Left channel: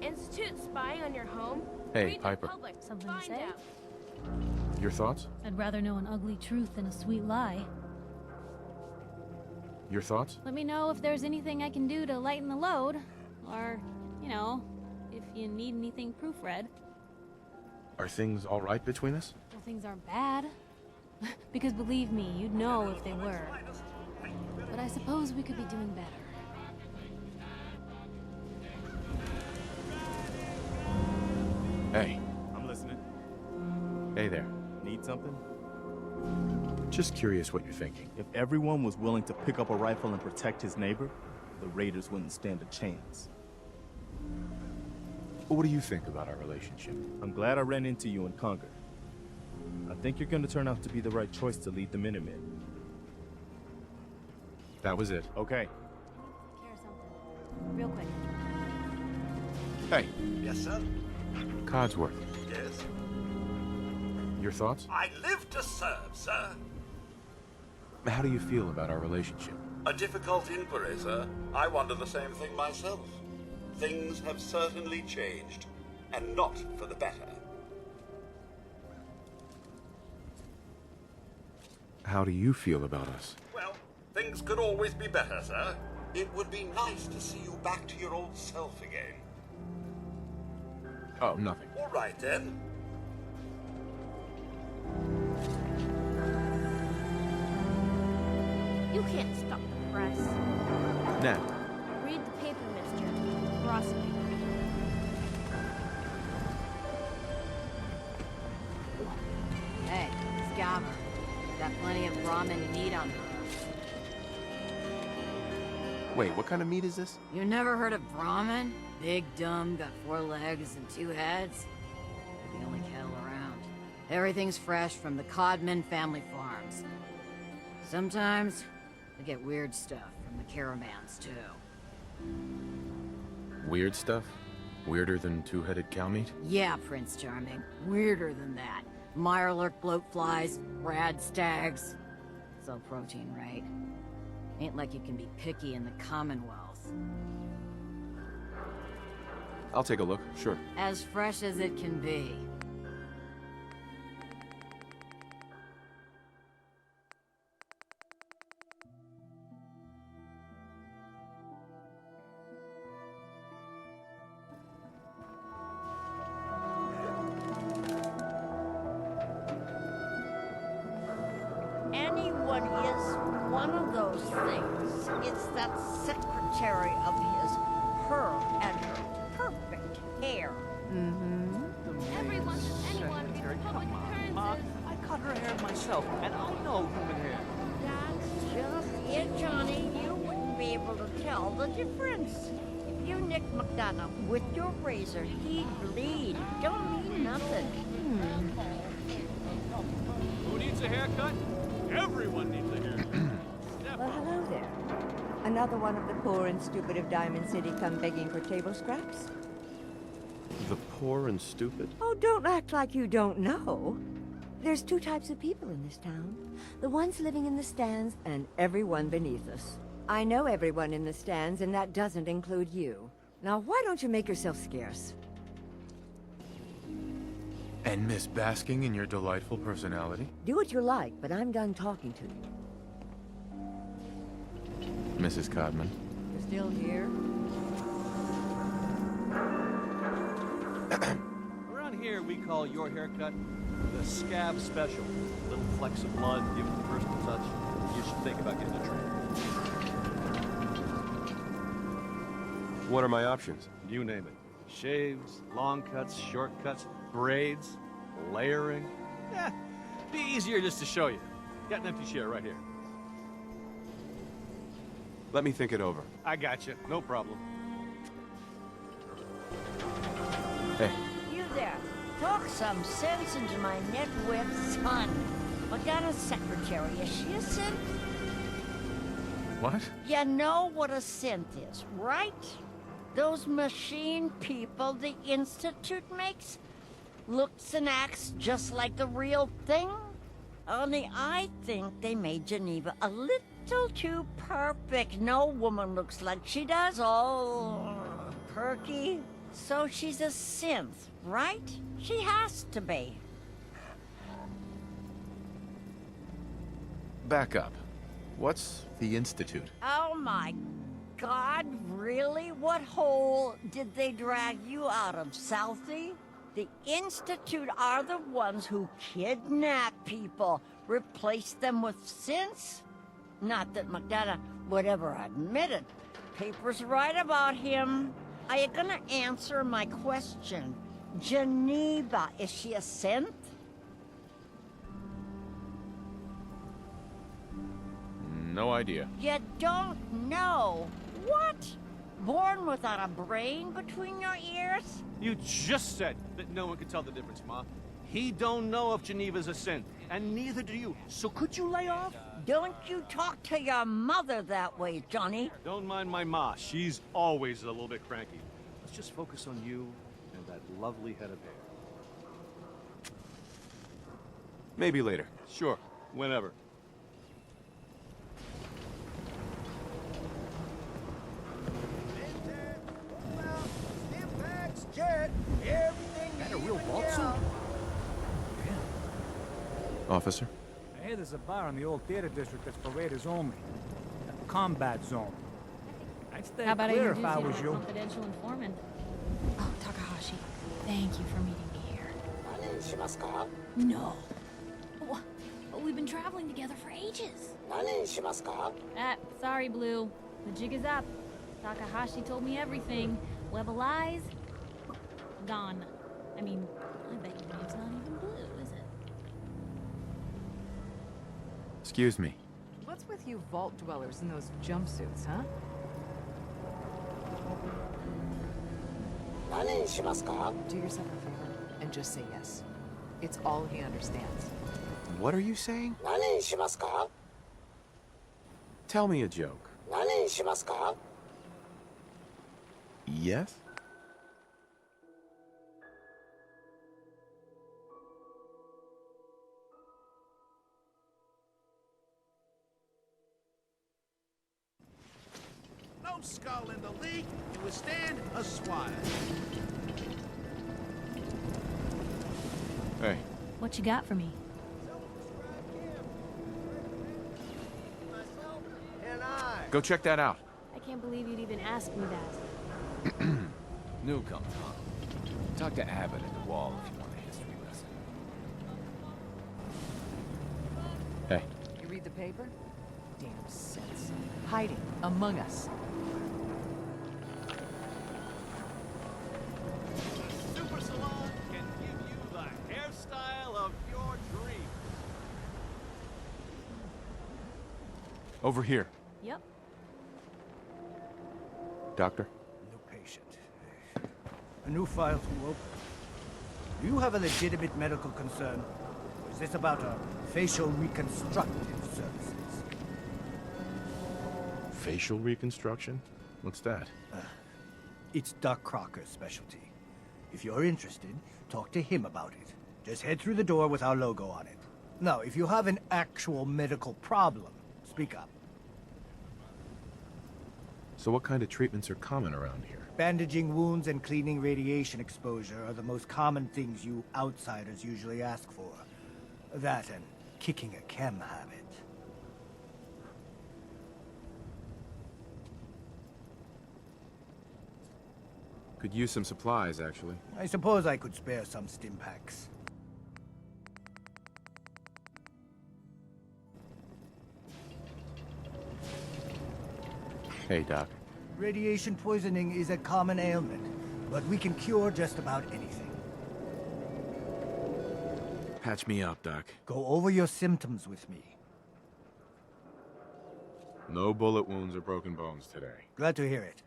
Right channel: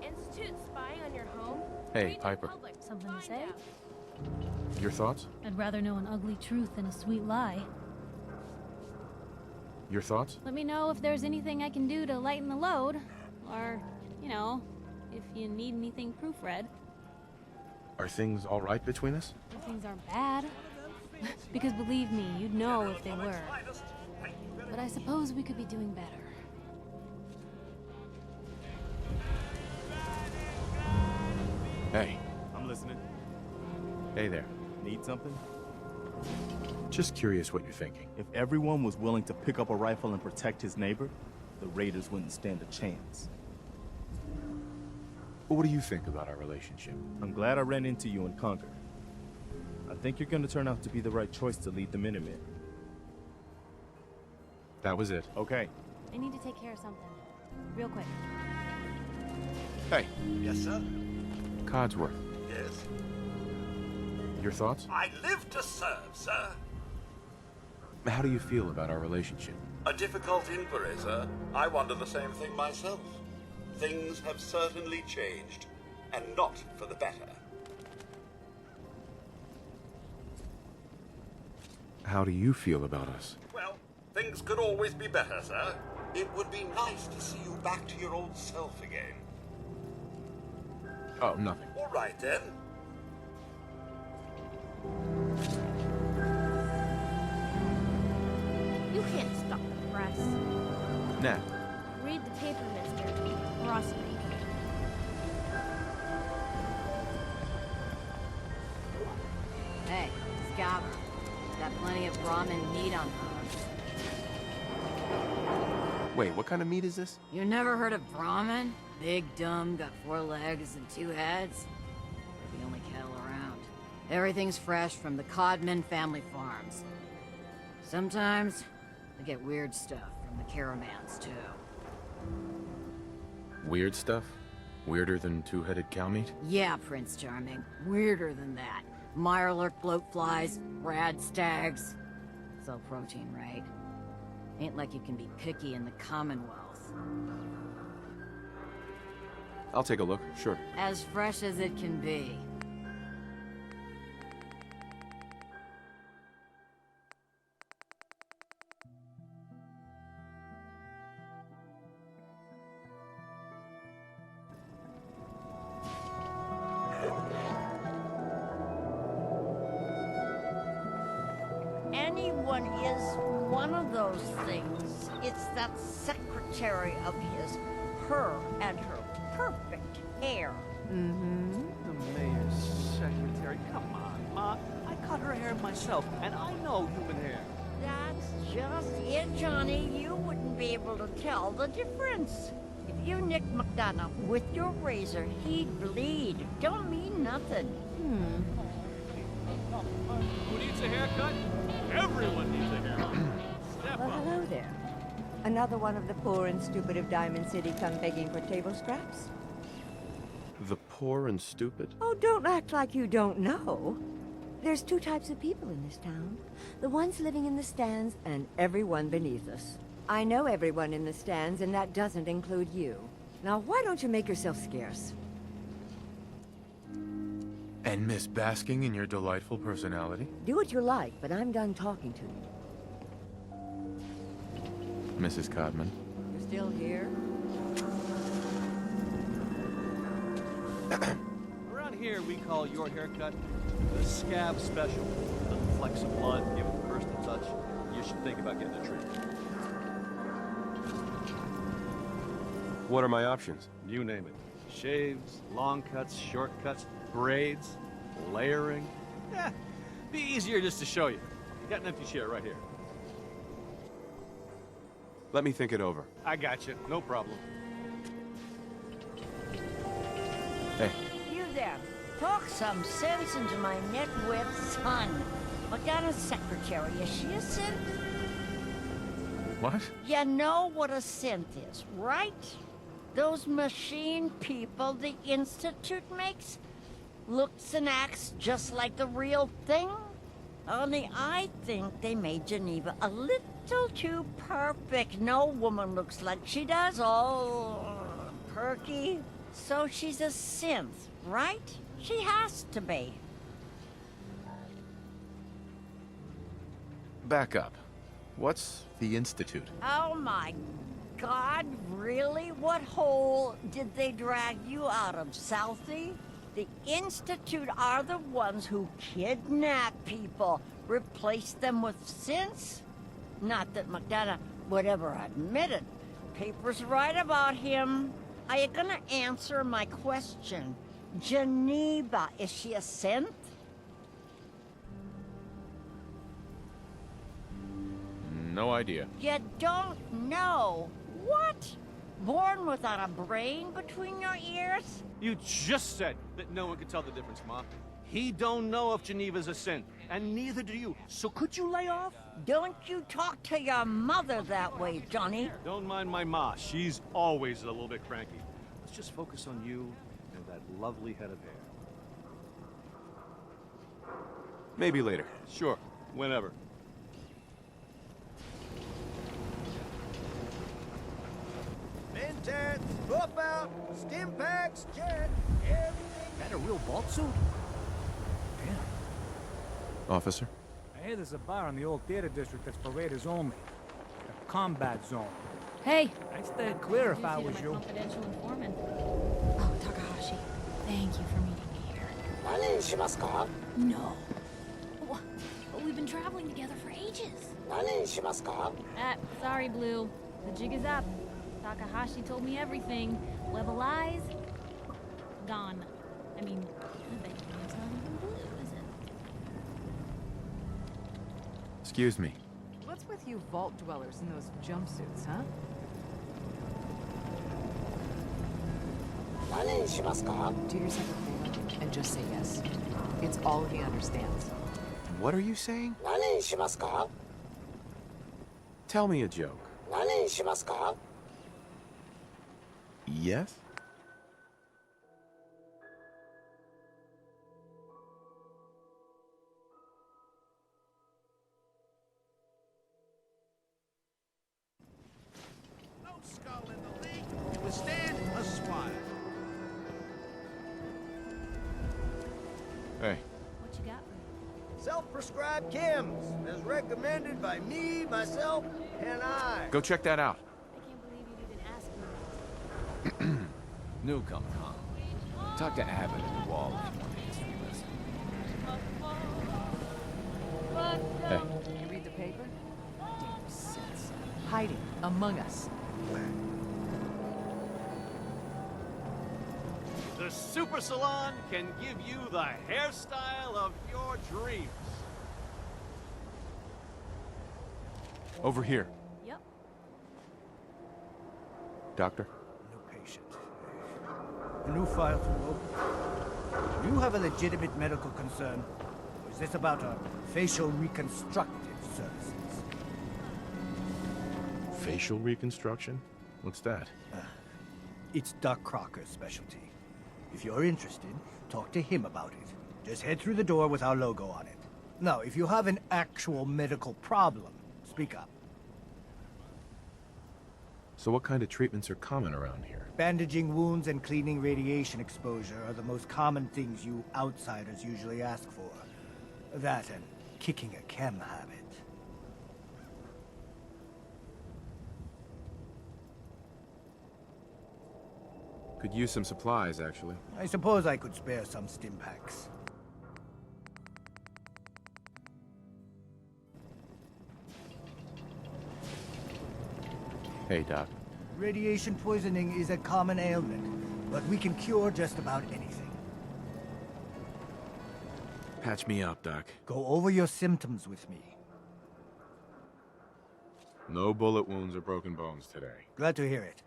the Institute spying on your home? Hey, Read the Piper. public. Something to Find say? out. Your thoughts? I'd rather know an ugly truth than a sweet lie. Your thoughts? Let me know if there's anything I can do to lighten the load. Or, you know, if you need anything proofread. Are things all right between us? If things aren't bad. Because believe me, you'd know if they were. But I suppose we could be doing better. Hey. I'm listening. Hey there. Need something? Just curious what you're thinking. If everyone was willing to pick up a rifle and protect his neighbor, the Raiders wouldn't stand a chance. What do you think about our relationship? I'm glad I ran into you in Concord. I think you're gonna turn out to be the right choice to lead the Minutemen. That was it. Okay. I need to take care of something. Real quick. Hey, Yes, sir? Codsworth. Yes? Your thoughts? I live to serve, sir. How do you feel about our relationship? A difficult inquiry, sir. I wonder the same thing myself. Things have certainly changed, and not for the better. How do you feel about us? Well, things could always be better, sir. It would be nice to see you back to your old self again. Oh, nothing. All right, then. You can't stop the press. Nat, Read the paper, mister. Cross me. Hey, Scaver. Got plenty of ramen meat on hooks. wait, what kind of meat is this? You never heard of ramen? Big, dumb, got 4 legs and 2 heads. They're the only cattle around. Everything's fresh from the Codman family farms. Sometimes, they get weird stuff from the caravans, too. Weird stuff? Weirder than two-headed cow meat? Yeah, Prince Charming. Weirder than that. Mirelurk bloatflies, rad stags. It's all protein, right? Ain't like you can be picky in the Commonwealth. I'll take a look, sure. As fresh as it can be. Anyone is one of those things. It's that secretary of his, her and her perfect hair. The mayor's secretary. Come on, Ma. I cut her hair myself, and I know human hair. That's just it, Johnny. You wouldn't be able to tell the difference. If you nicked McDonough with your razor, he'd bleed. Don't mean nothing. Who needs a haircut? Everyone needs a haircut. Step Well, up. hello there. Another one of the poor and stupid of Diamond City come begging for table scraps? The poor and stupid? Oh, don't act like you don't know. There's 2 types of people in this town. The ones living in the stands and everyone beneath us. I know everyone in the stands, and that doesn't include you. Now, why don't you make yourself scarce? And miss basking in your delightful personality? Do what you like, but I'm done talking to you. Mrs. Codman. You're still here? Around here, we call your haircut the scab special. Little flecks of blood, give it the personal touch. You should think about getting a trim. What are my options? You name it. Shaves, long cuts, short cuts, braids, layering. Yeah, be easier just to show you. Got an empty chair right here. Let me think it over. I got you. No problem. Hey, You there. Talk some sense into my nitwit son. McDonough's secretary, is she a synth? what? You know what a synth is, right? Those machine people the Institute makes? Looks and acts just like the real thing? Only I think they made Geneva a little too perfect. No woman looks like she does. All perky, So she's a synth, right? She has to be. Back up. What's the Institute? Oh my God, really? What hole did they drag you out of, Southie? The Institute are the ones who kidnap people, replace them with synths? Not that McDonough would ever admit it. Papers write about him. Are you gonna answer my question? Geneva, is she a synth? No idea. You don't know. What? Born without a brain between your ears? You just said that no one could tell the difference, Ma. He don't know if Geneva's a synth, and neither do you. So could you lay off? Don't you talk to your mother that way, Johnny. Don't mind my Ma. She's always a little bit cranky. Let's just focus on you and that lovely head of hair. Maybe later. Sure, whenever. Mentats, swap out, stim packs, jet, everything. That a real vault suit? Officer? I hear there's a bar in the old theater district that's for raiders only. A combat zone. Hey, I'd stay how about clear I if I introduce was you to you. my confidential informant? Oh, Takahashi, thank you for meeting me here. No. Wha- But we've been traveling together for ages. Sorry, Blue. The jig is up. Takahashi told me everything. Web of lies, gone. I mean, I bet your name's not even Blue, is it? Excuse me. What's with you vault dwellers in those jumpsuits, huh? Do yourself a favor and just say yes. It's all he understands. What are you saying? Tell me a joke. Yes? No skull in the league can withstand a swine. Hey, What you got for me? Self-prescribed chems, as recommended by me, myself, and I. go check that out. I can't believe you'd even ask me that. Newcomer, huh? Talk to Abbott at the wall if you want a history lesson. Hey, You read the paper? Damn sense. Hiding among us. The Super Salon can give you the hairstyle of your dreams. over here. Yep. Doctor? New patient. A new file to open. Do you have a legitimate medical concern? Or is this about a facial reconstructive services? Facial reconstruction? What's that? It's Doc Crocker's specialty. If you're interested, talk to him about it. Just head through the door with our logo on it. Now, if you have an actual medical problem, speak up. So what kind of treatments are common around here? Bandaging wounds and cleaning radiation exposure are the most common things you outsiders usually ask for. That and kicking a chem habit. Could use some supplies, actually. I suppose I could spare some stim packs. Hey, Doc. Radiation poisoning is a common ailment, but we can cure just about anything. Patch me up, Doc. Go over your symptoms with me. No bullet wounds or broken bones today. Glad to hear it.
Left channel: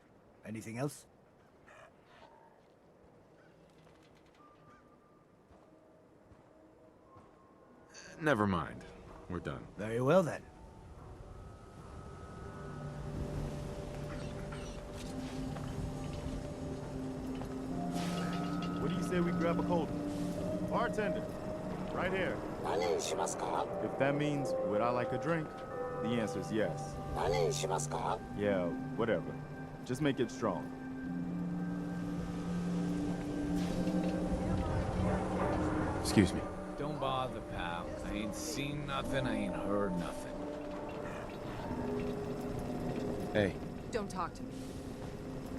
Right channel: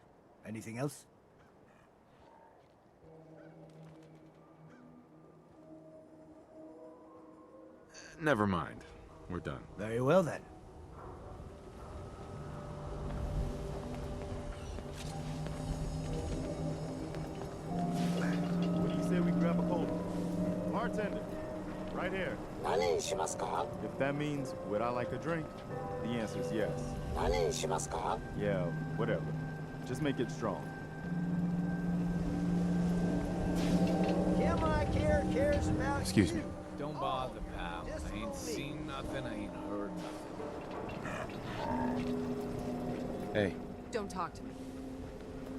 Anything else? Never mind. We're done. Very well then. What do you say we grab a cold one? Bartender, right here. If that means would I like a drink, the answer is yes. Yeah, whatever. Just make it strong. Excuse me. Don't bother, pal. I ain't seen nothing, I ain't heard nothing. Hey. Don't talk to me.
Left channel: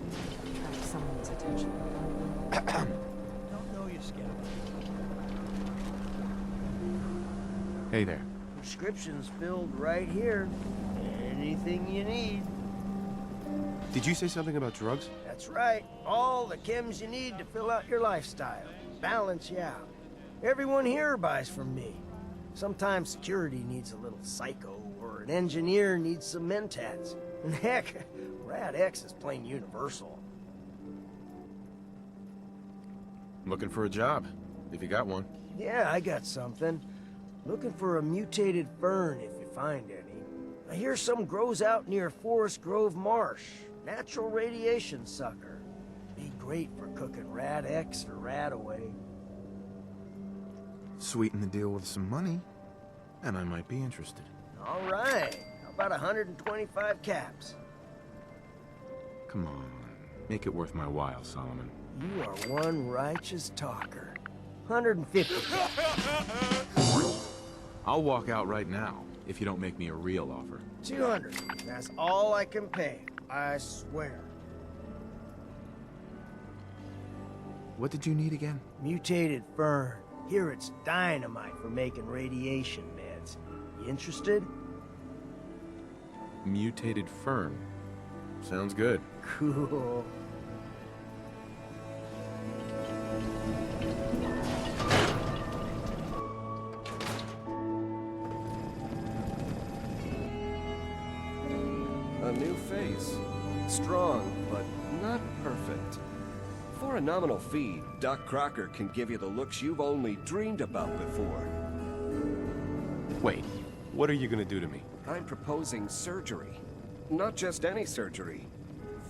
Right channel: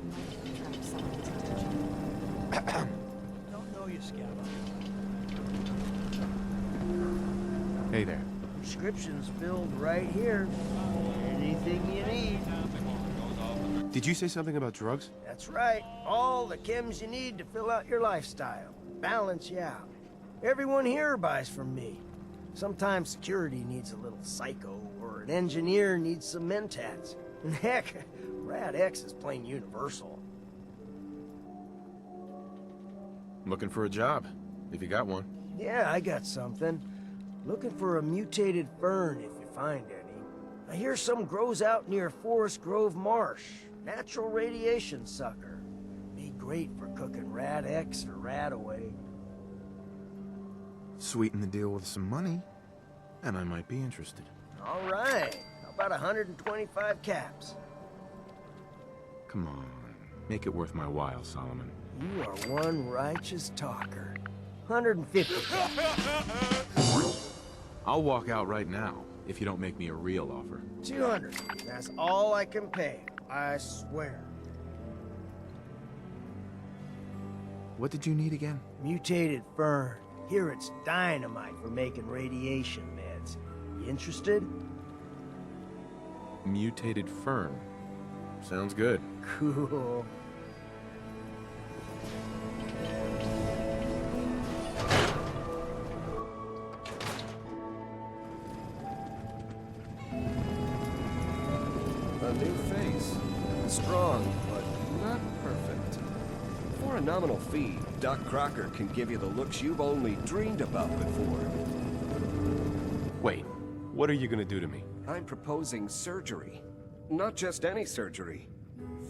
You might attract someone's attention. Don't know you, Scabba. Hey there. Prescription's filled right here. Anything you need. Did you say something about drugs? That's right. All the chems you need to fill out your lifestyle. Balance you out. Everyone here buys from me. Sometimes security needs a little psycho, or an engineer needs some mentats. And heck, Rad X is plain universal. I'm looking for a job, if you got one. Yeah, I got something. Looking for a mutated fern if you find any. I hear some grows out near Forest Grove Marsh. Natural radiation sucker. Be great for cooking Rad X or Rad Away. Sweeten the deal with some money, and I might be interested. All right. How about 125 caps? Come on. Make it worth my while, Solomon. You are one righteous talker. 150 caps. I'll walk out right now, if you don't make me a real offer. 200. That's all I can pay. I swear. What did you need again? Mutated fern. Here it's dynamite for making radiation meds. You interested? Mutated fern. Sounds good. Cool. A new face. Strong, but not perfect. For a nominal fee, Doc Crocker can give you the looks you've only dreamed about before. Wait, what are you gonna do to me? I'm proposing surgery. Not just any surgery.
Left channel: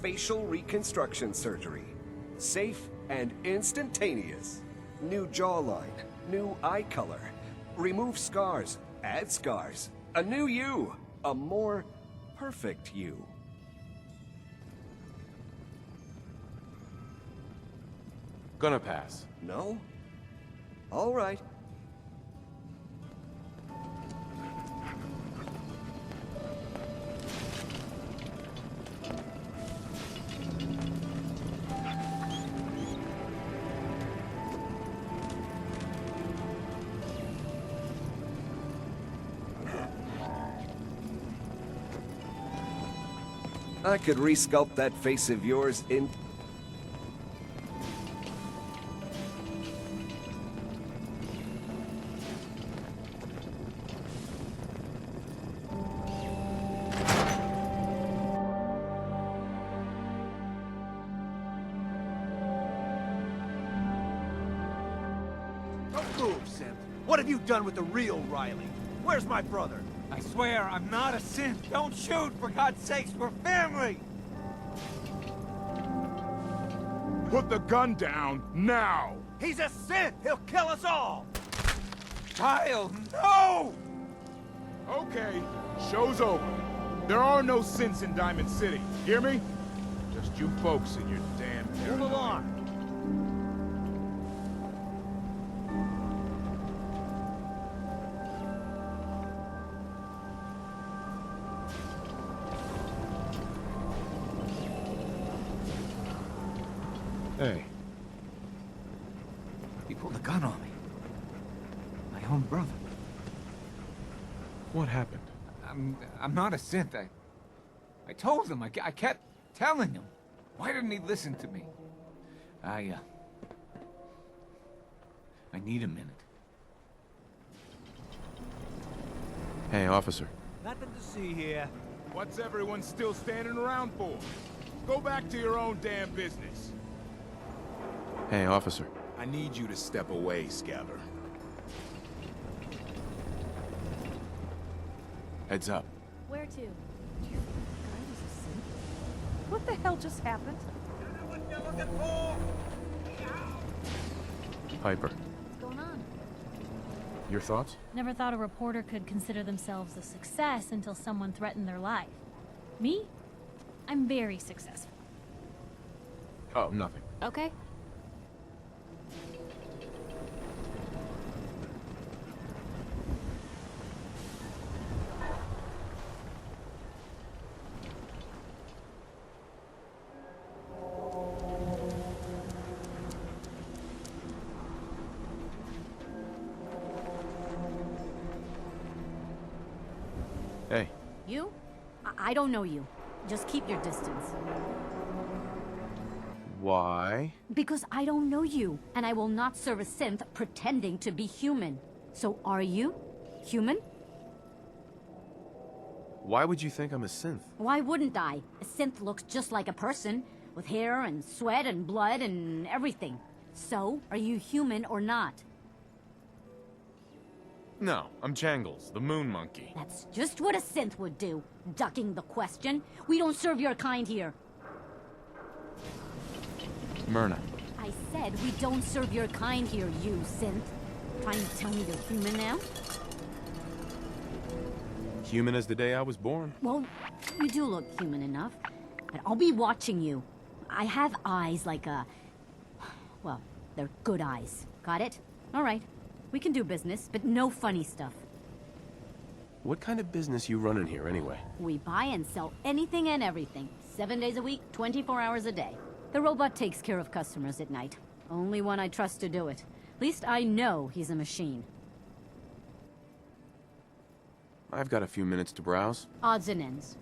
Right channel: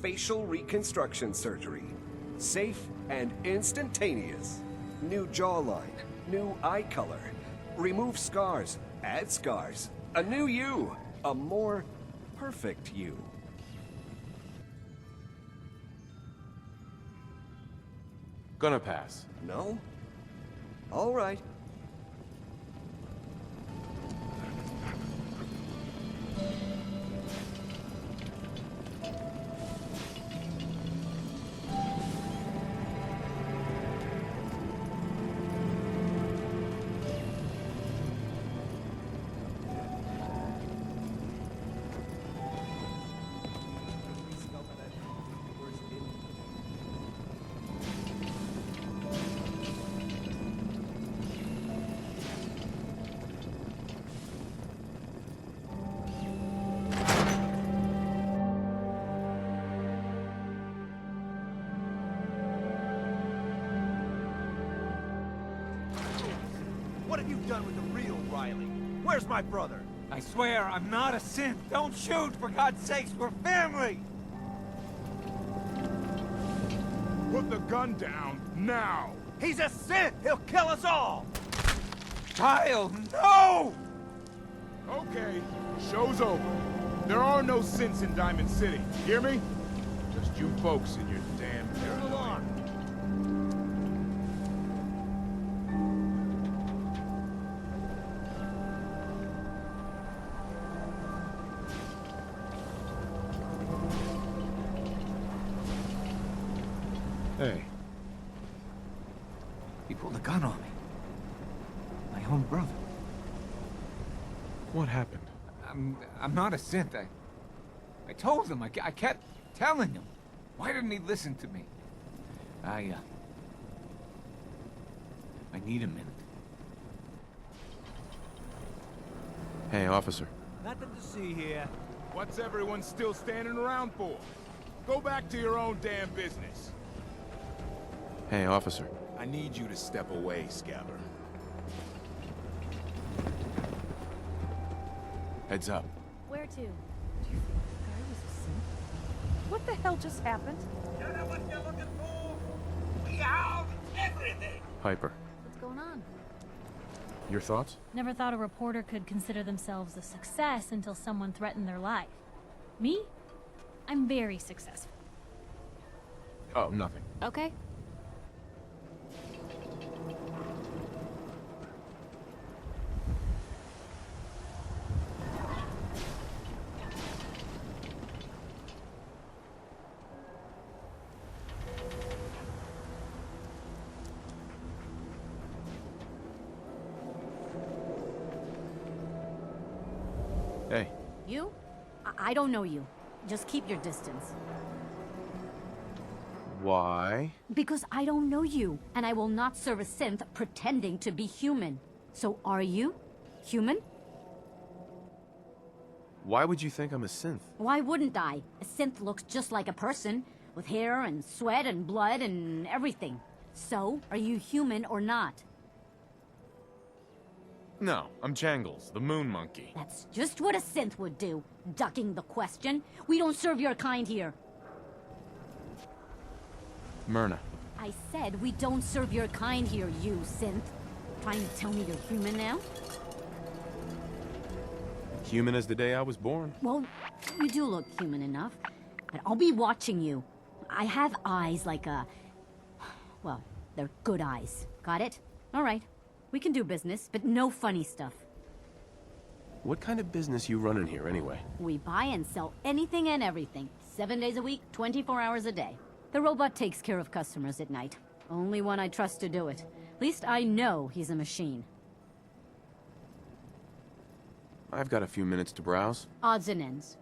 Facial reconstruction surgery. Safe and instantaneous. New jawline, new eye color. Remove scars, add scars. A new you. A more perfect you. Gonna pass. No? All right. I could resculpt that face of yours in... What have you done with the real Riley? Where's my brother? I swear, I'm not a synth. Don't shoot, for God's sakes, we're family! Put the gun down, now! He's a synth! He'll kill us all! Kyle, no! Okay, show's over. There are no synths in Diamond City, hear me? Just you folks in your damn paranoia. Move along! Hey. He pulled a gun on me. My own brother. What happened? I'm not a synth. I told him. I kept telling him. Why didn't he listen to me? I need a minute. Hey, officer. Nothing to see here. What's everyone still standing around for? Go back to your own damn business. Hey, officer. I need you to step away, Scabber. Heads up. Where to? Do you think this guy was a synth? What the hell just happened? You know what you're looking for? We have everything. Piper. What's going on? Your thoughts? Never thought a reporter could consider themselves a success until someone threatened their life. Me? I'm very successful. Oh, nothing. Okay. Hey. You? I don't know you. Just keep your distance. Why? Because I don't know you, and I will not serve a synth pretending to be human. So are you? Human? Why would you think I'm a synth? Why wouldn't I? A synth looks just like a person, with hair and sweat and blood and everything. So, are you human or not? No, I'm Jangles, the moon monkey. That's just what a synth would do, ducking the question. We don't serve your kind here. Myrna. I said we don't serve your kind here, you synth. Trying to tell me you're human now? Human as the day I was born. Well, you do look human enough. But I'll be watching you. I have eyes like a... Well, they're good eyes. Got it? All right. We can do business, but no funny stuff. What kind of business you running here anyway? We buy and sell anything and everything. 7 days a week, 24 hours a day. The robot takes care of customers at night. Only one I trust to do it. At least I know he's a machine. I've got a few minutes to browse. Odds and ends.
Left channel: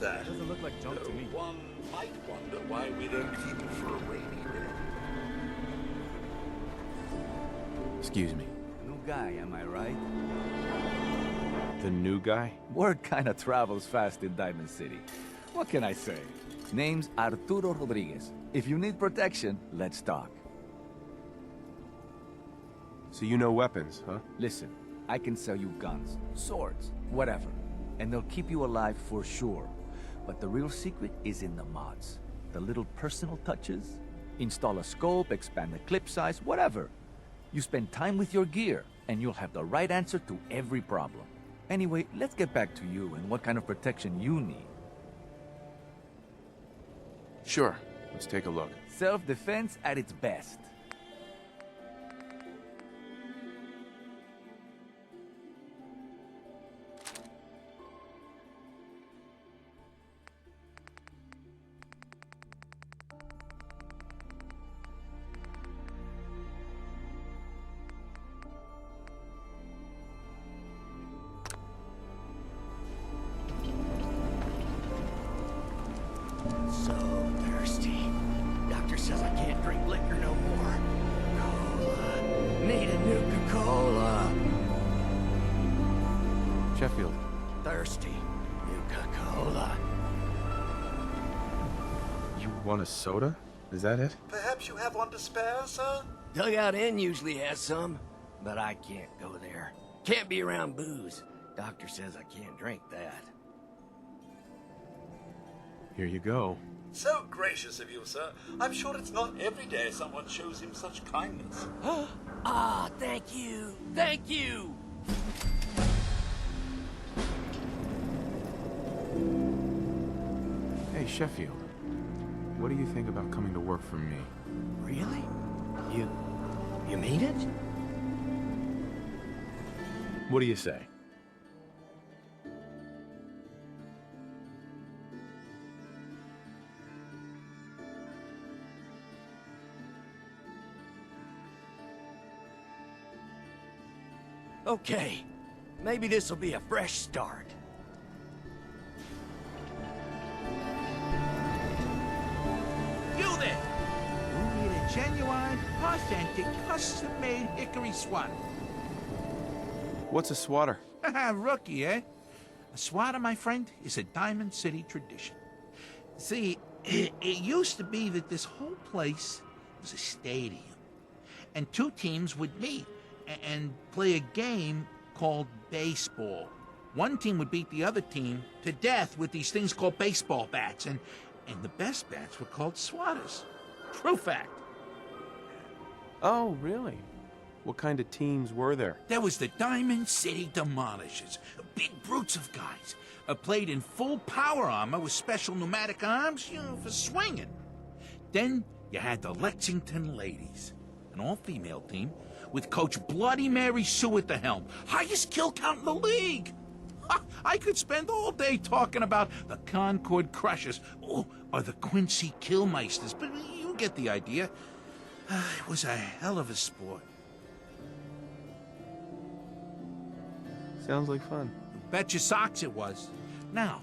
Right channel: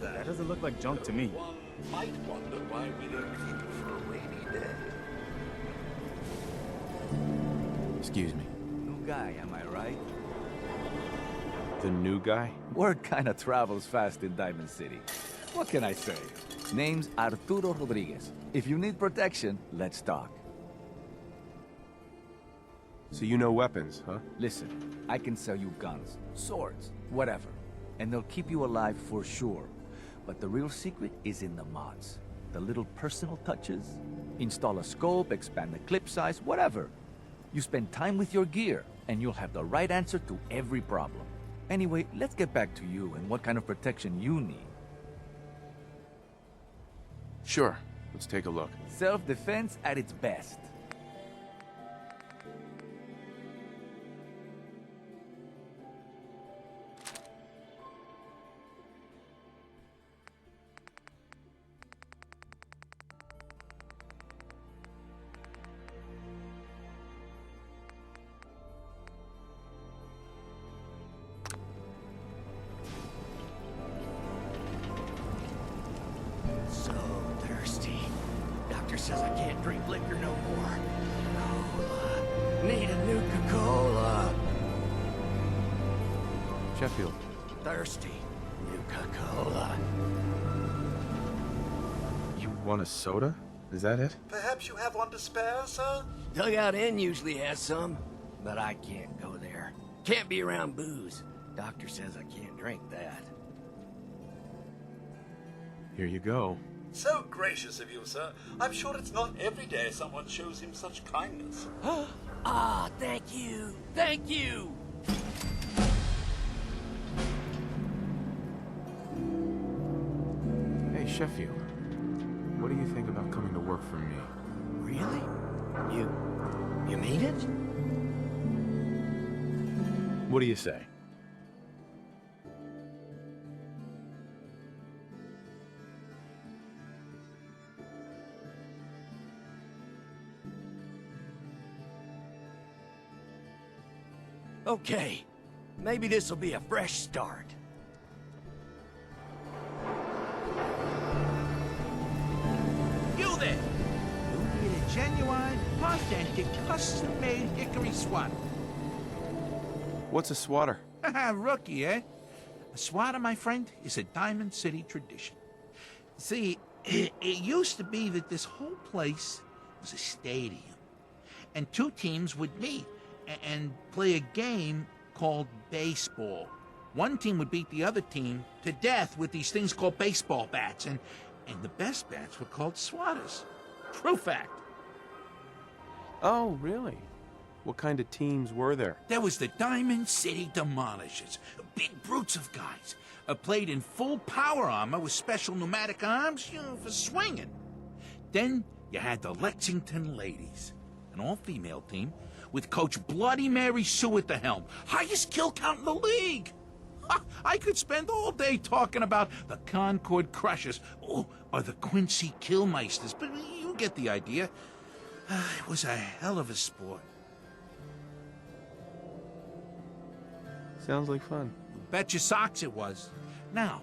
That doesn't look like junk to me. One might wonder why we don't keep it for a rainy day. Excuse me. New guy, am I right? The new guy? Word kinda travels fast in Diamond City. What can I say? Name's Arturo Rodriguez. If you need protection, let's talk. So you know weapons, huh? Listen, I can sell you guns, swords, whatever. And they'll keep you alive for sure. But the real secret is in the mods. The little personal touches. Install a scope, expand the clip size, whatever. You spend time with your gear, and you'll have the right answer to every problem. Anyway, let's get back to you and what kind of protection you need. Sure. Let's take a look. Self-defense at its best. So thirsty. Doctor says I can't drink liquor no more. Cola. Need a Nuka-Cola. Sheffield. Thirsty. Nuka-Cola. You want a soda? Is that it? Perhaps you have one to spare, sir? Dugout Inn usually has some, but I can't go there. Can't be around booze. Doctor says I can't drink that. Here you go. So gracious of you, sir. I'm sure it's not every day someone shows him such kindness. Ah, thank you. Thank you. Hey, Sheffield. What do you think about coming to work for me? Really? You mean it? What do you say? Okay. Maybe this'll be a fresh start. You there! You need a genuine, authentic, custom-made hickory swatter. What's a swatter? Rookie, eh? A swatter, my friend, is a Diamond City tradition. See, it used to be that this whole place was a stadium, and two teams would meet and play a game called baseball. One team would beat the other team to death with these things called baseball bats, and the best bats were called swatters. True fact. Oh, really? What kind of teams were there? There was the Diamond City Demolishers, big brutes of guys, played in full power armor with special pneumatic arms, for swinging. Then you had the Lexington Ladies, an all-female team with Coach Bloody Mary Sue at the helm, highest kill count in the league. I could spend all day talking about the Concord Crushers or the Quincy Killmeisters, but you get the idea. It was a hell of a sport. Sounds like fun. You bet your socks it was. Now,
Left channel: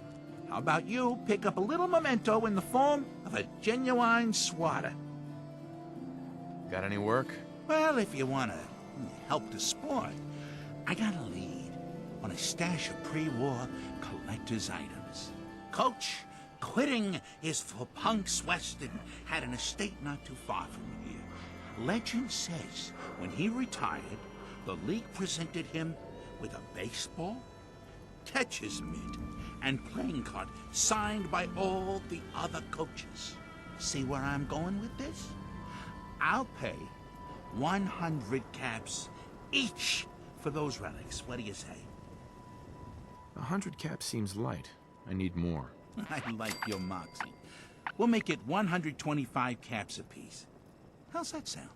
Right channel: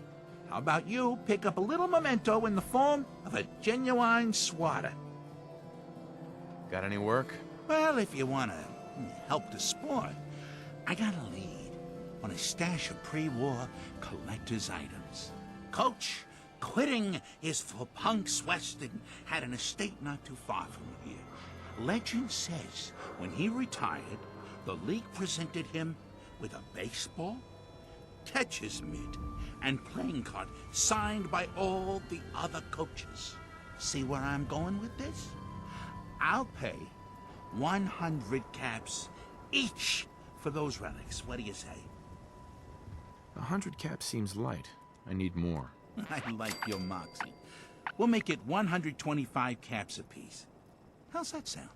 how about you pick up a little memento in the form of a genuine swatter? Got any work? Well, if you want to help the sport, I got a lead on a stash of pre-war collector's items. Coach, quitting his for punks Western, had an estate not too far from here. Legend says when he retired, the league presented him with a baseball, catcher's mitt, and playing card signed by all the other coaches. See where I'm going with this? I'll pay 100 caps each for those relics. What do you say? 100 caps seems light. I need more. I like your moxie. We'll make it 125 caps apiece. How's that sound?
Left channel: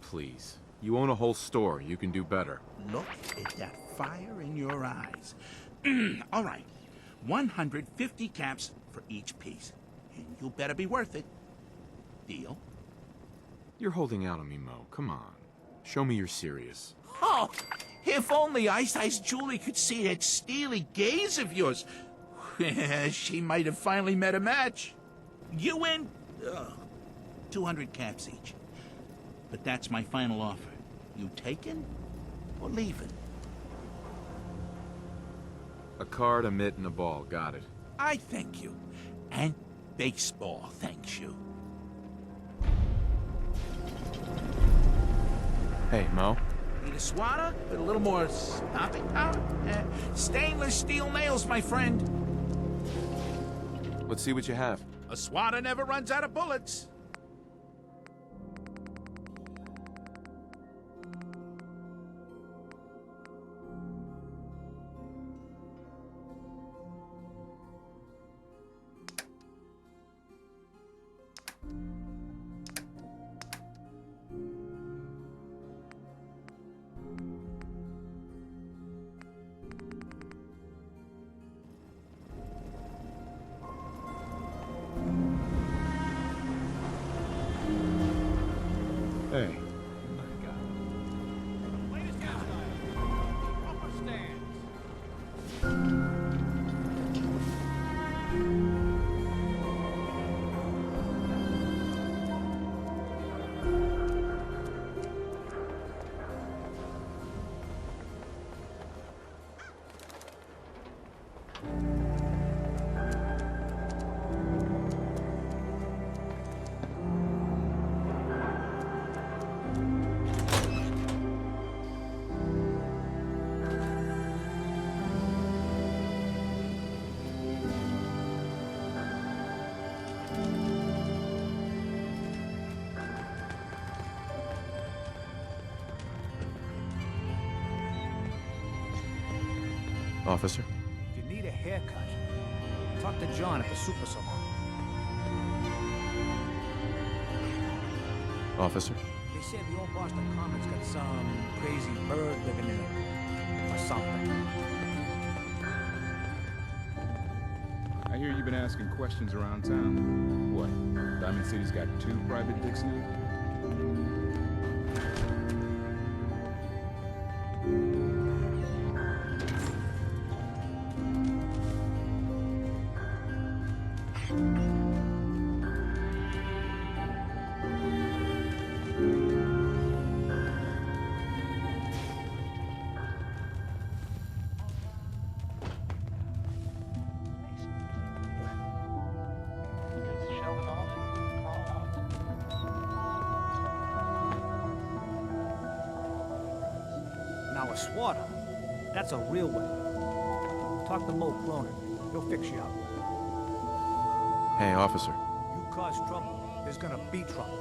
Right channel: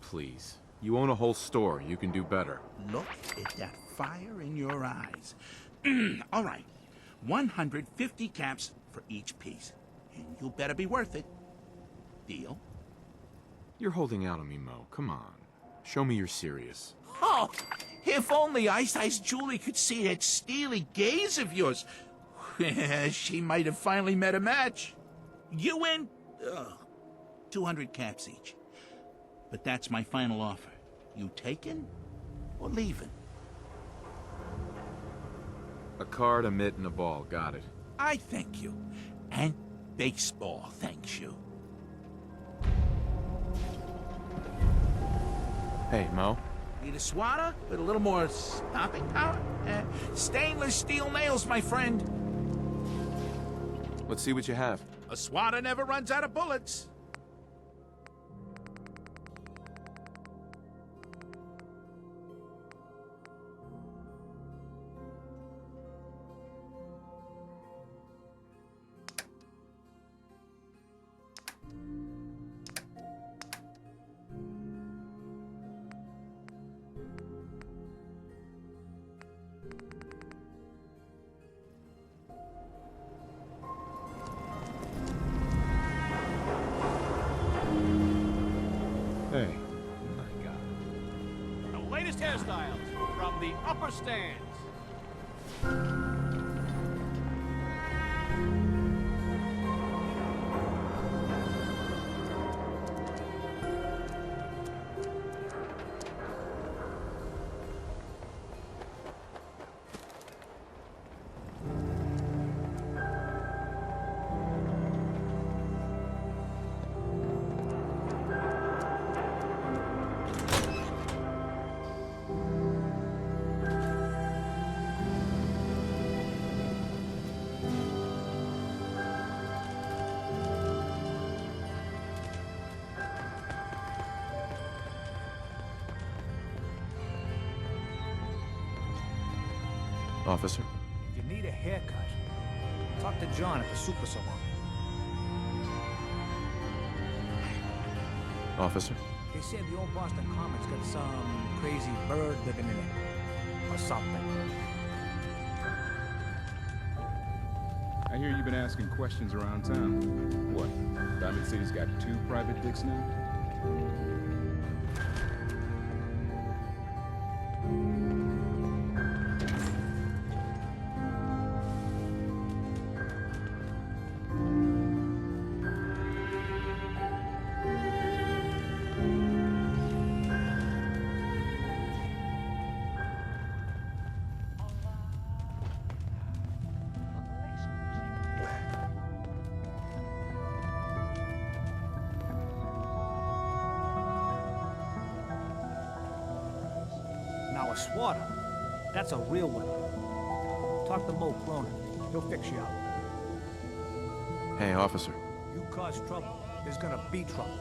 Please. You own a whole store. You can do better. Look at that fire in your eyes. All right. 150 caps for each piece. And you better be worth it. Deal? You're holding out on me, Mo. Come on. Show me you're serious. Oh, if only Ice Julie could see that steely gaze of yours. She might have finally met a match. You win 200 caps each. But that's my final offer. You taking or leaving? A card, a mitt, and a ball. Got it. I thank you. And baseball thanks you. Hey, Mo. Need a swatter with a little more stopping power? Stainless steel nails, my friend. Let's see what you have. A swatter never runs out of bullets. Hey. My God. The latest hairstyles from the upper stands. Officer? If you need a haircut, talk to John at the Super Salon. Officer? They say the old Boston Comet's got some crazy bird living in it. Or something. I hear you've been asking questions around town. What? Diamond City's got 2 private dicks now? Now a swatter, that's a real one. Talk to Mo Cronin. He'll fix you up. Hey, officer. You cause trouble, there's gonna be trouble.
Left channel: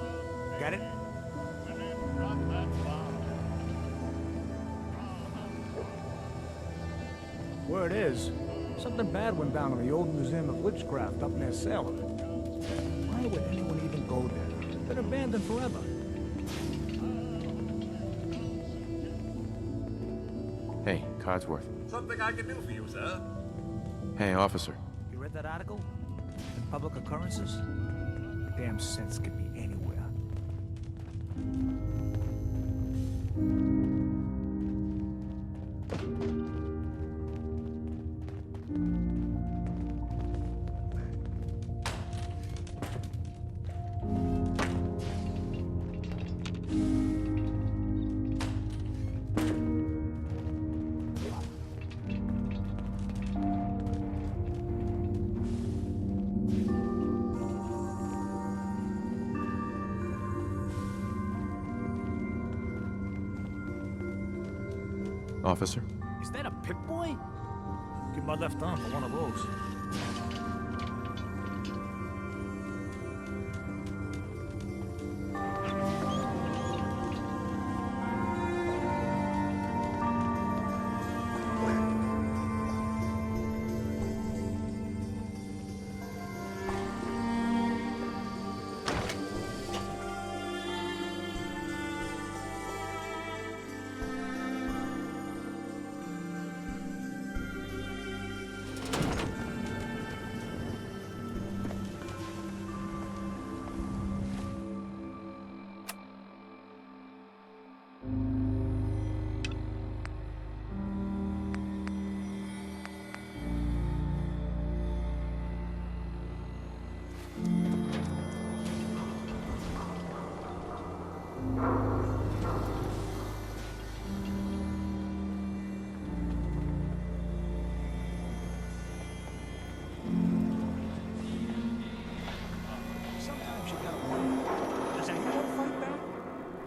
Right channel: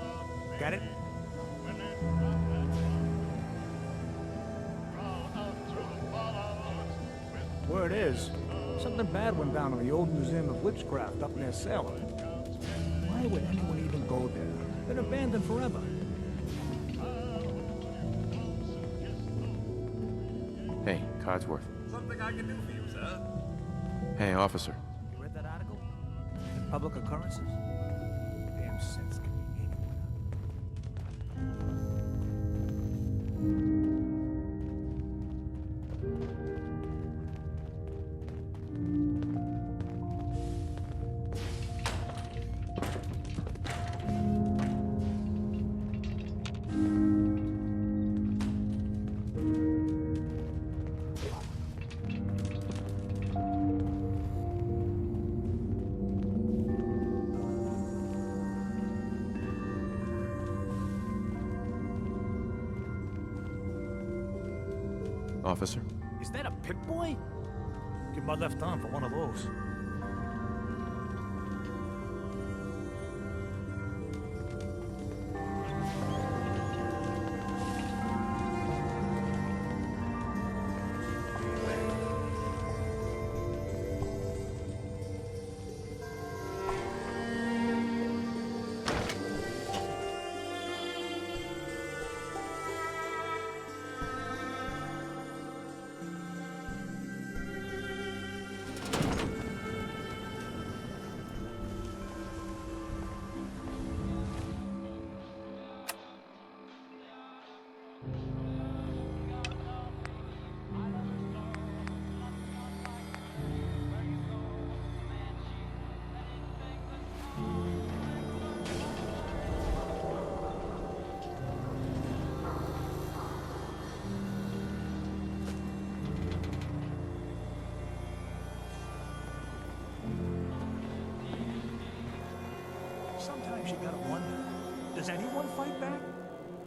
Get it? Word is, something bad went down in the old Museum of Witchcraft up near Salem. Why would anyone even go there? Been abandoned forever. Hey, Codsworth. Something I can do for you, sir? Hey, officer. You read that article? In Public Occurrences? Damn sense could be anywhere. Officer? Is that a Pip-Boy? Give my left arm for one of those. Sometimes you gotta wonder, does anyone fight back?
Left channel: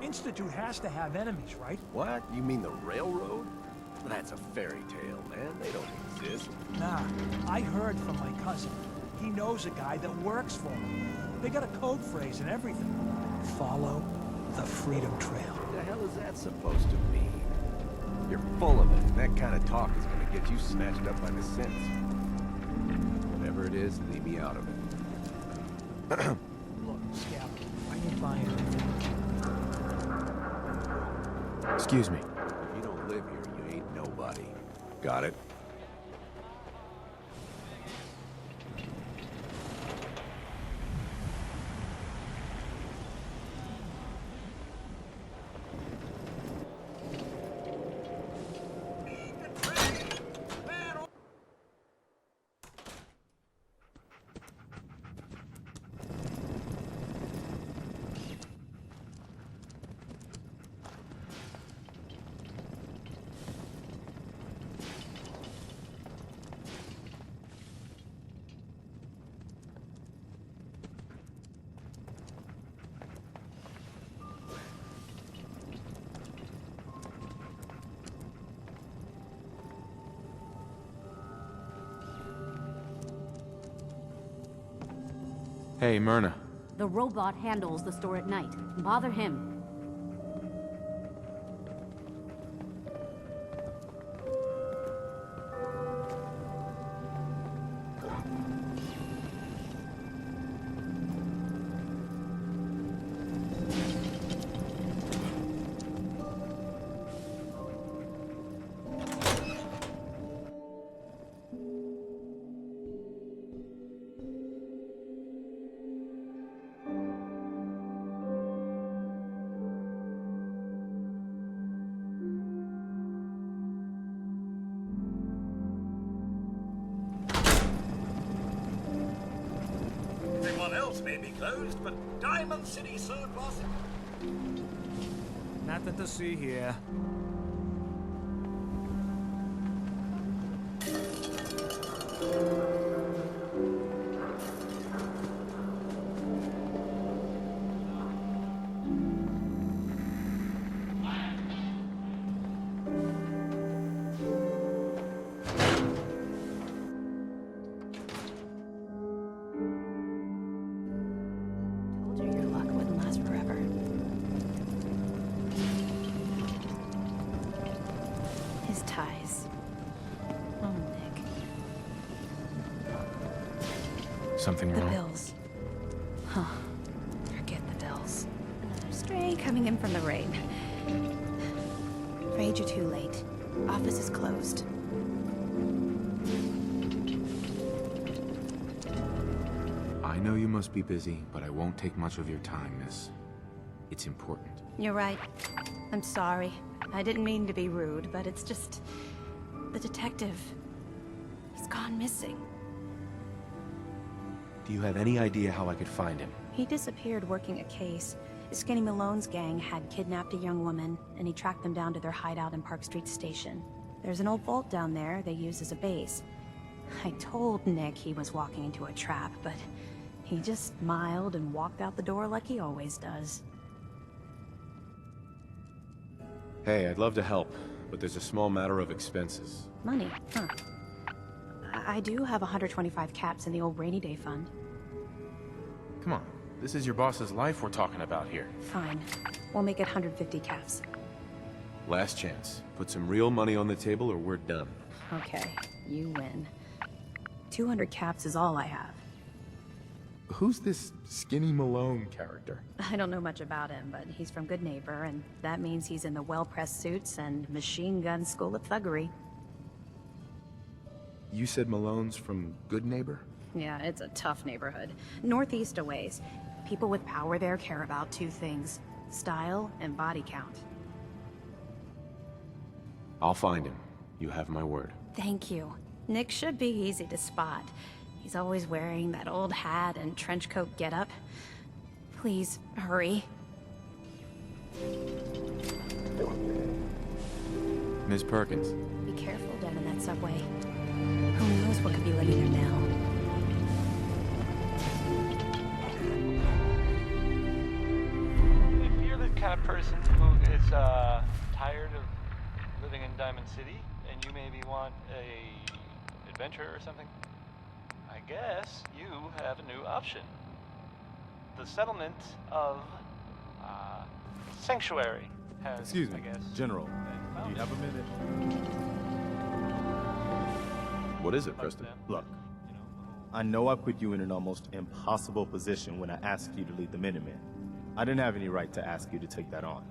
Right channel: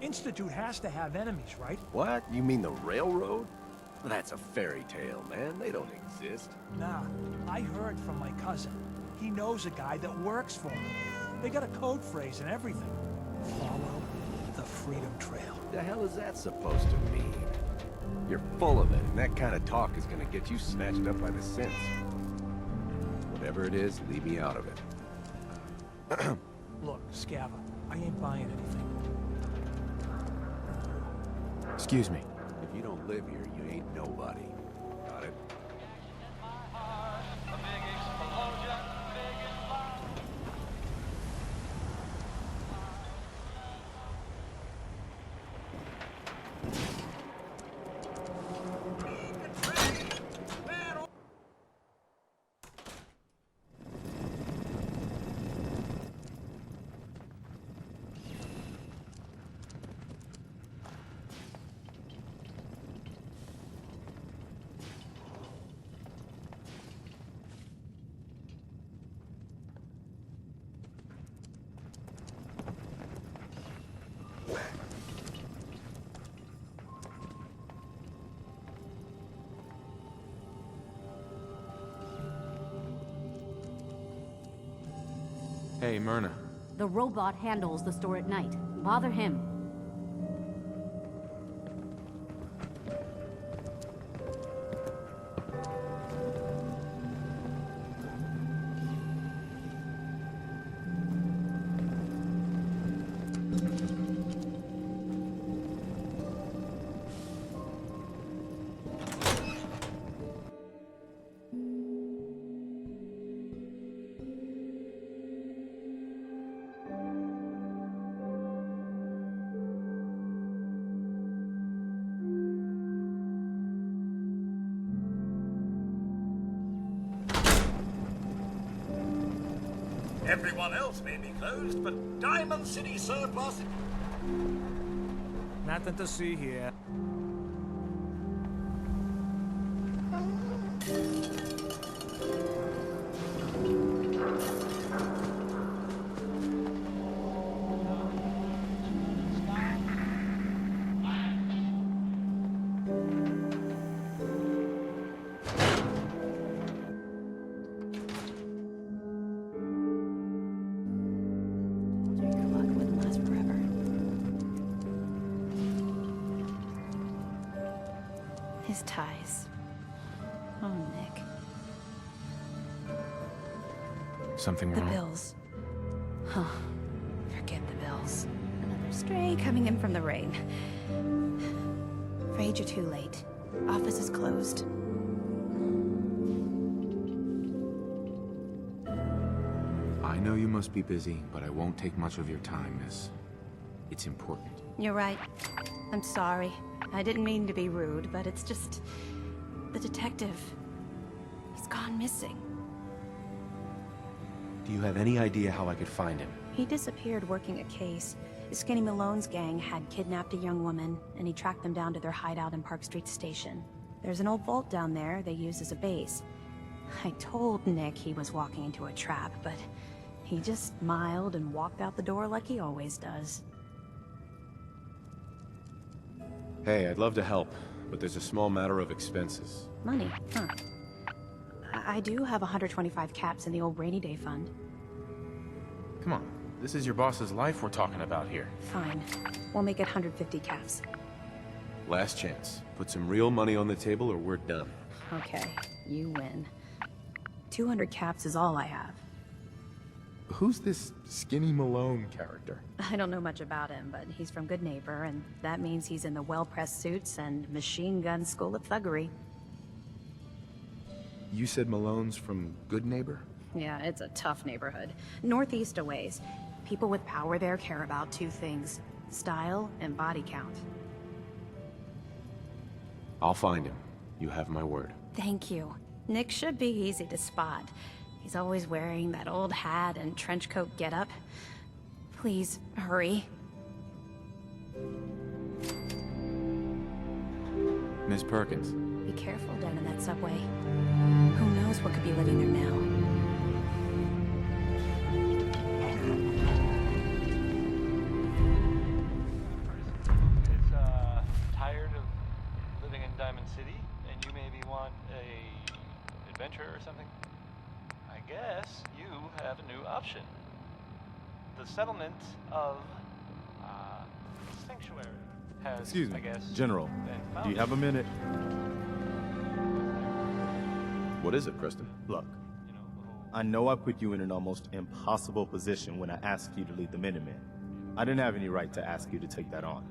Institute has to have enemies, right? What? You mean the railroad? That's a fairy tale, man. They don't exist. Nah, I heard from my cousin. He knows a guy that works for him. They got a code phrase and everything. Follow the Freedom Trail. The hell is that supposed to mean? You're full of it, and that kind of talk is gonna get you snatched up by the synths. Whatever it is, leave me out of it. Look, Scabber, I ain't buying anything. Excuse me. If you don't live here, you ain't nobody. Got it? Hey, Myrna. The robot handles the store at night. Bother him. Everyone else may be closed, but Diamond City Surplus... Nothing to see here. these ties. Oh, Nick. Something The wrong? bills. Huh. Forget the bills. Another stray coming in from the rain. Afraid you're too late. Office is closed. I know you must be busy, but I won't take much of your time, miss. It's important. You're right. I'm sorry. I didn't mean to be rude, but it's just... the detective... he's gone missing. Do you have any idea how I could find him? He disappeared working a case. Skinny Malone's gang had kidnapped a young woman, and he tracked them down to their hideout in Park Street Station. There's an old vault down there they use as a base. I told Nick he was walking into a trap, but he just smiled and walked out the door like he always does. Hey, I'd love to help, but there's a small matter of expenses. Money, huh? I do have 125 caps in the old rainy day fund. Come on, this is your boss's life we're talking about here. Fine. We'll make it 150 caps. Last chance. Put some real money on the table or we're done. Okay, you win. 200 caps is all I have. Who's this Skinny Malone character? I don't know much about him, but he's from Good Neighbor, and that means he's in the well-pressed suits and machine gun school of thuggery. You said Malone's from Good Neighbor? Yeah, it's a tough neighborhood. Northeast a ways. People with power there care about two things: style and body count. I'll find him. You have my word. Thank you. Nick should be easy to spot. He's always wearing that old hat and trench coat getup. Please, hurry. Miss Perkins. Be careful down in that subway. Who knows what could be living there now? If you're the kind of person who is tired of living in Diamond City, and you maybe want a adventure or something, I guess you have a new option. The settlement of Sanctuary has, Excuse me, I guess, General. been Do you have a minute? What is it, Kristen? Look, I know I put you in an almost impossible position when I asked you to lead the Minutemen. I didn't have any right to ask you to take that on.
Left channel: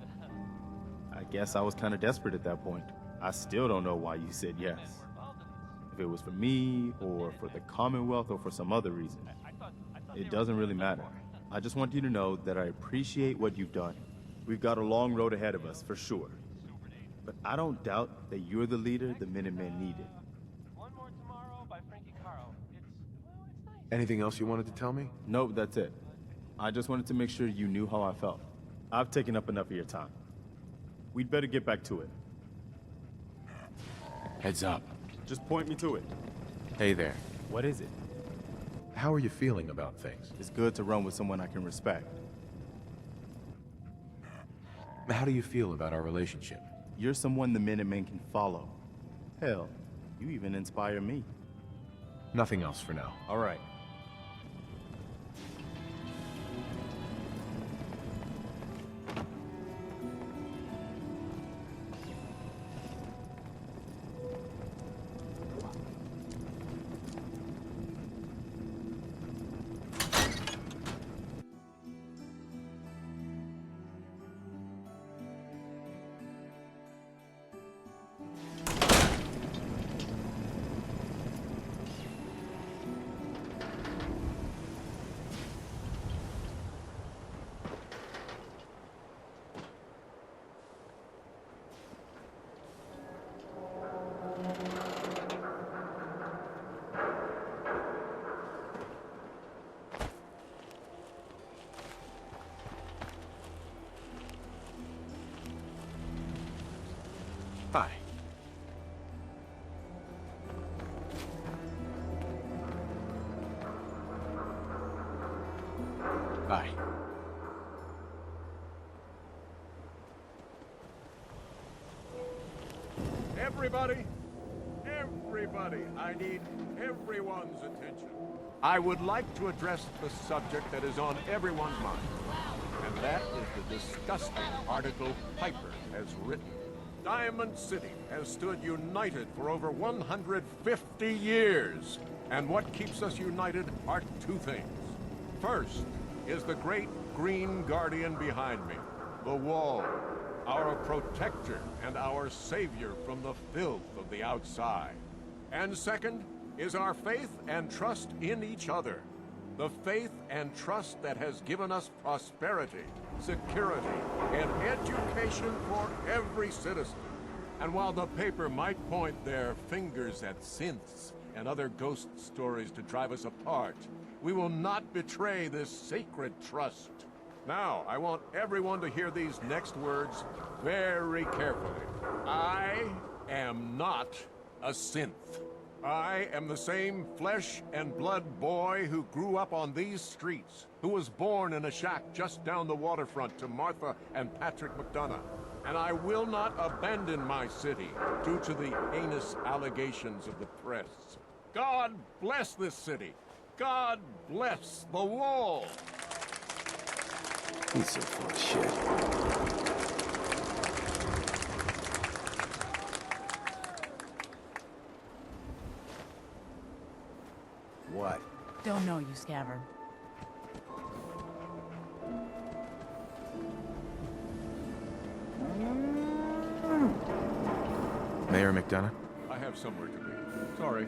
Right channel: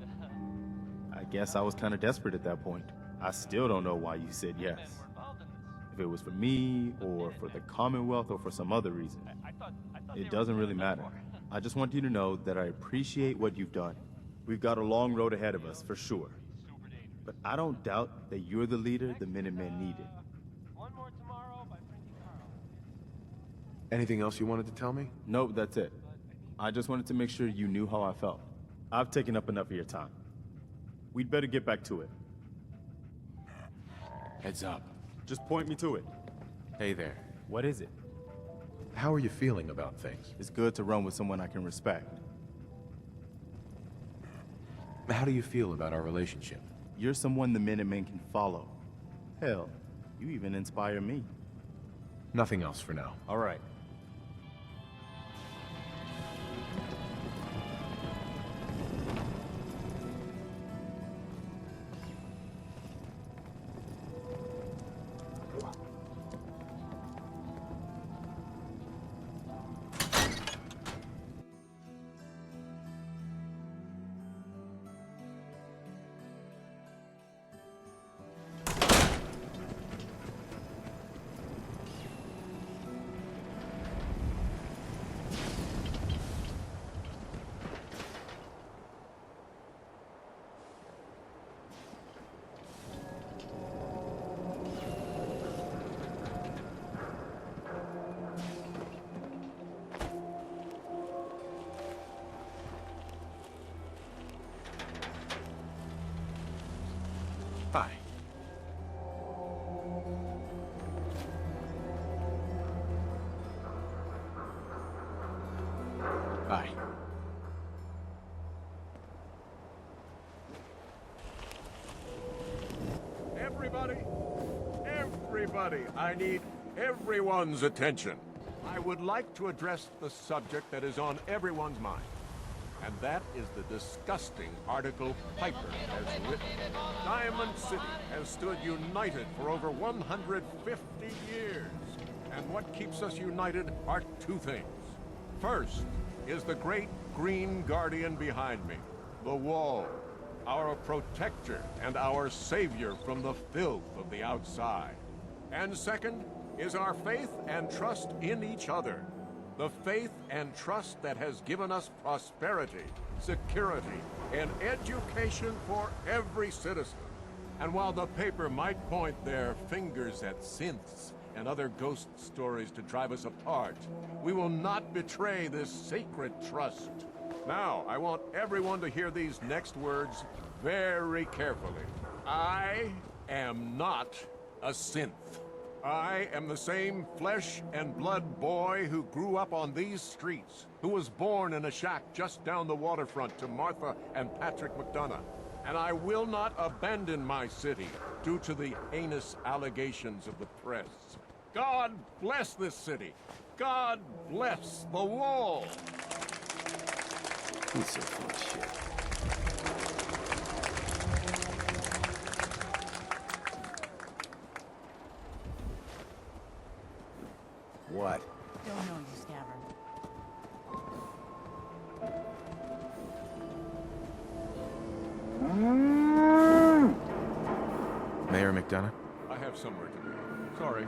I guess I was kind of desperate at that point. I still don't know why you said yes. If it was for me, or for the Commonwealth, or for some other reason. It doesn't really matter. I just want you to know that I appreciate what you've done. We've got a long road ahead of us, for sure. But I don't doubt that you're the leader the Minutemen needed. Anything else you wanted to tell me? Nope, that's it. I just wanted to make sure you knew how I felt. I've taken up enough of your time. We'd better get back to it. Heads up. Just point me to it. Hey there. What is it? How are you feeling about things? It's good to run with someone I can respect. How do you feel about our relationship? You're someone the Minutemen can follow. Hell, you even inspire me. Nothing else for now. All right. Hi. Bye. Everybody, I need everyone's attention. I would like to address the subject that is on everyone's mind. And that is the disgusting article Piper has written. Diamond City has stood united for over 150 years. And what keeps us united are two things. First is the great green guardian behind me, the Wall, our protector and our savior from the filth of the outside. And second is our faith and trust in each other. The faith and trust that has given us prosperity, security, and education for every citizen. And while the paper might point their fingers at synths and other ghost stories to drive us apart, we will not betray this sacred trust. Now, I want everyone to hear these next words very carefully. I am not a synth. I am the same flesh and blood boy who grew up on these streets, who was born in a shack just down the waterfront to Martha and Patrick McDonough. And I will not abandon my city due to the heinous allegations of the press. God bless this city. God bless the Wall. He's so full of shit. What? Don't know you, Scaver. Mayor McDonough? I have somewhere to be. Sorry.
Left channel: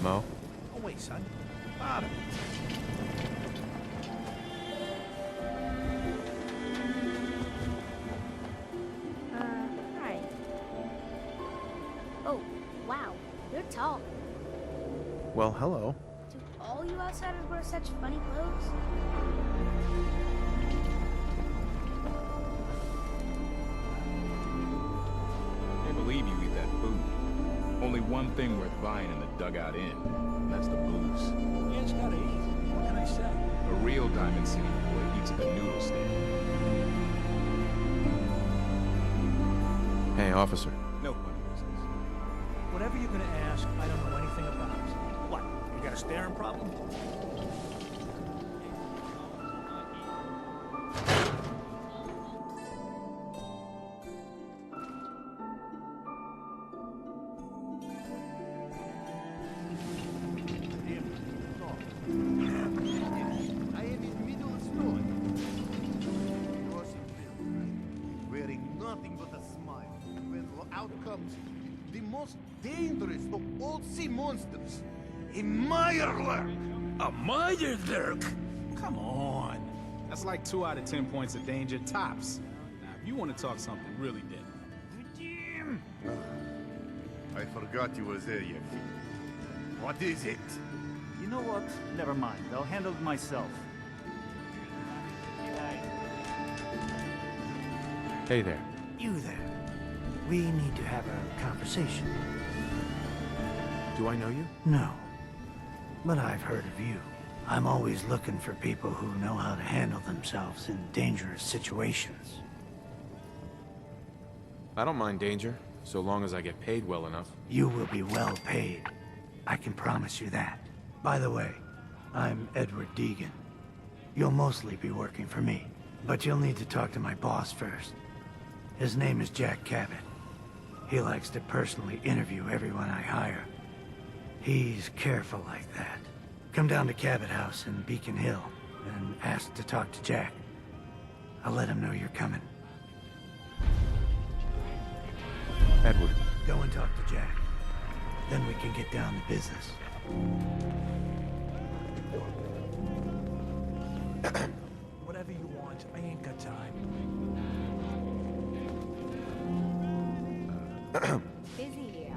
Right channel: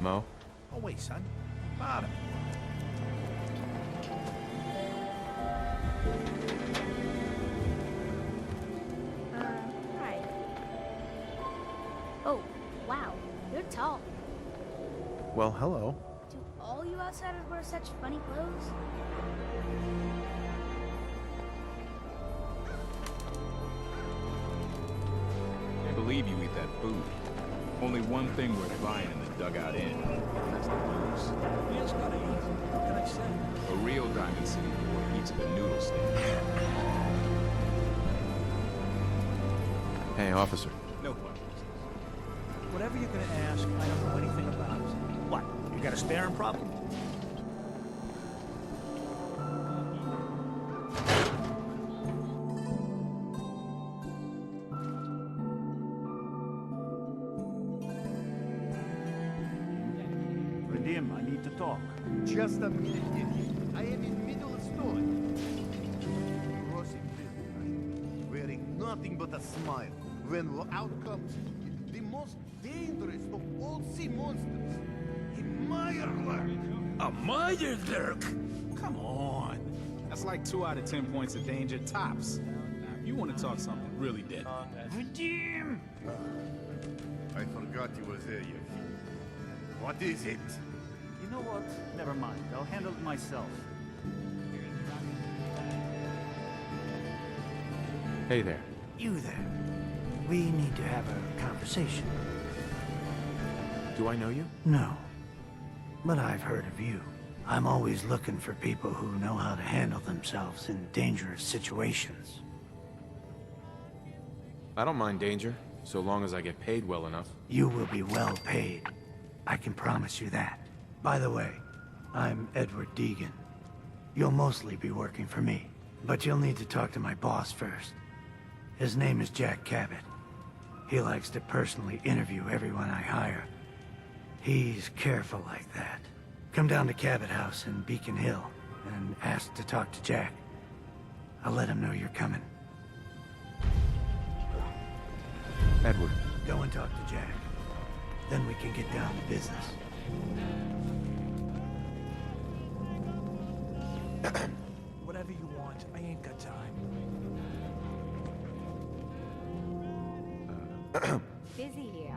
Mo? Oh, wait, son. Bottom. Hi. Oh, wow. You're tall. Well, hello. Do all you outsiders wear such funny clothes? Can't believe you eat that food. Only one thing worth buying in the Dugout Inn, and that's the booze. Man's gotta eat. What can I say? A real Diamond City boy eats at the noodle stand. Hey, officer. No funny business. Whatever you're gonna ask, I don't know anything about it. What? You got a staring problem? Him, I need to talk. Just a minute. I am in middle of story. Crossing field, right? Wearing nothing but a smile. When out comes the most dangerous of all sea monsters, a Mirelurk. A Mirelurk? Come on. That's like 2 out of 10 points of danger tops. Now, if you want to talk something really dead. Jim! I forgot you was there, Yaki. What is it? You know what? Never mind. I'll handle it myself. Hey there. You there. We need to have a conversation. Do I know you? No. But I've heard of you. I'm always looking for people who know how to handle themselves in dangerous situations. I don't mind danger, so long as I get paid well enough. You will be well paid. I can promise you that. By the way, I'm Edward Deegan. You'll mostly be working for me, but you'll need to talk to my boss first. His name is Jack Cabot. He likes to personally interview everyone I hire. He's careful like that. Come down to Cabot House in Beacon Hill and ask to talk to Jack. I'll let him know you're coming. Edward. Go and talk to Jack. Then we can get down to business. Whatever you want. I ain't got time. Busy here.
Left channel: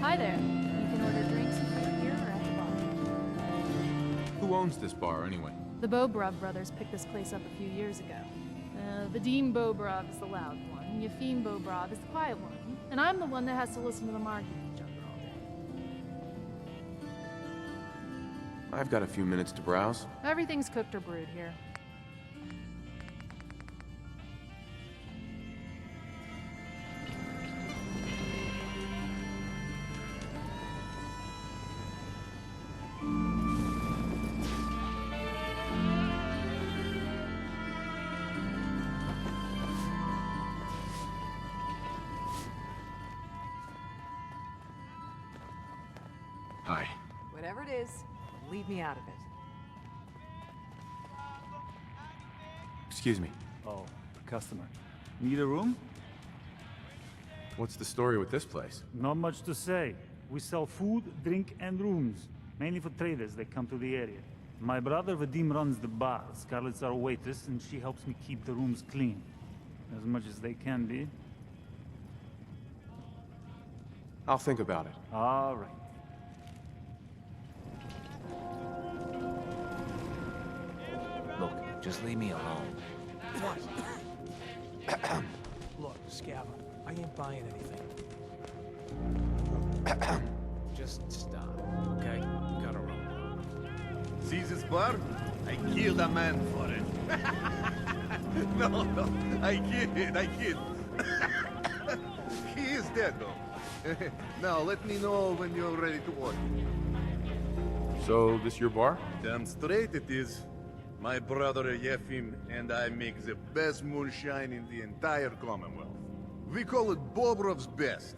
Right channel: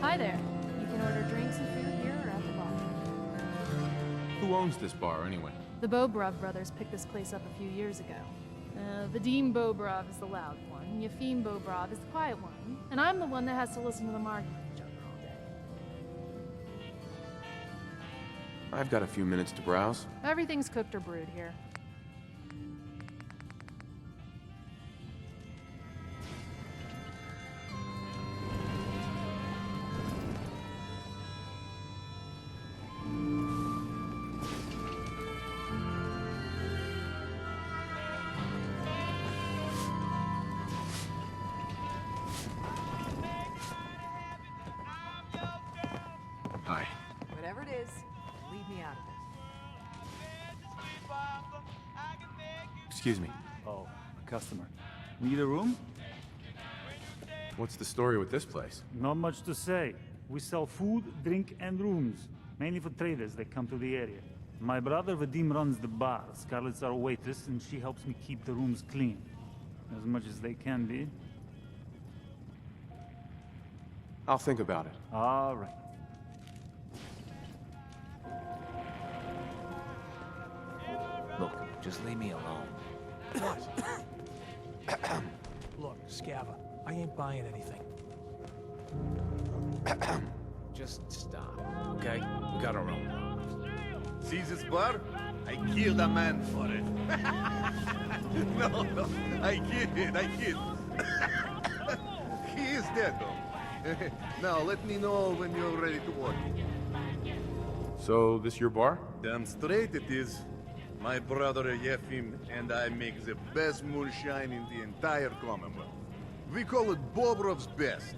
Hi there. You can order drinks and food here or at the bar. Who owns this bar, anyway? The Bobrov brothers picked this place up a few years ago. Vadim Bobrov is the loud one, Yefim Bobrov is the quiet one, and I'm the one that has to listen to them argue with each other all day. I've got a few minutes to browse. Everything's cooked or brewed here. Hi. Whatever it is, leave me out of it. Excuse me. Oh, a customer. Need a room? What's the story with this place? Not much to say. We sell food, drink, and rooms. Mainly for traders that come to the area. My brother Vadim runs the bar. Scarlett's our waitress, and she helps me keep the rooms clean. As much as they can be. I'll think about it. All right. Look, just leave me alone. What? Look, Scava, I ain't buying anything. Just stop, okay? We got our own problems. See this bar? I killed a man for it. No, I kid. He is dead, though. Now, let me know when you're ready to order. So, this your bar? Damn straight it is. My brother Yefim and I make the best moonshine in the entire Commonwealth. We call it Bobrov's Best.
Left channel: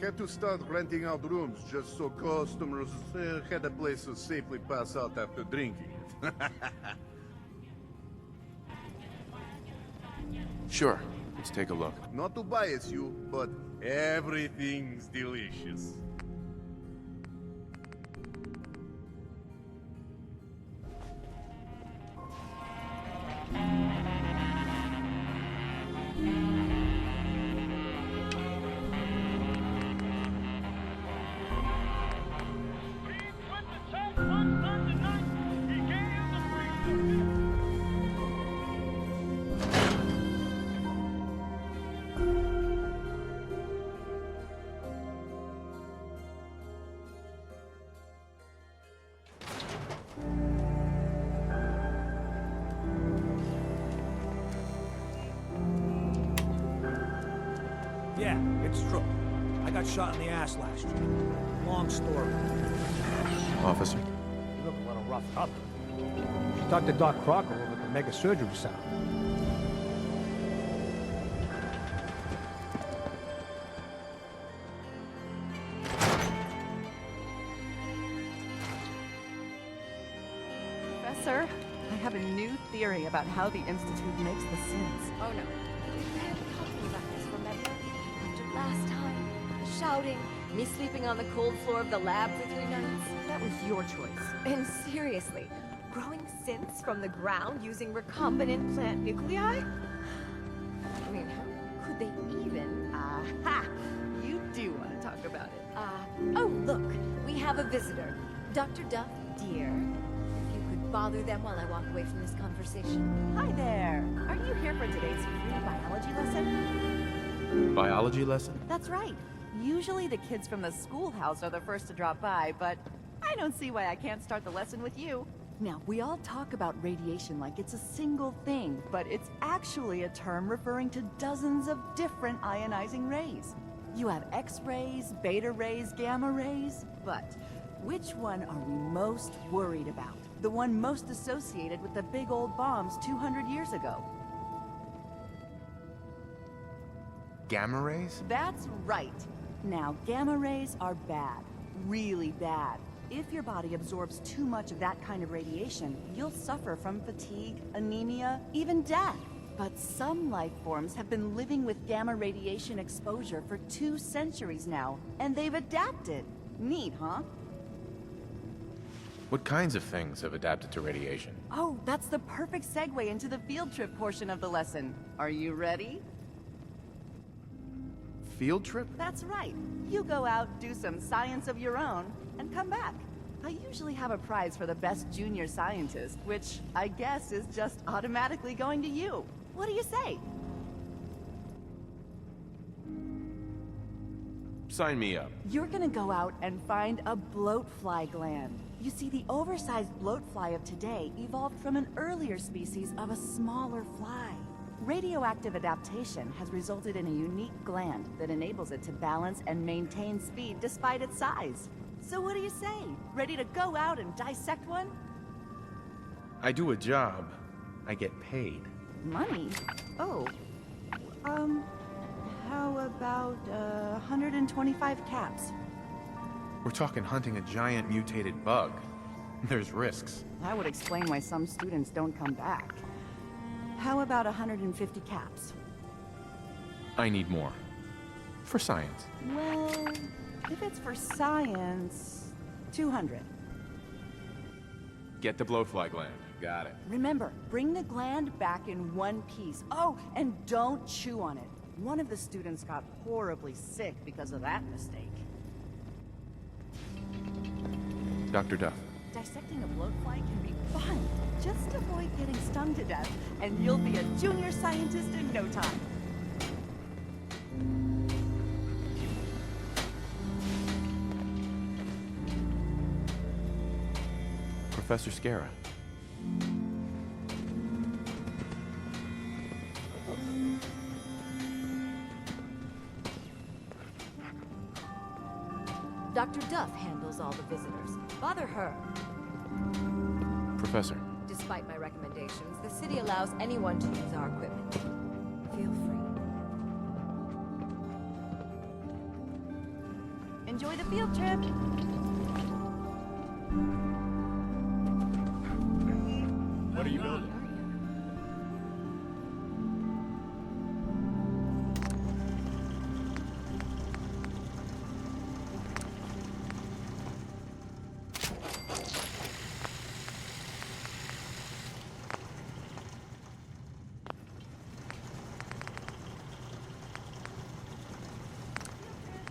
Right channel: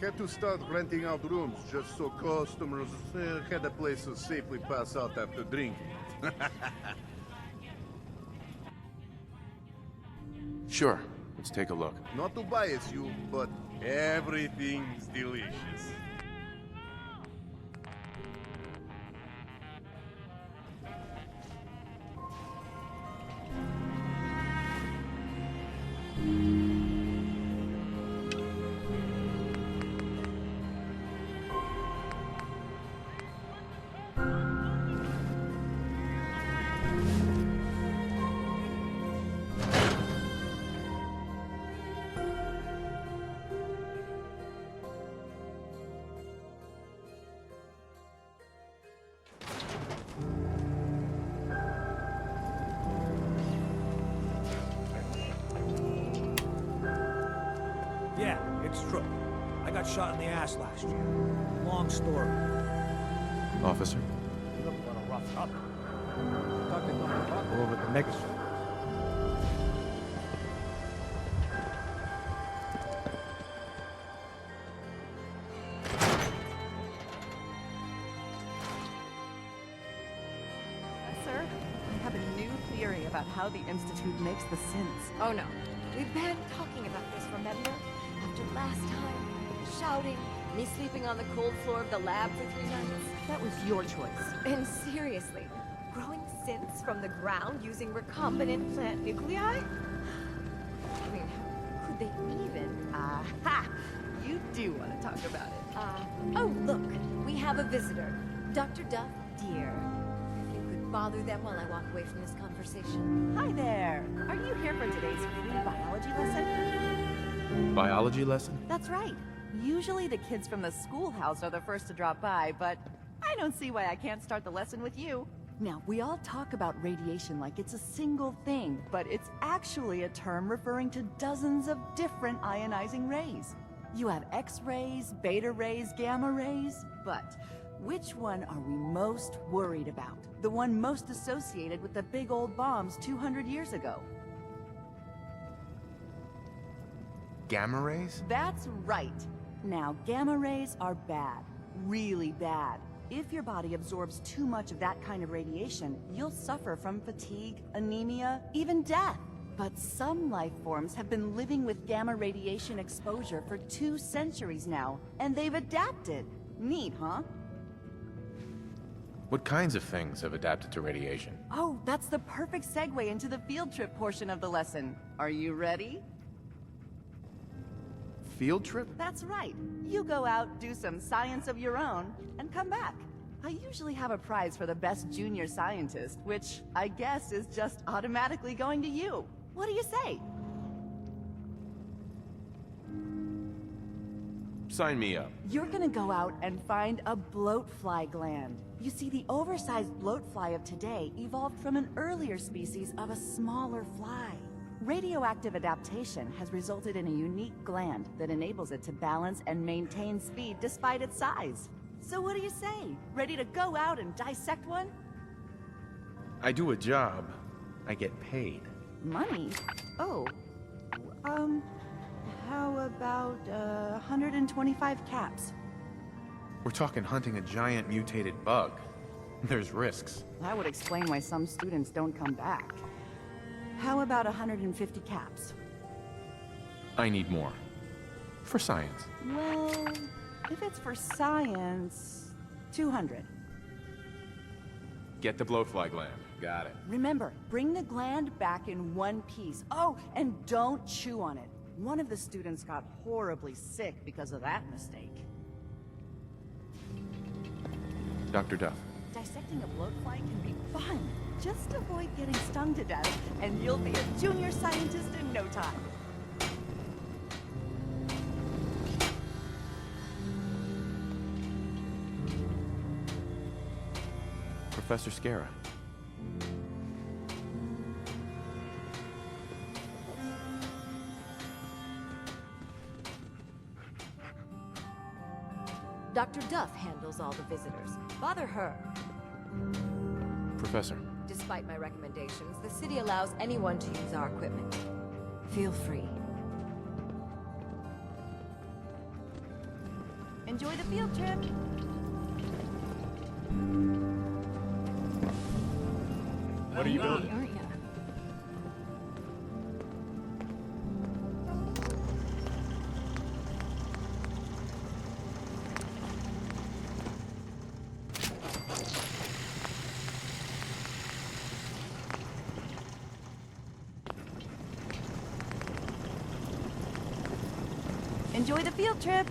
Had to start renting out rooms just so customers had a place to safely pass out after drinking. Sure. Let's take a look. Not to bias you, but everything's delicious. Yeah, it's true. I got shot in the ass last year. Long story. Officer? You look a little roughed up. Should talk to Doc Crocker over at the Mega Surgery Center. Professor, I have a new theory about how the Institute makes the synths. Oh no. We've been talking about this, remember? After last time. Shouting, me sleeping on the cold floor of the lab for 3 nights. That was your choice. And seriously, growing synths from the ground using recombinant plant nuclei? I mean, how could they even? Aha! You do want to talk about it. Oh, look, we have a visitor. Dr. Duff, dear. If you could bother them while I walk away from this conversation. Hi there. Are you here for today's free biology lesson? Biology lesson? That's right. Usually the kids from the schoolhouse are the first to drop by, but I don't see why I can't start the lesson with you. Now, we all talk about radiation like it's a single thing, but it's actually a term referring to dozens of different ionizing rays. You have X-rays, beta rays, gamma rays, but which one are we most worried about? The one most associated with the big old bombs 200 years ago. Gamma rays? That's right. Now, gamma rays are bad. Really bad. If your body absorbs too much of that kind of radiation, you'll suffer from fatigue, anemia, even death. But some life forms have been living with gamma radiation exposure for 2 centuries now, and they've adapted. Neat, huh? What kinds of things have adapted to radiation? Oh, that's the perfect segue into the field trip portion of the lesson. Are you ready? Field trip? That's right. You go out, do some science of your own, and come back. I usually have a prize for the best junior scientist, which I guess is just automatically going to you. What do you say? Sign me up. You're gonna go out and find a bloatfly gland. You see, the oversized bloatfly of today evolved from an earlier species of a smaller fly. Radioactive adaptation has resulted in a unique gland that enables it to balance and maintain speed despite its size. So what do you say? Ready to go out and dissect one? I do a job. I get paid. Money? Oh. How about 125 caps? We're talking hunting a giant mutated bug. There's risks. That would explain why some students don't come back. How about 150 caps? I need more. For science. Well, if it's for science, 200. Get the blowfly gland. Got it. Remember, bring the gland back in one piece. Oh, and don't chew on it. One of the students got horribly sick because of that mistake. Dr. Duff. Dissecting a bloatfly can be fun. Just avoid getting stung to death, and you'll be a junior scientist in no time. Professor Scara. Dr. Duff handles all the visitors. Bother her. Professor. Despite my recommendations, the city allows anyone to use our equipment. Feel free. Enjoy the field trip. What are you building? Enjoy the field trip.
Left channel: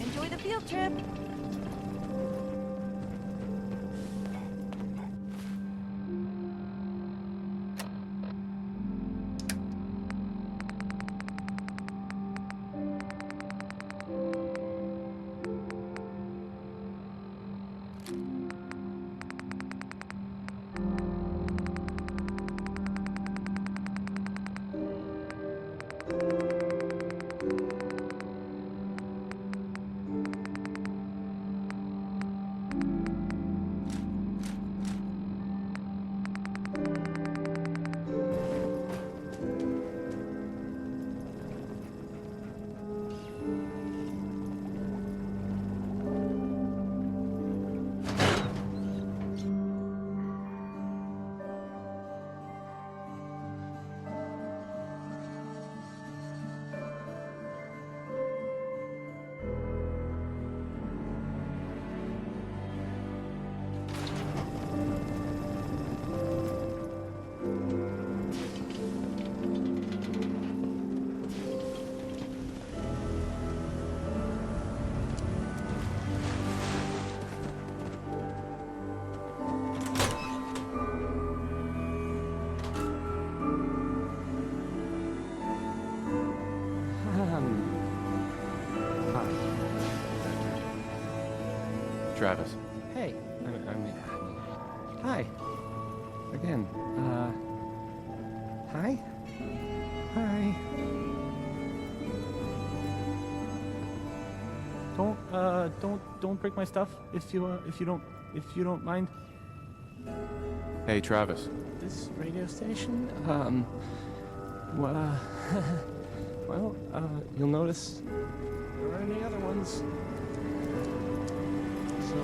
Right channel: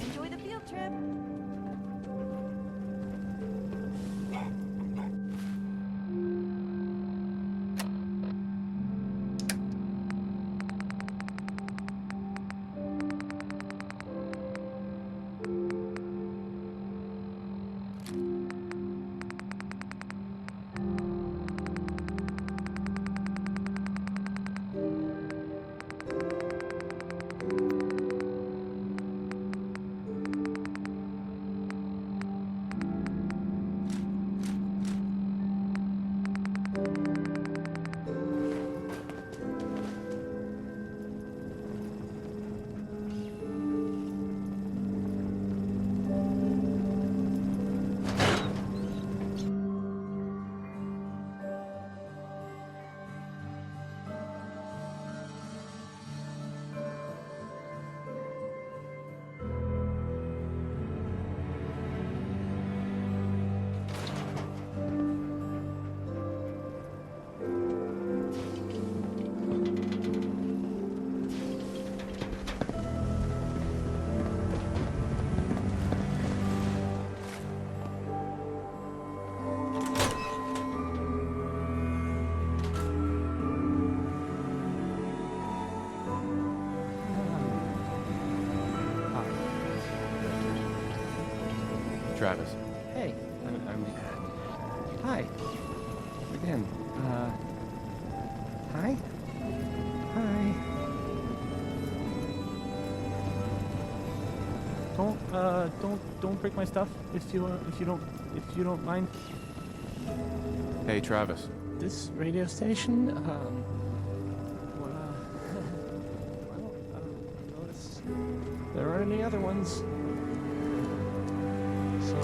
Enjoy the field trip. Travis. Hey, hi. Again, hi? Hi. Don't break my stuff if you don't mind. Hey, Travis. This radio station, well, you'll notice there aren't any other ones. So...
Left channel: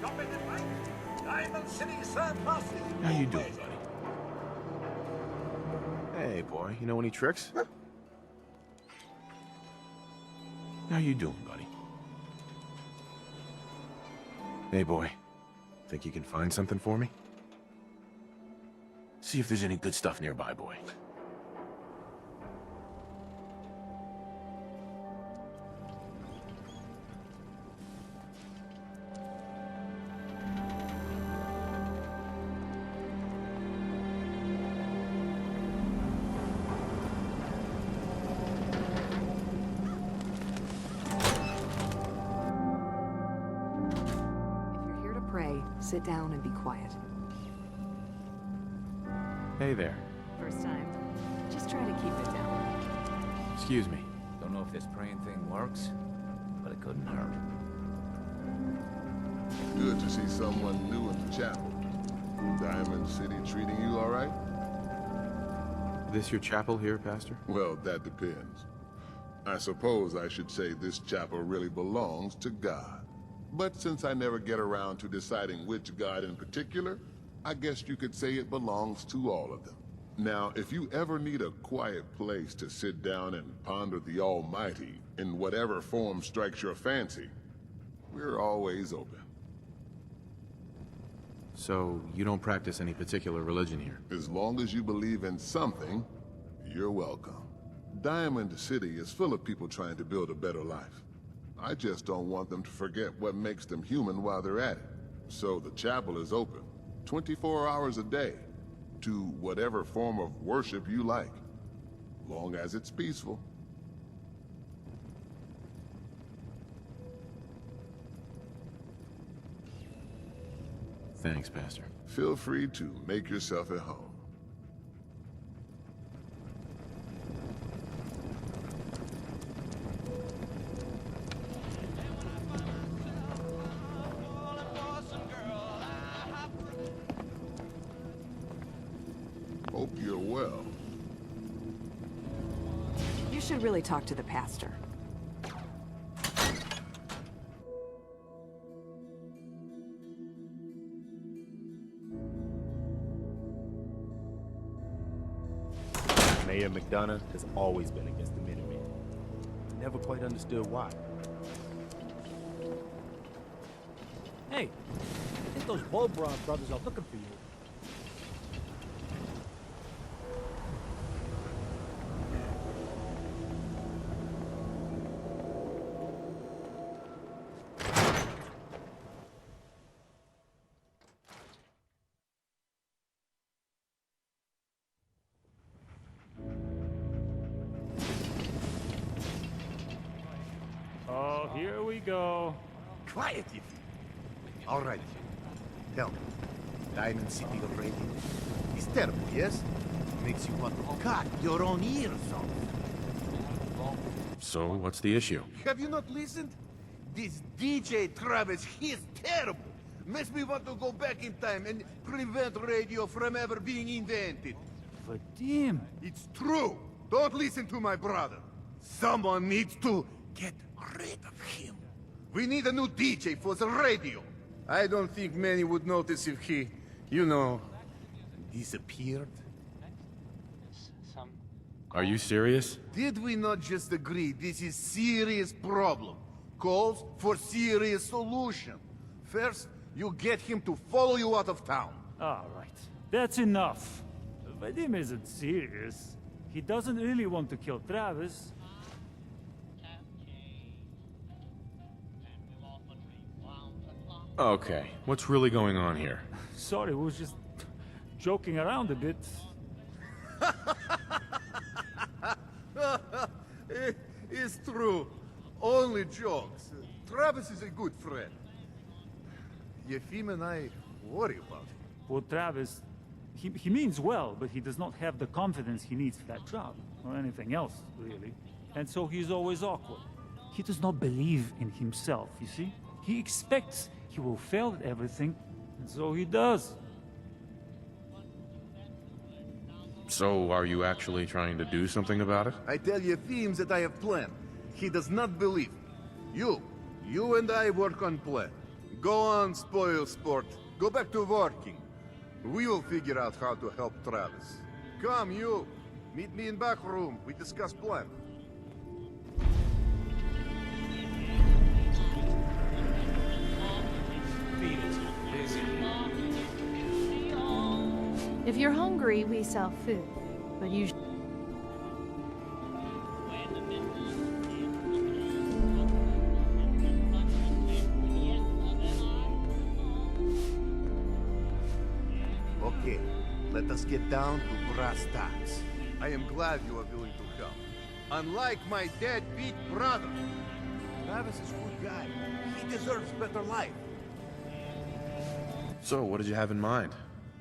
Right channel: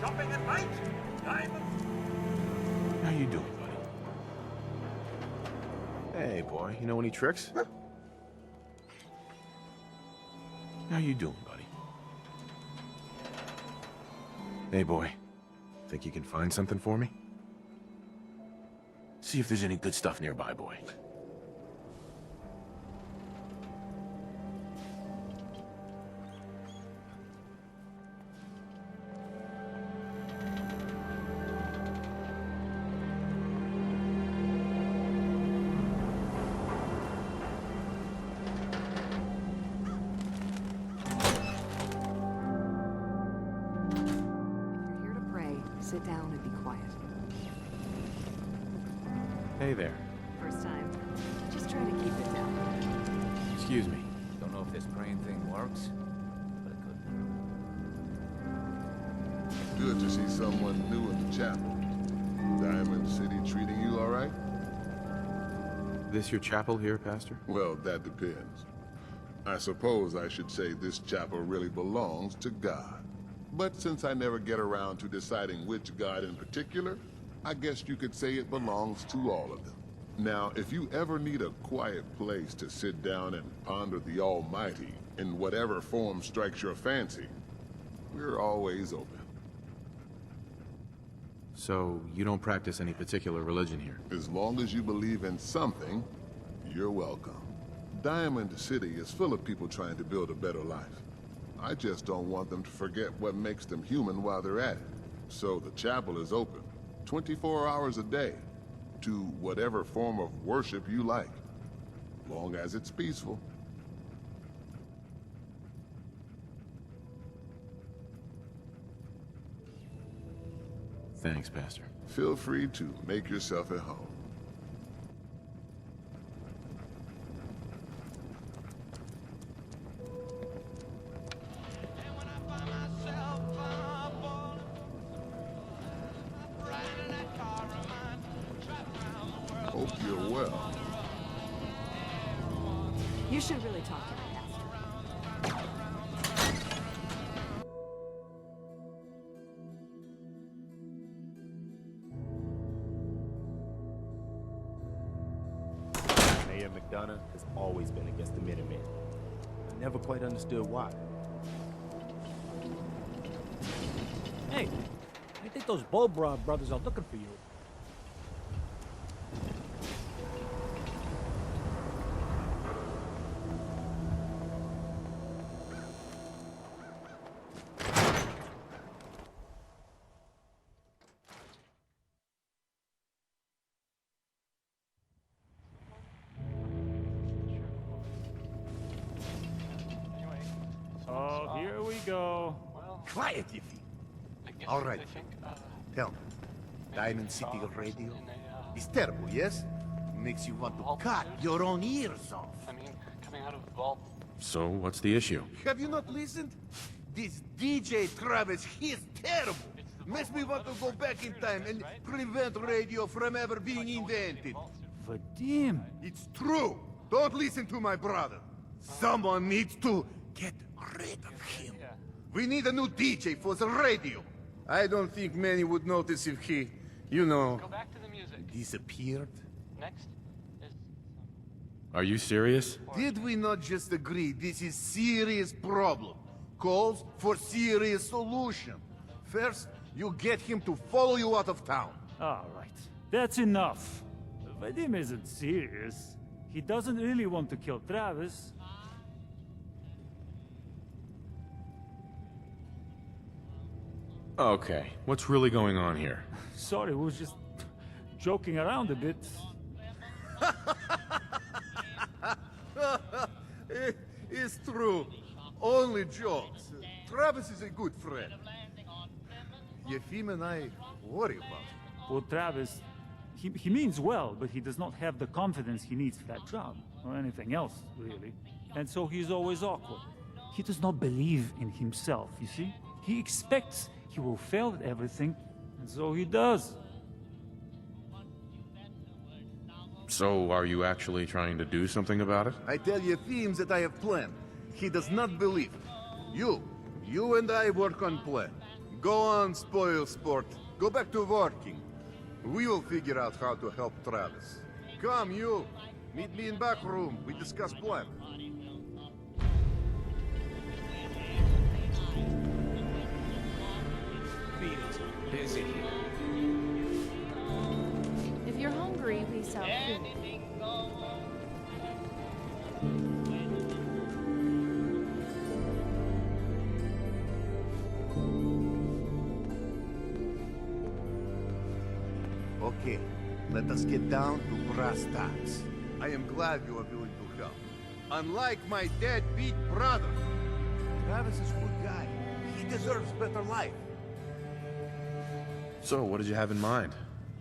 Shopping at night? Diamond City serves us. How you doing, buddy? Hey, boy. You know any tricks? How you doing, buddy? Hey, boy. Think you can find something for me? See if there's any good stuff nearby, boy. Sit down and be quiet. Hey there. First time. Just try to keep it down. Excuse me. Don't know if this praying thing works, but it couldn't hurt. Good to see someone new in the chapel. Diamond City treating you all right? This your chapel here, Pastor? Well, that depends. I suppose I should say this chapel really belongs to God. But since I never get around to deciding which god in particular, I guess you could say it belongs to all of them. Now, if you ever need a quiet place to sit down and ponder the Almighty in whatever form strikes your fancy, we're always open. So, you don't practice any particular religion here? As long as you believe in something, you're welcome. Diamond City is full of people trying to build a better life. I just don't want them to forget what makes them human while they're at it. So the chapel is open, 24 hours a day, to whatever form of worship you like, long as it's peaceful. Thanks, Pastor. Feel free to make yourself at home. Hope you're well. You should really talk to the pastor. Mayor McDonough has always been against the Minutemen. I never quite understood why. Hey, I think those Bobrov brothers are looking for you. Oh, here we go. Quiet, you feet. All right. Tell me, Diamond City Radio is terrible, yes? Makes you want to cut your own ears off. So, what's the issue? Have you not listened? This DJ Travis, he is terrible. Makes me want to go back in time and prevent radio from ever being invented. Vadim! It's true. Don't listen to my brother. Someone needs to get rid of him. We need a new DJ for the radio. I don't think many would notice if he, you know, disappeared. Next is some... Are you serious? Did we not just agree this is serious problem? Calls for serious solution. First, You get him to follow you out of town. All right. That's enough. Vadim isn't serious. He doesn't really want to kill Travis. Okay, what's really going on here? Sorry, we was just joking around a bit. It's true. Only jokes. Travis is a good friend. Yefim and I worry about him. Well, Travis, he means well, but he does not have the confidence he needs for that job, or anything else, really. And so he's always awkward. He does not believe in himself, you see? He expects he will fail at everything, and so he does. So, are you actually trying to do something about it? I tell Yefim that I have planned. He does not believe. You and I work on plan. Go on, spoil sport. Go back to working. We will figure out how to help Travis. Come, you. Meet me in back room. We discuss plan. Beat it. Busy. If you're hungry, we sell food. But you Okay, let us get down to brass tacks. I am glad you are willing to help. Unlike my deadbeat brother, Travis is a good guy. He deserves better life. So, what did you have in mind?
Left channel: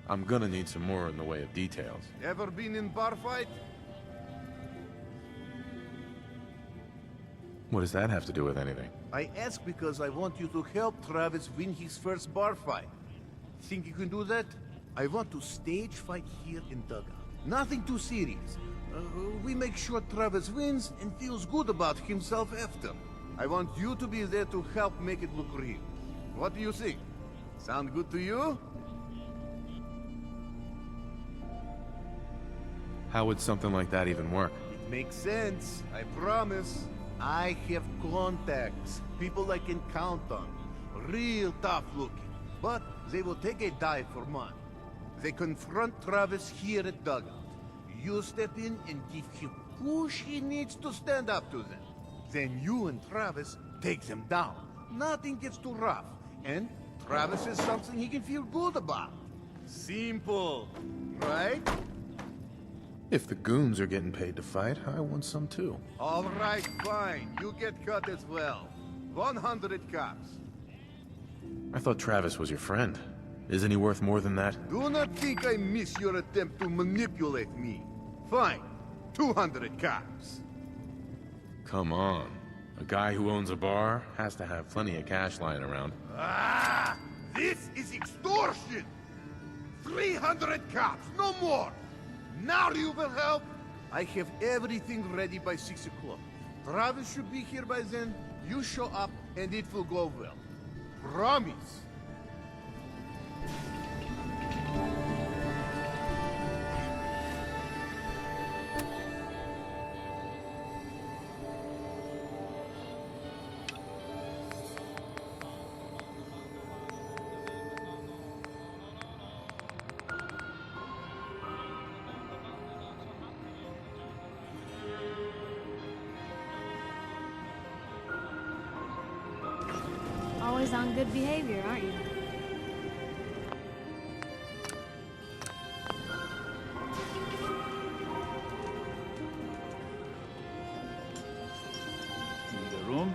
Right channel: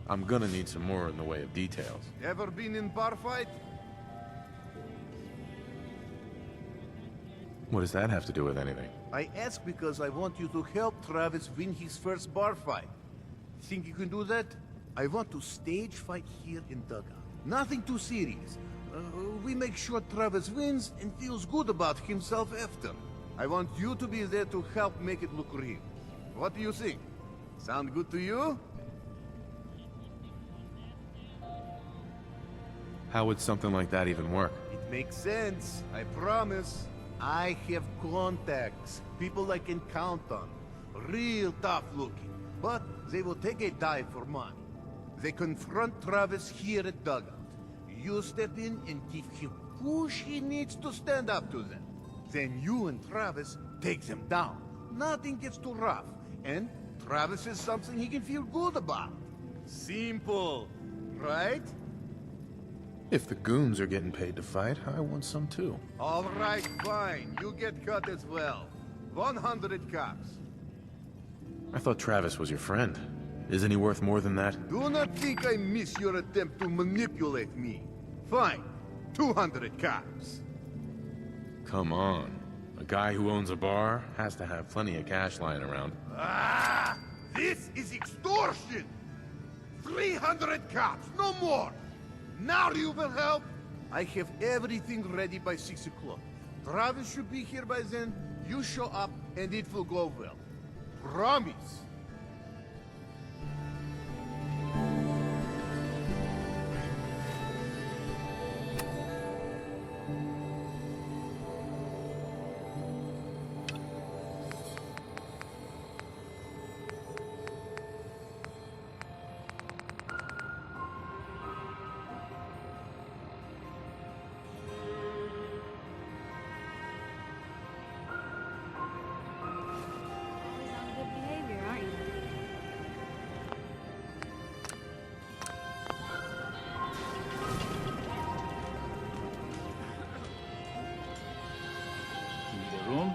I'm gonna need some more in the way of details. Ever been in bar fight? What does that have to do with anything? I ask because I want you to help Travis win his first bar fight. Think you can do that? I want to stage fight here in Dugout. Nothing too serious. We make sure Travis wins and feels good about himself after. I want you to be there to help make it look real. What do you think? Sound good to you? How would something like that even work? It makes sense, I promise. I have contacts, people I can count on. Real tough looking, but they will take a dive for money. They confront Travis here at Dugout. You step in and give him push he needs to stand up to them. Then you and Travis take them down. Nothing gets too rough, and Travis is something he can feel good about. Simple, right? If the goons are getting paid to fight, I want some too. All right, fine. You get cut as well. 100 cops. I thought Travis was your friend. Isn't he worth more than that? Do not think I miss your attempt to manipulate me. Fine. 200 cops. Come on. A guy who owns a bar has to have plenty of cash lying around. Ah! This is extortion! 300 cops, no more! Now you will help? I have everything ready by 6 o'clock. Travis should be here by then. You show up and it will go well. Promise. Always on good behavior, aren't you? Need a room?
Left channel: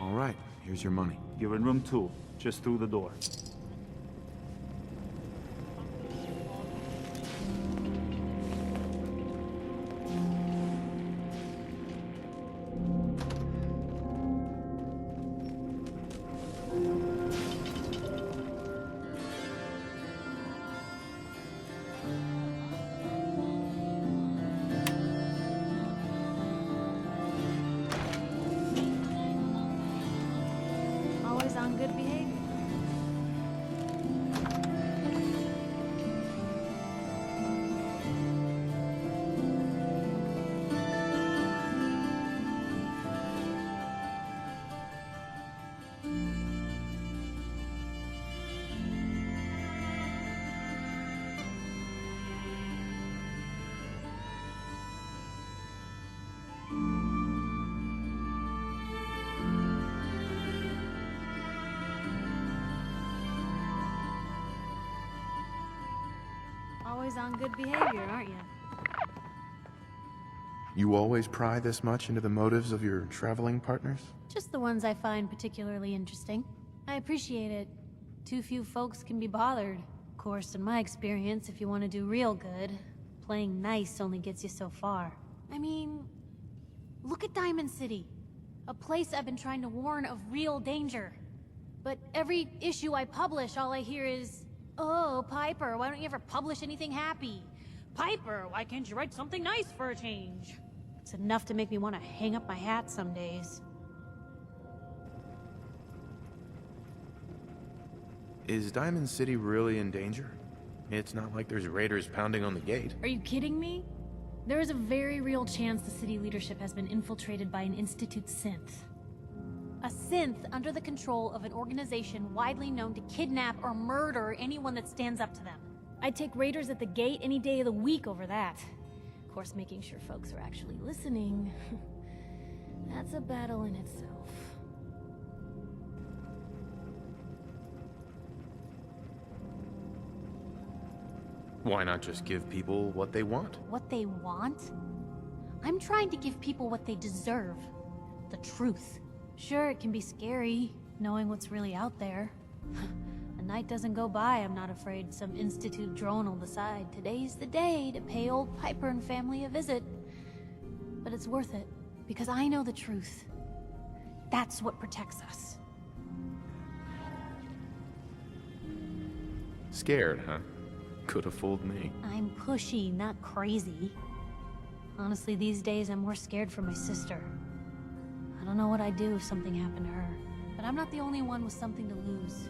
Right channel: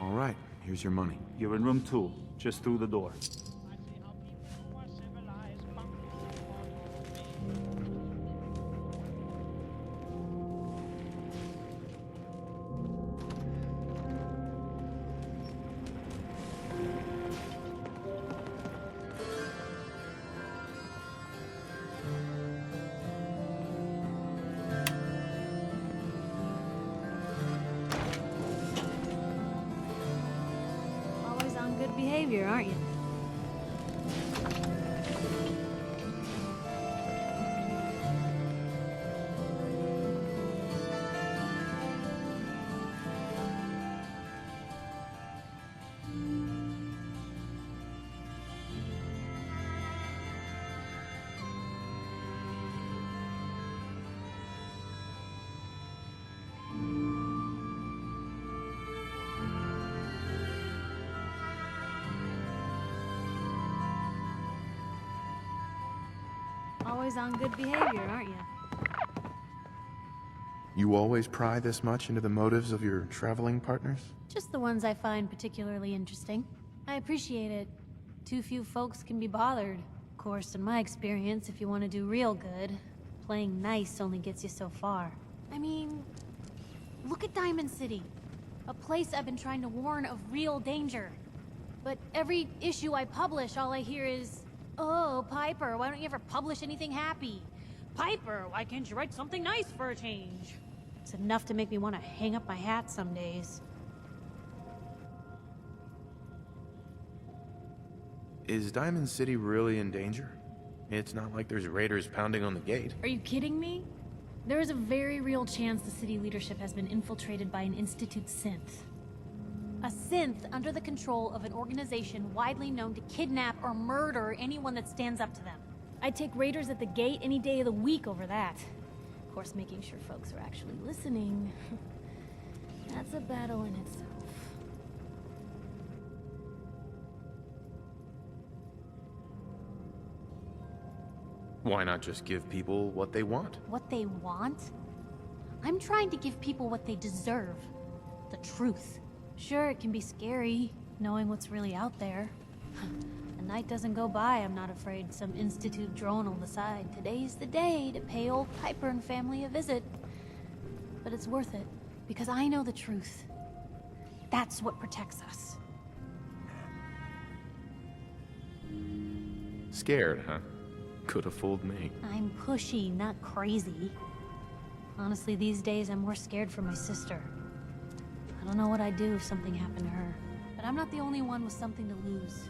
All right, here's your money. You're in room 2, just through the door. Always on good behavior, aren't you? always on good behavior, aren't you? You always pry this much into the motives of your traveling partners? Just the ones I find particularly interesting. I appreciate it. Too few folks can be bothered. Of course, in my experience, if you want to do real good, playing nice only gets you so far. I mean, look at Diamond City. A place I've been trying to warn of real danger. But every issue I publish, all I hear is, "Oh, Piper, why don't you ever publish anything happy? Piper, why can't you write something nice for a change?" It's enough to make me want to hang up my hat some days. Is Diamond City really in danger? It's not like there's raiders pounding on the gate. Are you kidding me? There is a very real chance the city leadership has been infiltrated by an Institute synth. A synth under the control of an organization widely known to kidnap or murder anyone that stands up to them. I'd take raiders at the gate any day of the week over that. Of course, making sure folks are actually listening. That's a battle in itself. Why not just give people what they want? What they want? I'm trying to give people what they deserve. The truth. Sure, it can be scary, knowing what's really out there. A night doesn't go by, I'm not afraid some Institute drone will decide today's the day to pay old Piper and family a visit. But it's worth it, because I know the truth. That's what protects us. Scared, huh? Could have fooled me. I'm pushy, not crazy. Honestly, these days I'm more scared for my sister. I don't know what I'd do if something happened to her. But I'm not the only one with something to lose.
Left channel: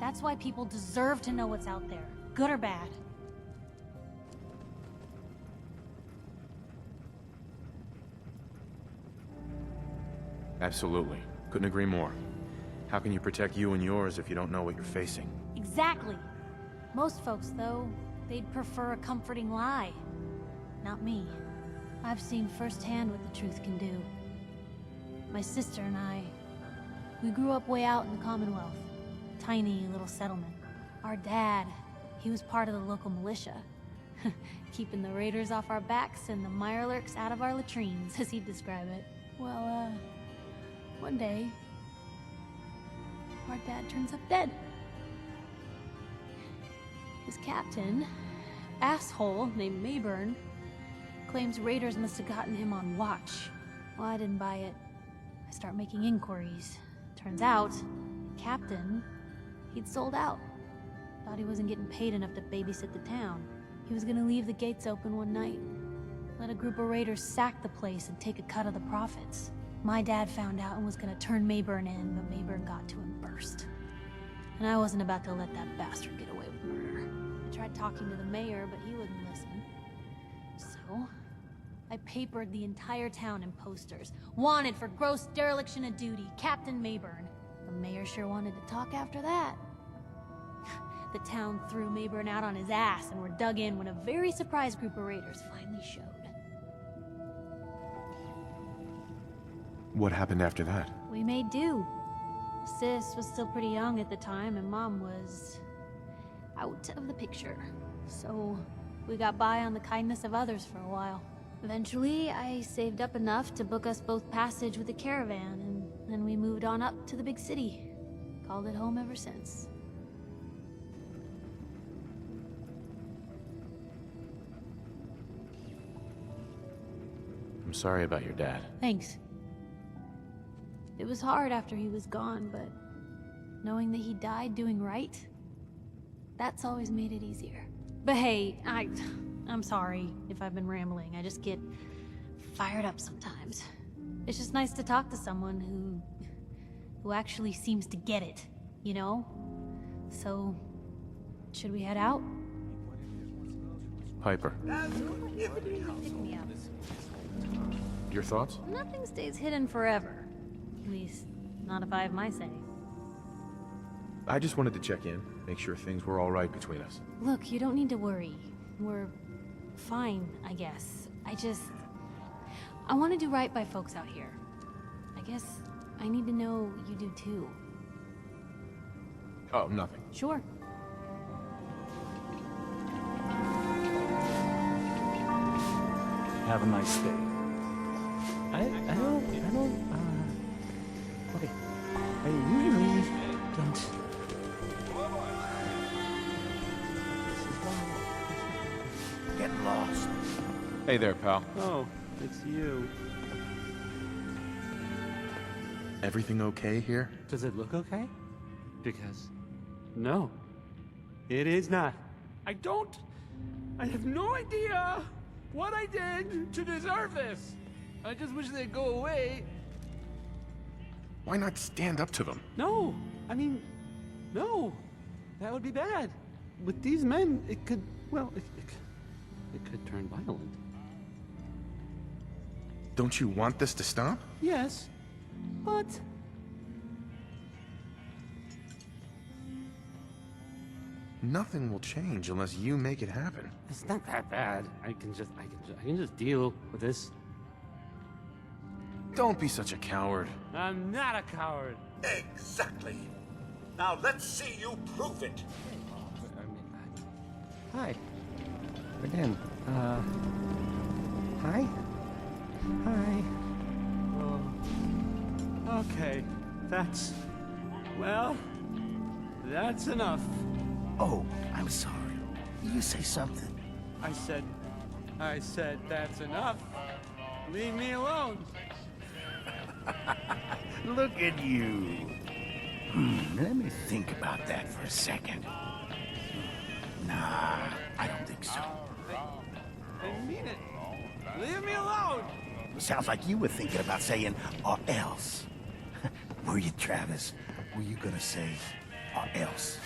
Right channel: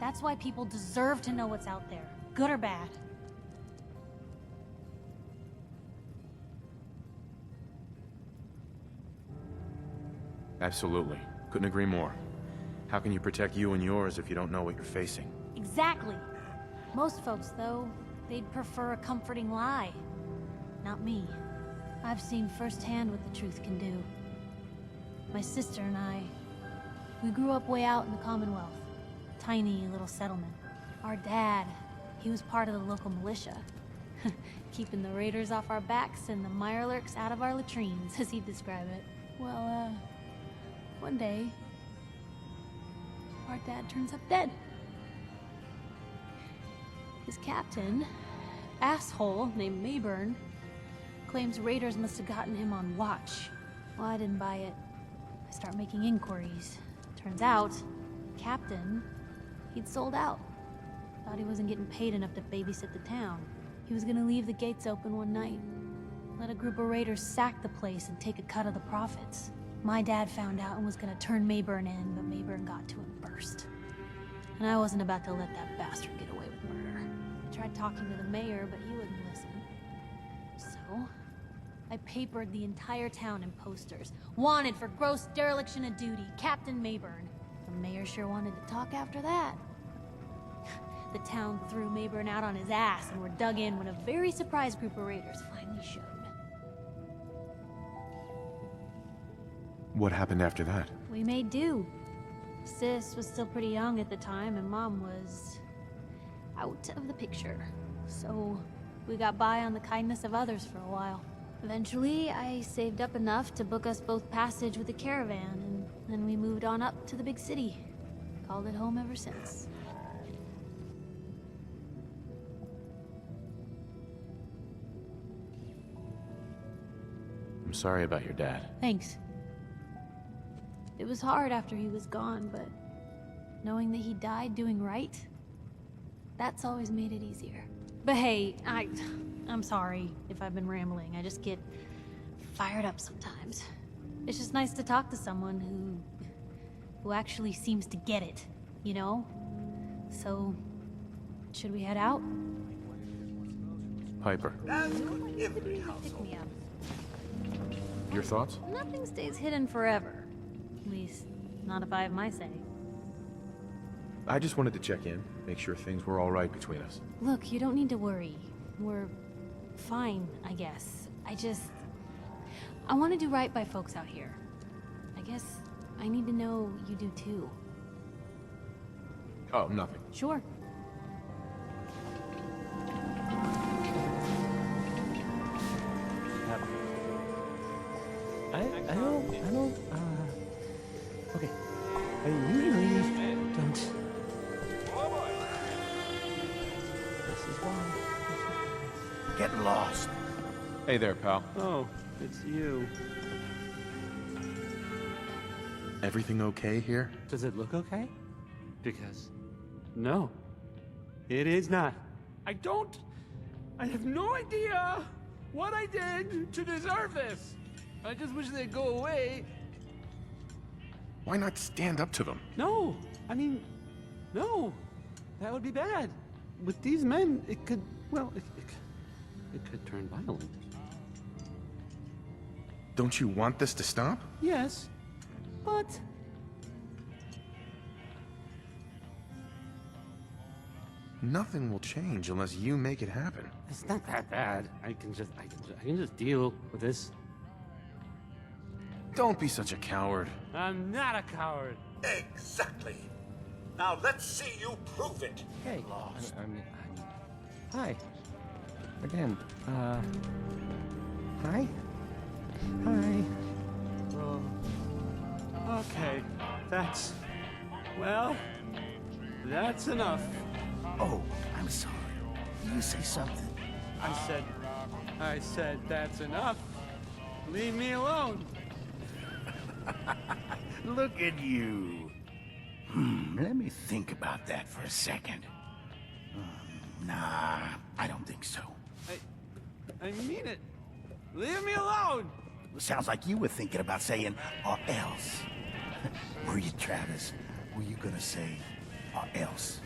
That's why people deserve to know what's out there, good or bad. Absolutely. Couldn't agree more. How can you protect you and yours if you don't know what you're facing? Exactly. Most folks, though, they'd prefer a comforting lie. Not me. I've seen firsthand what the truth can do. My sister and I, we grew up way out in the Commonwealth. Tiny little settlement. Our dad, he was part of the local militia. Keeping the raiders off our backs and the mirelurks out of our latrines, as he'd describe it. Well, one day, our dad turns up dead. His captain, asshole named Mayburn, claims raiders must have gotten him on watch. Well, I didn't buy it. I start making inquiries. Turns out, captain, he'd sold out. Thought he wasn't getting paid enough to babysit the town. He was gonna leave the gates open one night. Let a group of raiders sack the place and take a cut of the profits. My dad found out and was gonna turn Mayburn in, but Mayburn got to him first. And I wasn't about to let that bastard get away with murder. I tried talking to the mayor, but he wouldn't listen. So, I papered the entire town in posters. Wanted for gross dereliction of duty, Captain Mayburn. The mayor sure wanted to talk after that. The town threw Mayburn out on his ass and were dug in when a very surprised group of raiders finally showed. What happened after that? We made do. Sis was still pretty young at the time, and Mom was out of the picture. So, we got by on the kindness of others for a while. Eventually, I saved up enough to book us both passage with a caravan, and then we moved on up to the big city. Called it home ever since. I'm sorry about your dad. Thanks. It was hard after he was gone, but knowing that he died doing right, that's always made it easier. But hey, I'm sorry if I've been rambling. I just get fired up sometimes. It's just nice to talk to someone who actually seems to get it, you know? So, should we head out? Piper, Pick me up. your thoughts? Nothing stays hidden forever. At least, not if I have my say. I just wanted to check in, make sure things were all right between us. Look, you don't need to worry. We're fine, I guess. I want to do right by folks out here. I guess I need to know you do too. Oh, nothing. Sure. have a nice day. Okay. I usually don't. This is why. Get lost. Hey there, pal. Oh, it's you. Everything okay here? Does it look okay? Because, no, it is not. I have no idea what I did to deserve this. I just wish they'd go away. Why not stand up to them? No, I mean, no, that would be bad. With these men, it could, well, it could turn violent. Don't you want this to stop? Yes, but Nothing will change unless you make it happen. it's not that bad. I can just deal with this. Don't be such a coward. I'm not a coward. Exactly. Now let's see you prove it. Hey, hi. Again, hi? Hi. Oh. Okay, that's enough. Oh, I'm sorry. You say something. I said that's enough. Leave me alone. Look at you. Let me think about that for a second. Nah, I don't think so. I mean it. Leave me alone. Sounds like you were thinking about saying, or else. Were you, Travis? Were you gonna say, or else?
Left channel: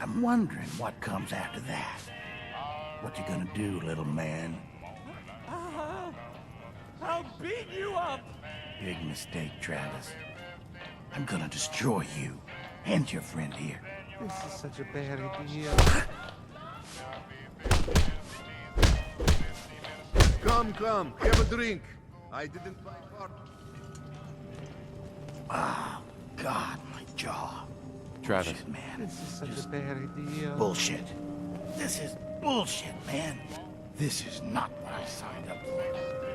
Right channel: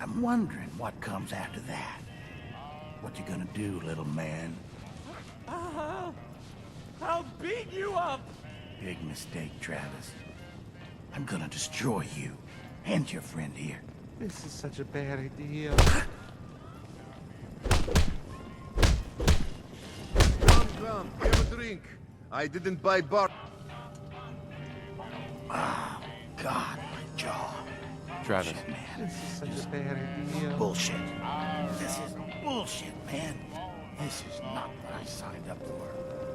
I'm wondering what comes after that. What you gonna do, little man? I'll beat you up. Big mistake, Travis. I'm gonna destroy you and your friend here. This is such a bad idea. Come, have a drink. I didn't buy bar. Oh, God, my jaw. Travis. Shit, man. This is such a bad idea. Bullshit. This is bullshit, man. This is not what I signed up for.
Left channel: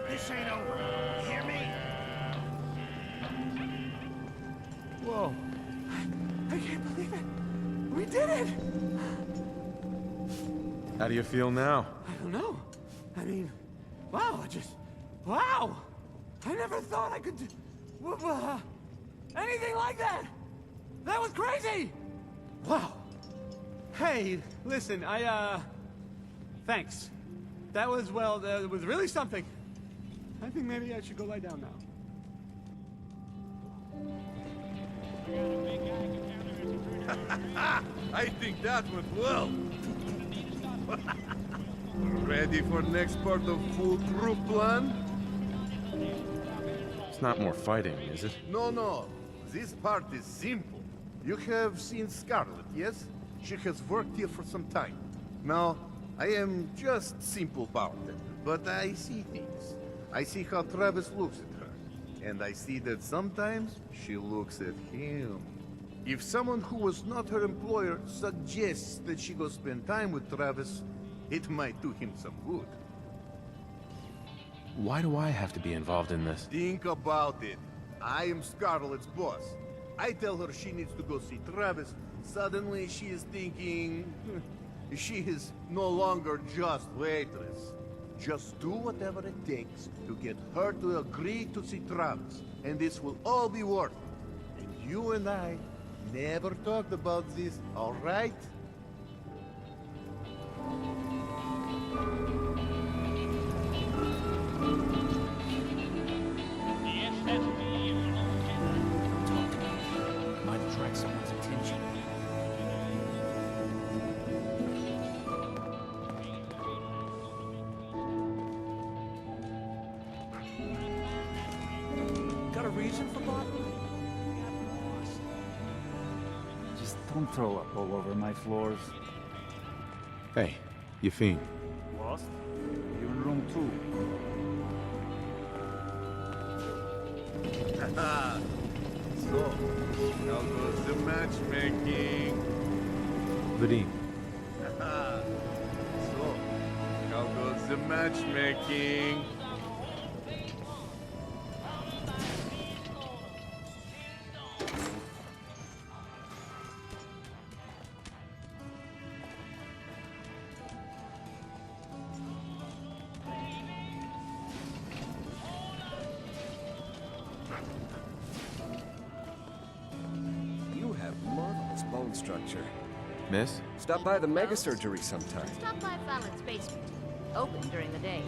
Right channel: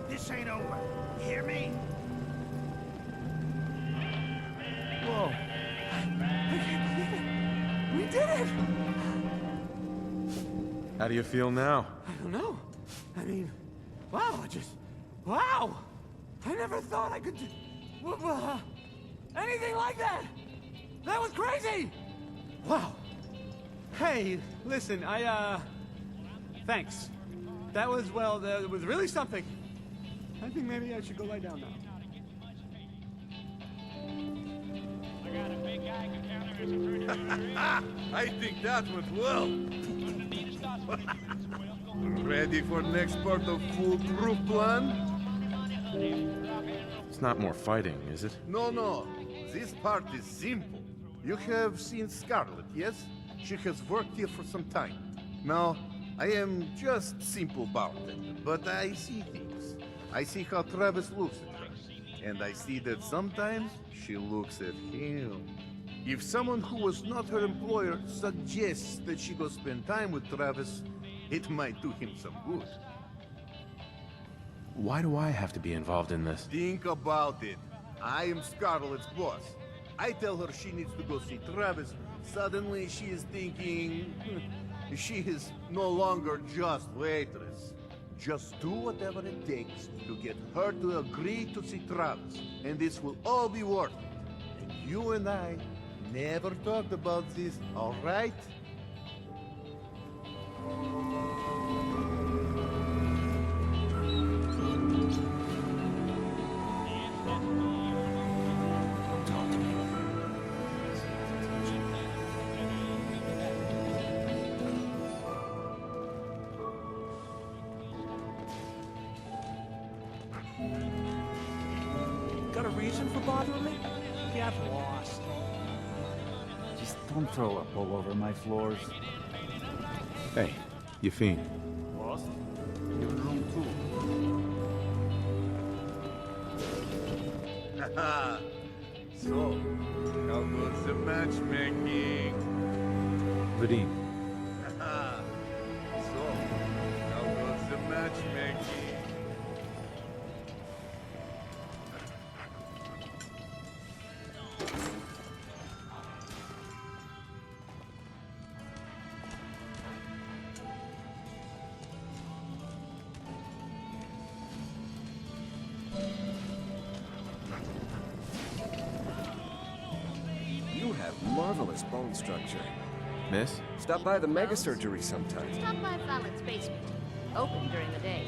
This ain't over. You hear me? Whoa. I can't believe it. We did it. How do you feel now? I don't know. I mean, wow, wow. I never thought I could do anything like that. That was crazy. Wow. Hey, listen, thanks. That was really something. I think maybe I should go lie down now. I think that went well. Ready for next part of foolproof plan? It's not more fighting, is it? No. This part is simple. You have seen Scarlet, yes? She has worked here for some time. Now, I am just simple bartender, but I see things. I see how Travis looks at her. And I see that sometimes she looks at him. If someone who was not her employer suggests that she go spend time with Travis, it might do him some good. Why do I have to be involved in this? Think about it. I am Scarlet's boss. I tell her she needs to go see Travis. Suddenly she is thinking... she is no longer just waitress. Just do whatever it takes to get her to agree to see Travis. And this will all be worth it. And you and I never talked about this, all right? Don't talk to me. Might attract someone's attention. Got a reason for bothering me? Get lost. Just don't throw up all over my floors. Hey, you fiend. Lost? You're in room 2. So, how goes the matchmaking? Vadim. So, how goes the matchmaking? have marvelous bone structure. Miss? Stop by the mega surgery sometime. Stop by Fallon's basement. Open during the day.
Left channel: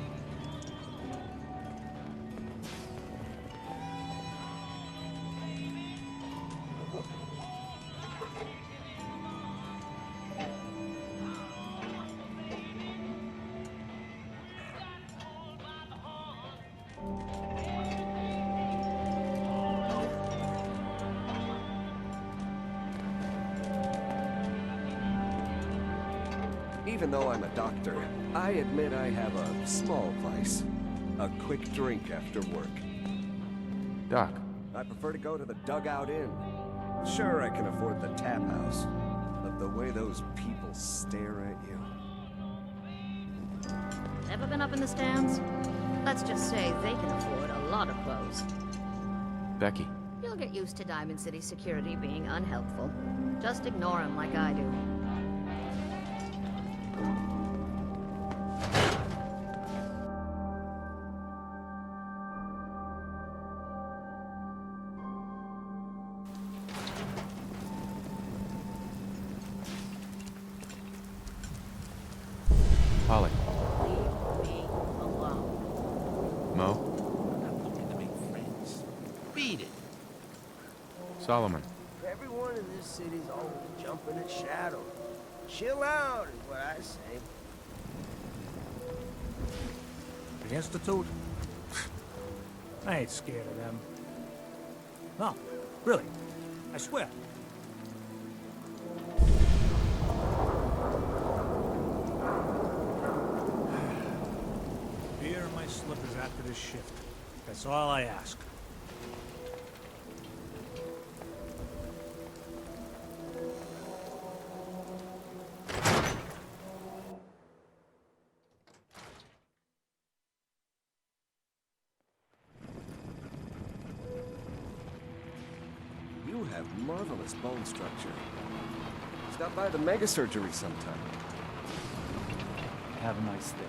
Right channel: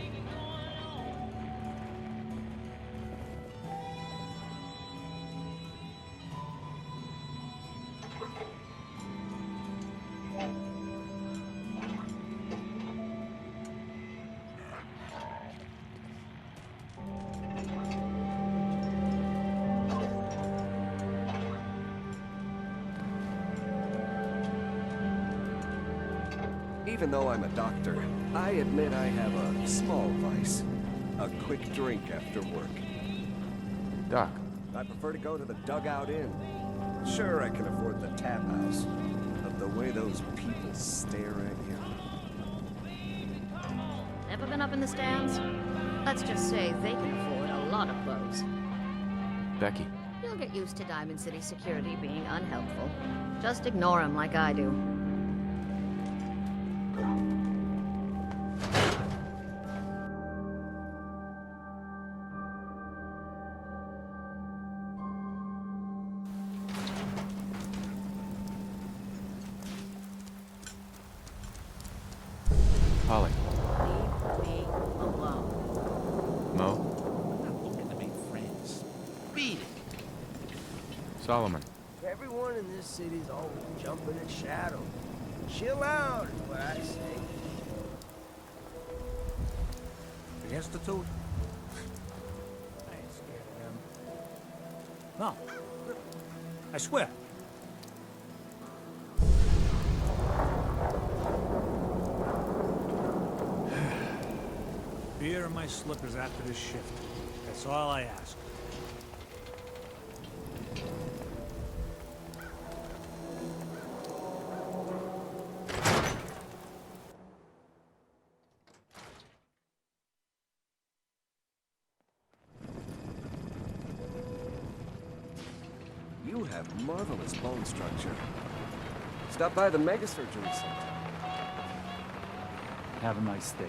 Even though I'm a doctor, I admit I have a small vice. A quick drink after work. Doc. I prefer to go to the Dugout Inn. Sure, I can afford the tap house, but the way those people stare at you... Ever been up in the stands? Let's just say they can afford a lot of clothes. Becky. You'll get used to Diamond City security being unhelpful. Just ignore them like I do. Holly. Leave me alone. Mo. I'm looking to make friends. Beat it. Solomon. Everyone in this city's always jumping at Shadow. Chill out is what I say. The Institute? I ain't scared of them. No, really. I swear. Beer and my slippers after this shift. That's all I ask. You have marvelous bone structure. Stop by the mega surgery sometime. Have a nice day.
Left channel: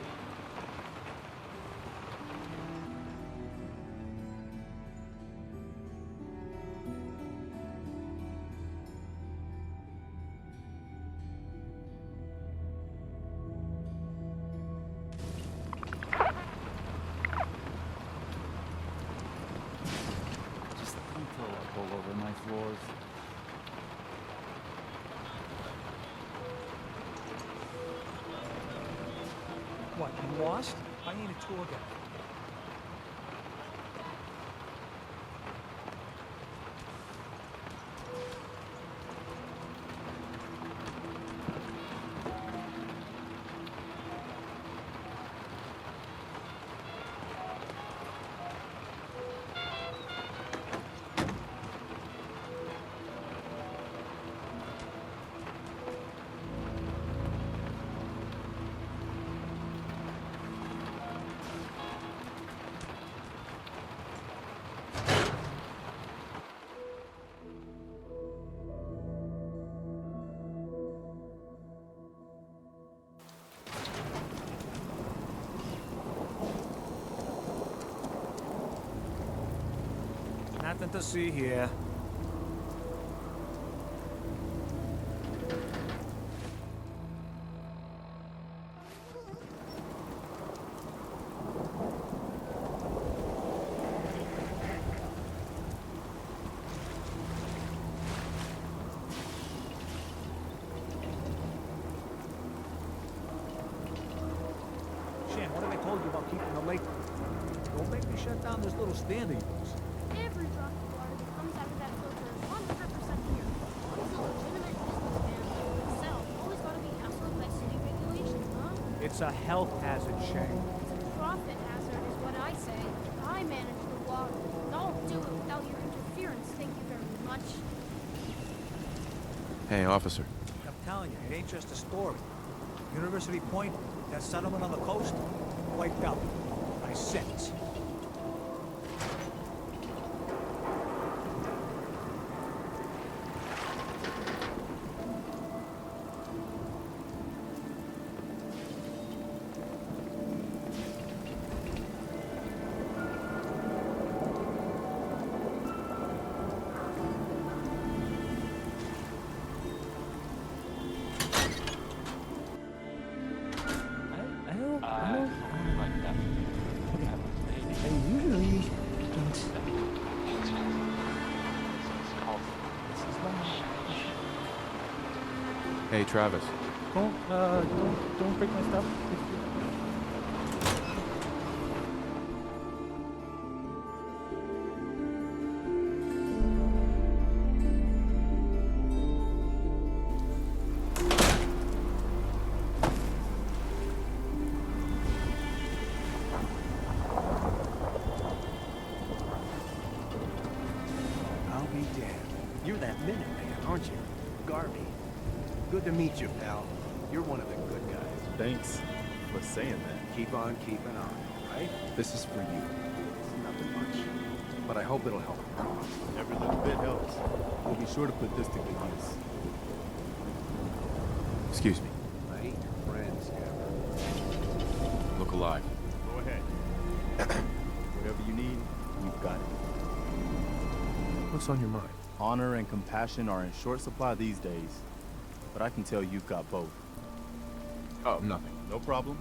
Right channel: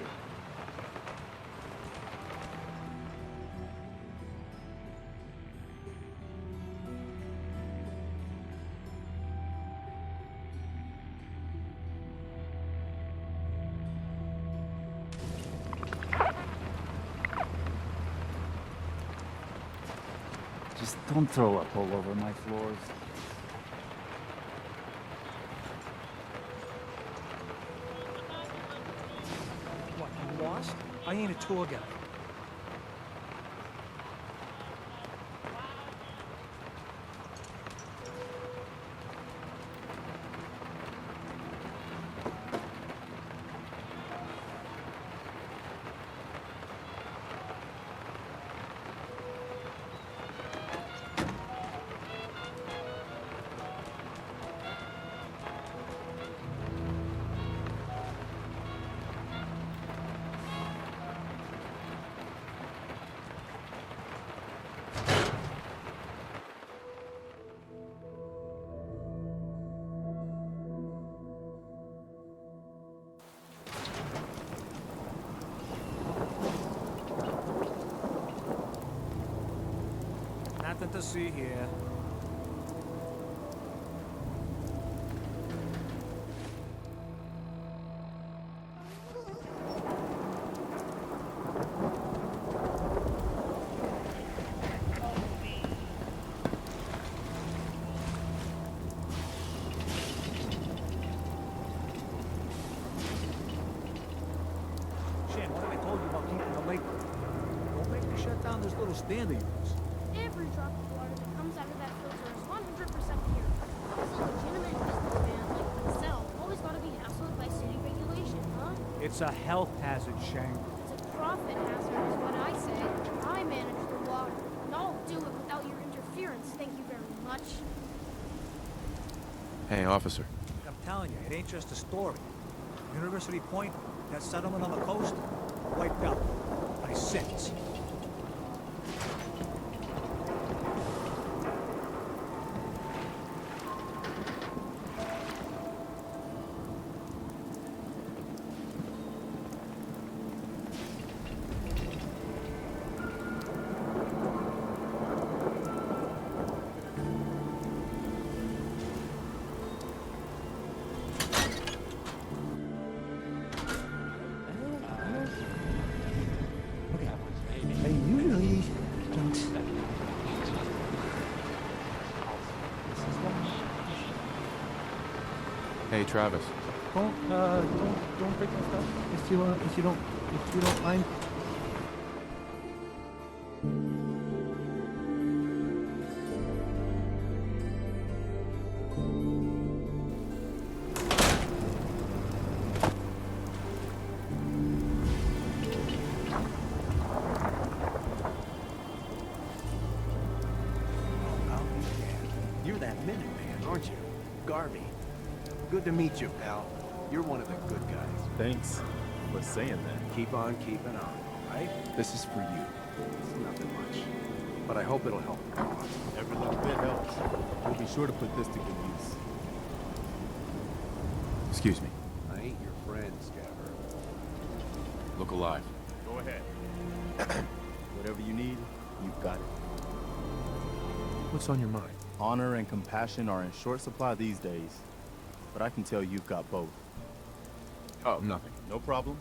Just don't throw up all over my floors. What, you lost? I ain't a tour guide. Nothing to see here. Shan, what have I told you about keeping the lake? Don't make me shut down this little stand of yours. Every drop of water that comes out of that filter is 100% pure. How is a legitimate businessman like myself always got to be hassled by city regulation, huh? It's a health hazard, Shane. It's a profit hazard is what I say. I manage the water, and I'll do it without your interference, thank you very much. Hey, officer. I'm telling you, it ain't just a story. University Point, that settlement on the coast, wiped out by six. Hey, Travis. Don't break my stuff if you don't mind. I'll be damned. You're that Minuteman, aren't you? Garvey. Good to meet you, pal. You're one of the good guys. Thanks for saying that. Keep on keeping on, all right? This is for you. It's nothing much. But I hope it'll help the cause. Every little bit helps. We'll be sure to put this to good use. Excuse me. I ain't your friend, Scabber. Look alive. Go ahead. Whatever you need, you've got it. What's on your mind? Honor and compassion are in short supply these days, but I can tell you've got both. Oh, nothing. No problem.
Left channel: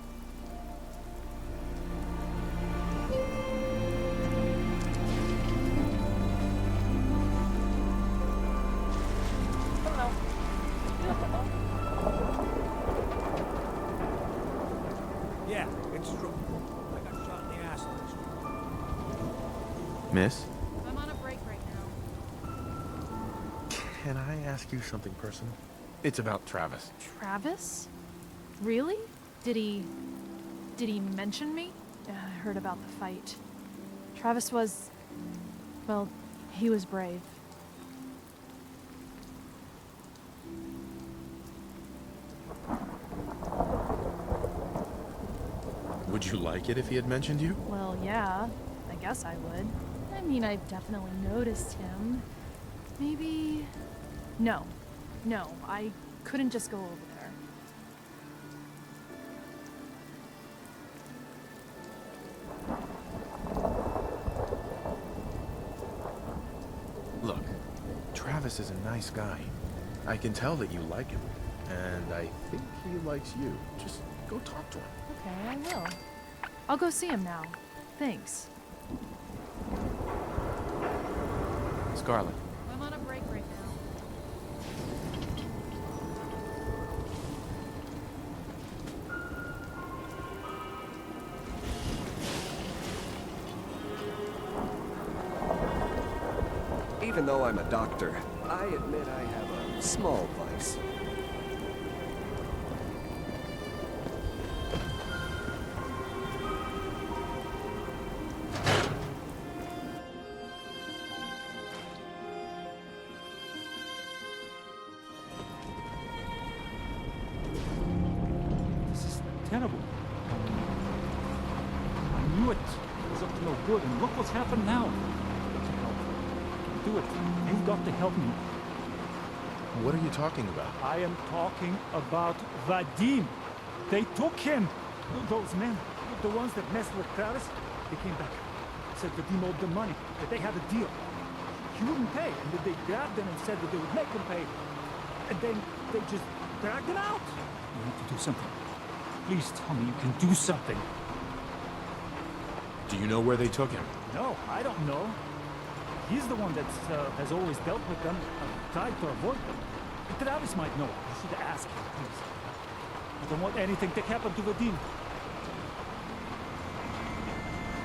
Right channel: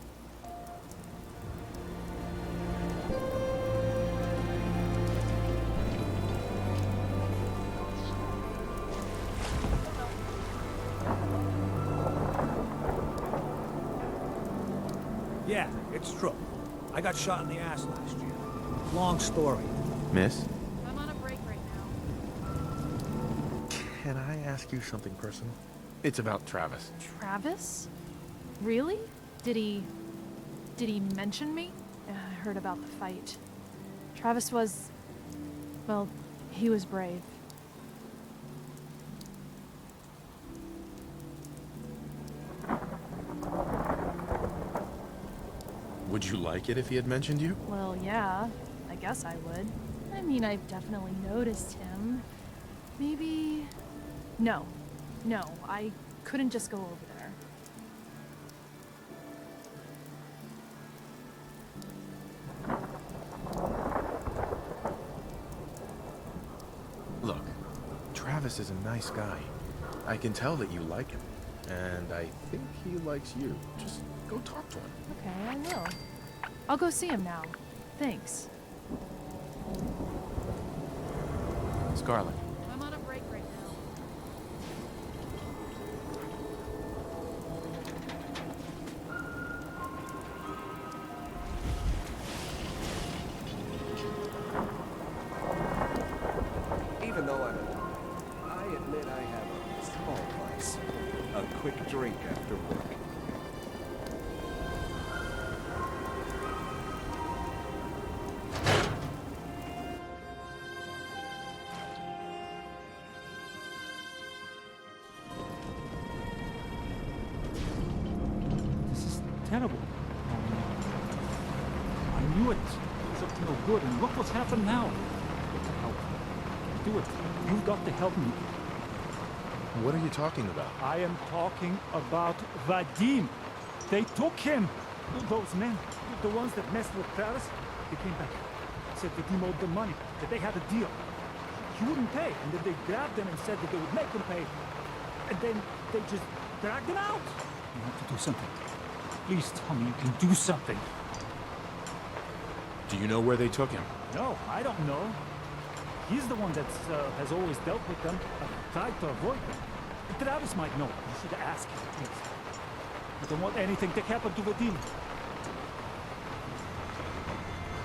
Yeah, it's true. I got shot in the ass last year. Long story. Miss? I'm on a break right now. Can I ask you something personal? It's about Travis. Travis? Really? Did he mention me? I heard about the fight. Travis was... well, he was brave. Would you like it if he had mentioned you? Well, yeah, I guess I would. I mean, I've definitely noticed him. Maybe... No, I couldn't just go over there. Look, Travis is a nice guy. I can tell that you like him. And I think he likes you. Just go talk to him. Okay, I will. I'll go see him now. Thanks. Scarlet. I'm on a break right now. Even though I'm a doctor, I admit I have a small vice. A quick drink after work. This is terrible. I knew it was up to no good, and look what's happened now. I've got to help. I can do it. You've got to help me. What are you talking about? I am talking about Vadim. They took him. Those men, the ones that messed with Travis, they came back. Said Vadim owed them money, that they had a deal. He wouldn't pay, and then they grabbed him and said that they would make him pay. And then they just dragged him out. You have to do something. Please tell me you can do something. Do you know where they took him? No, I don't know. He's the one that has always dealt with them, tried to avoid them. Travis might know. You should ask him, please. I don't want anything to happen to Vadim.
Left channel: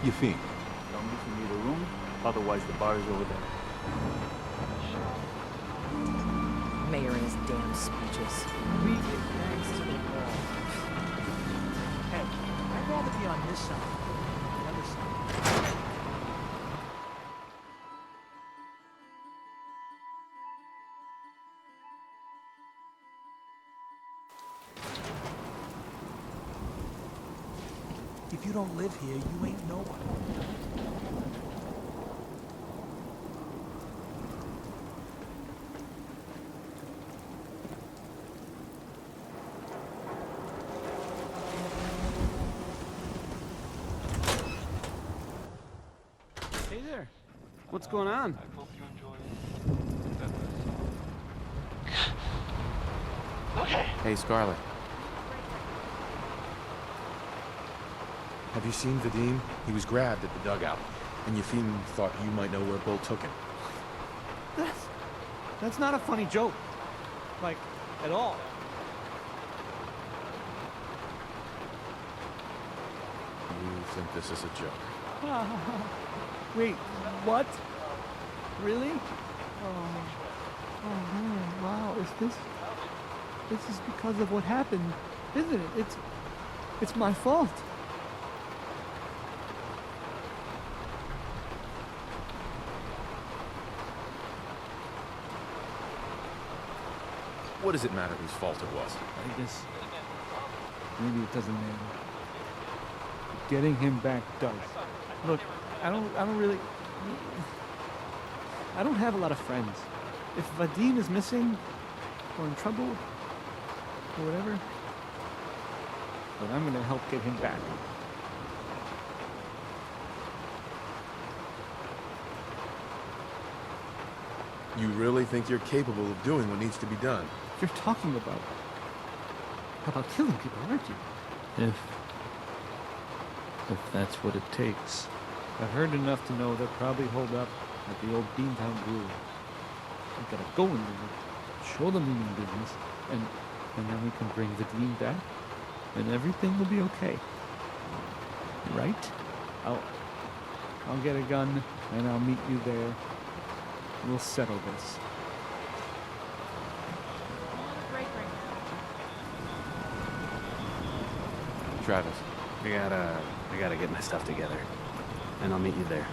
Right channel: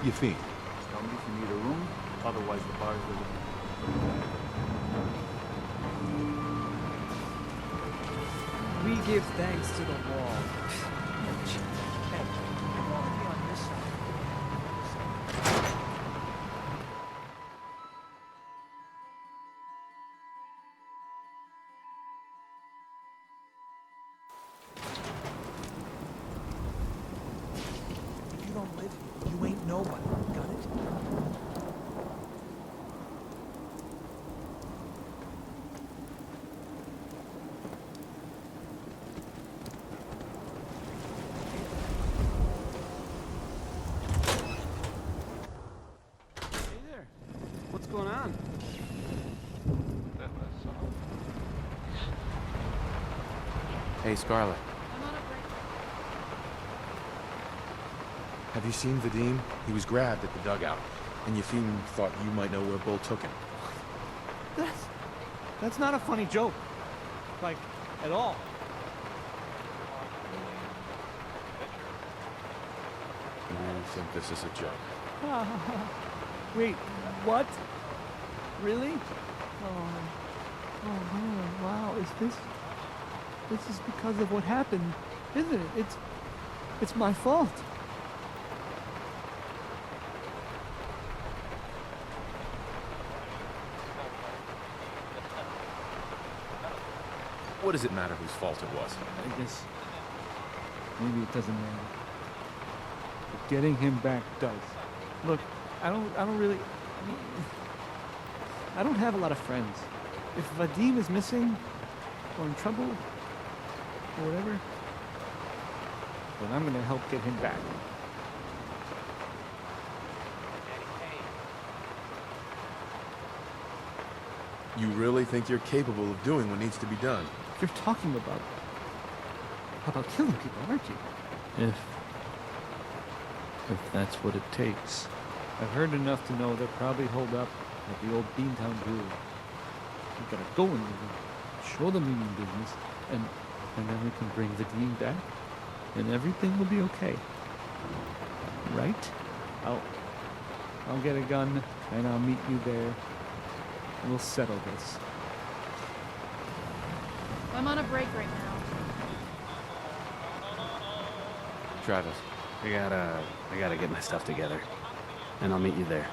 Yefim. Tell me if you need a room, otherwise the bar is over there. Mayor and his damn speeches. We give thanks to the wall. Hey, I'd rather be on this side than the other side. If you don't live here, you ain't nobody. Got it? Hey there. What's going on? Hey, Scarlet. Have you seen Vadim? He was grabbed at the dugout, and Yefim thought you might know where Bull took him. That's not a funny joke. Like, at all. You think this is a joke? Wait, what? Really? Oh, man, wow, this is because of what happened, isn't it? It's my fault. What does it matter whose fault it was? I guess maybe it doesn't matter. But getting him back does. Look, I don't really. I don't have a lot of friends. If Vadim is missing, or in trouble, or whatever, then I'm gonna help get him back. You really think you're capable of doing what needs to be done? You're talking about killing people, aren't you? If that's what it takes. I've heard enough to know they're probably holed up at the old Beantown Brewery. We gotta go in there and show them we mean business, and then we can bring Vadim back, and everything will be okay. Right? I'll get a gun, and I'll meet you there. We'll settle this. I'm on a break right now. Travis, I gotta get my stuff together, and I'll meet you there.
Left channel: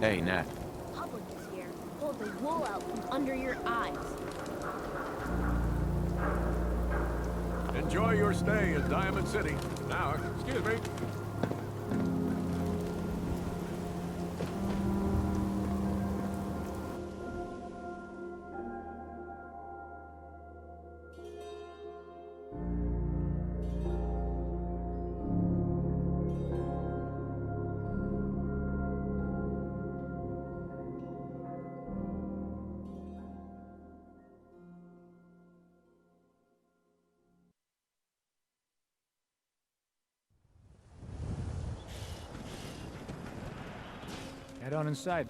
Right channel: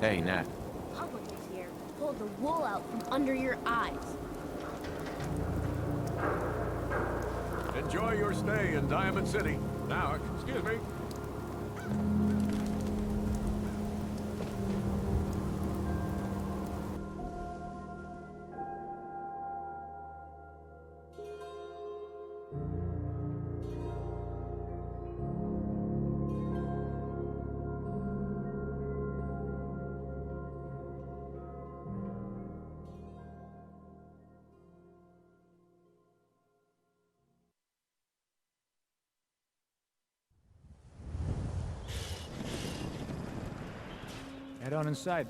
Hey, Nat. Public is here. Pulled the wool out from under your eyes. Enjoy your stay in Diamond City. Now, excuse me. Head on inside.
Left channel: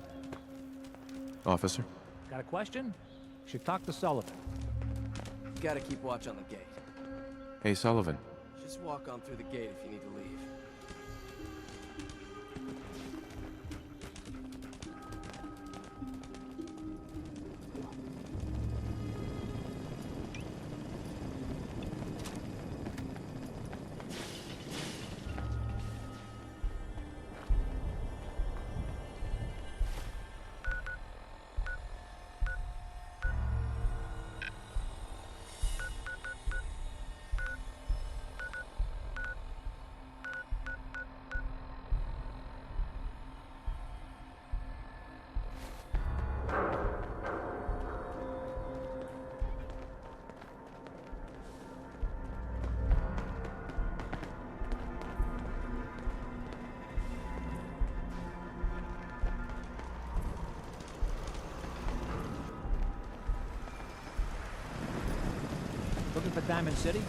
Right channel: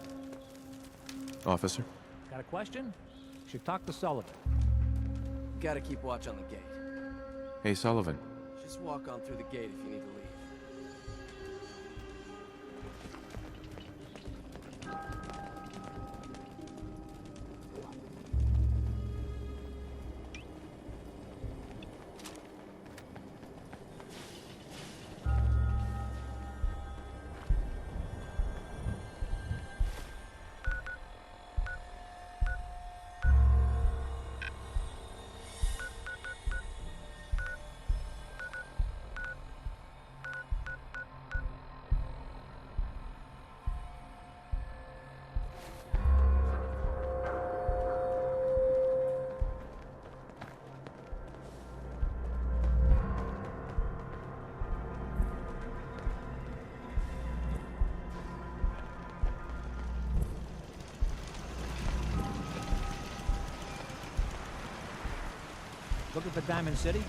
Officer? Got a question? Should talk to Sullivan. Gotta keep watch on the gate. Hey, Sullivan. Just walk on through the gate if you need to leave. Looking for Diamond City?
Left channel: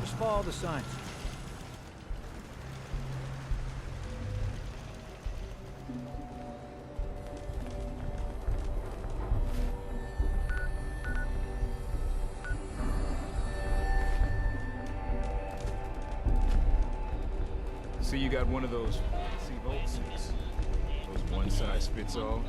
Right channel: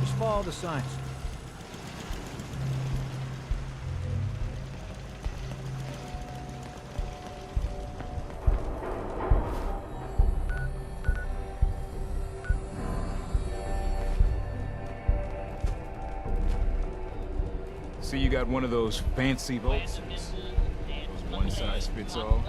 Just follow the signs. See, you got one of those fancy boat suits. Those one-size-fits-all.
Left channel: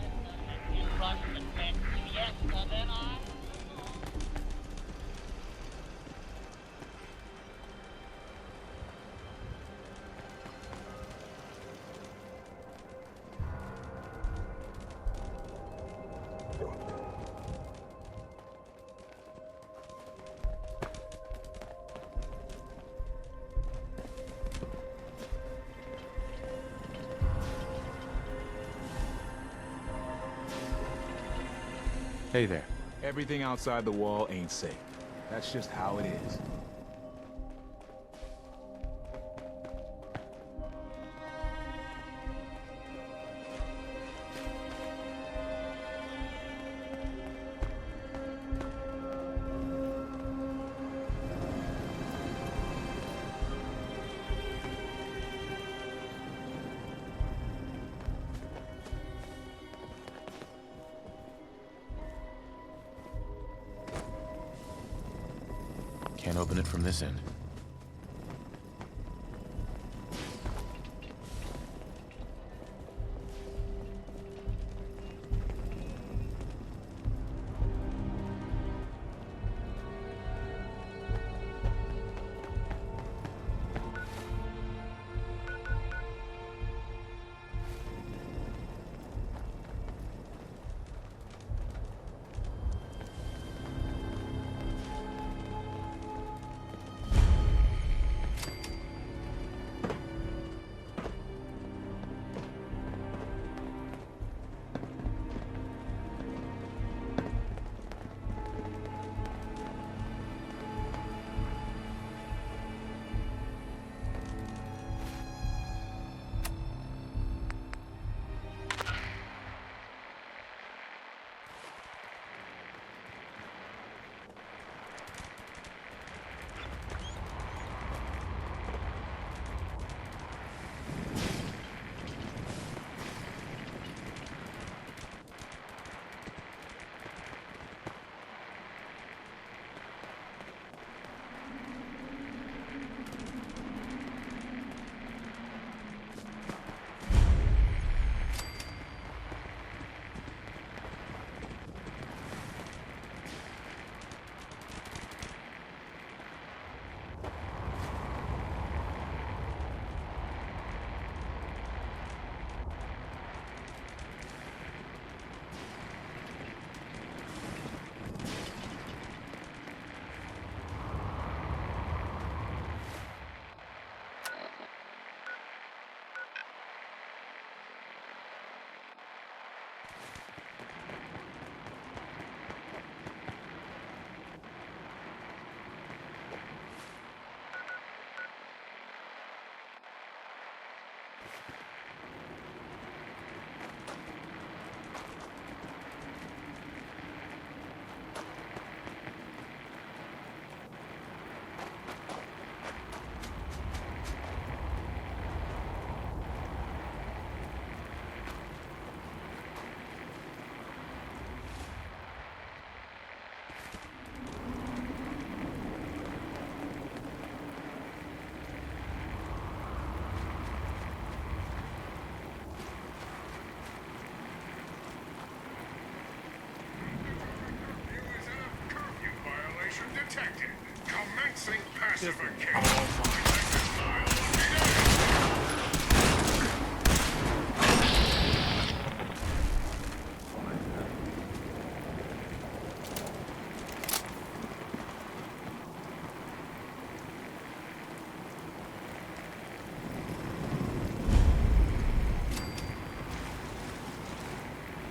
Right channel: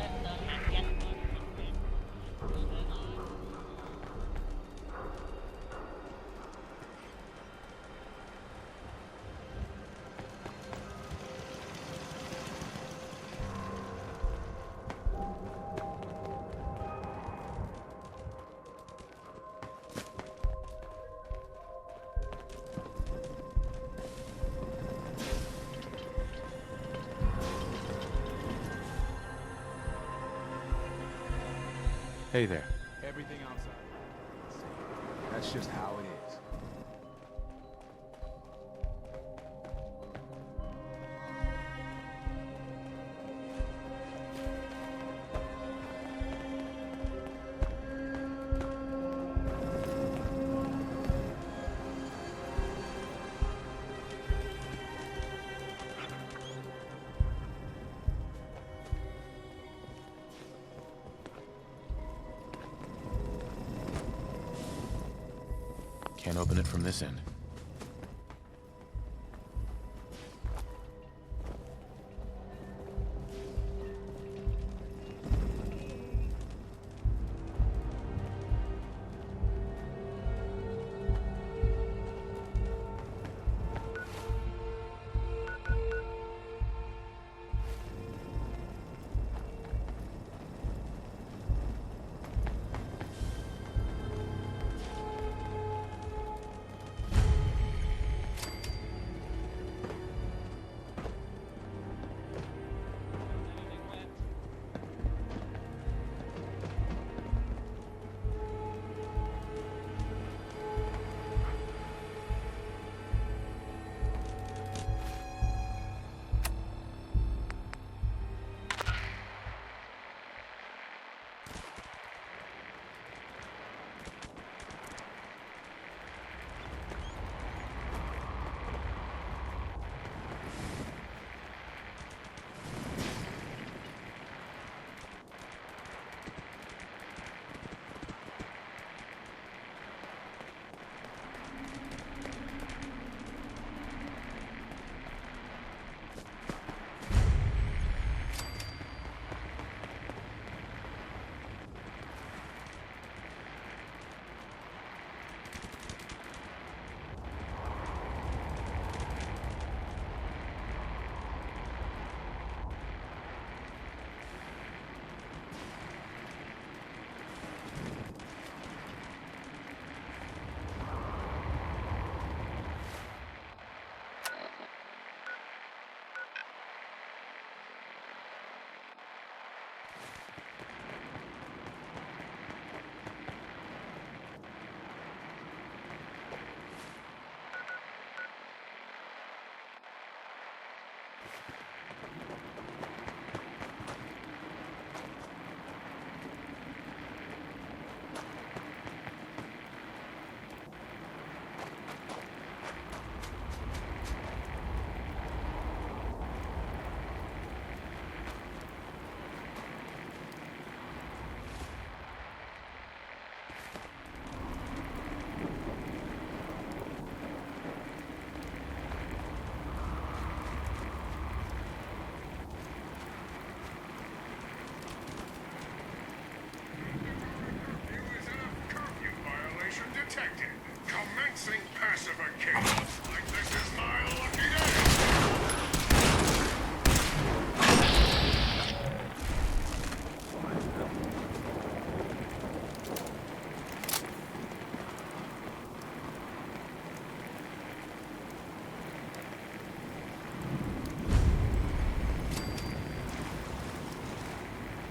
Hey there. Everything outside the wall ain't safe. That's just how it is. Can't open it from this end. Detected. Commencing pacification.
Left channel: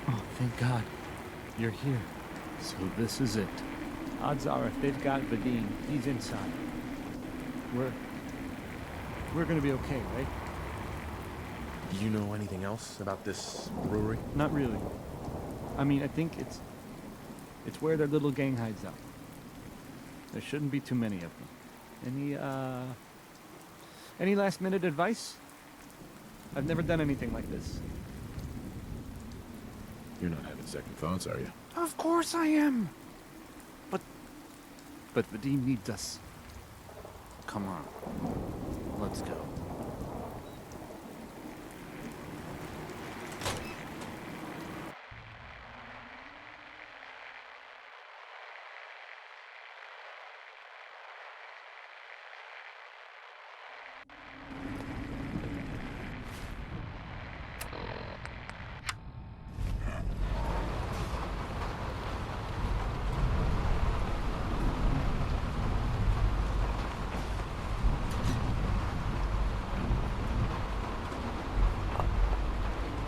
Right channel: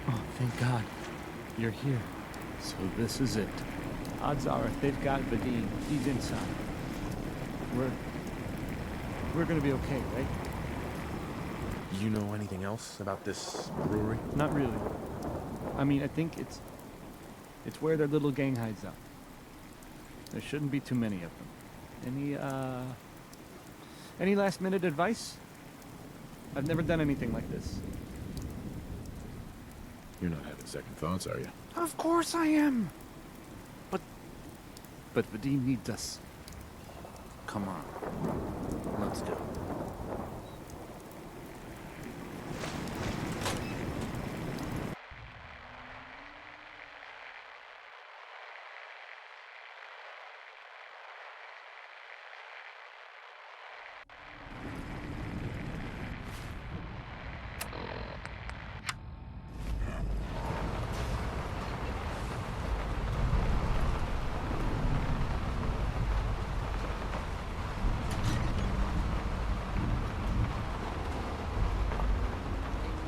Oh, thank God. You're here. So this is it. Odds are if they've got Vadim, he's inside. We're gonna be okay, right? You know anything else about this brewery? Not really. I mean, I think it's where their little gang hides out. There shouldn't be too many of them. Any last minute advice? I've never done anything like this. You're not having second thoughts, are you? Of course I am! But Vadim needs us. Come on. Let's go.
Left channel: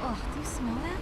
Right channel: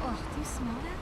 Oh, do you smell that?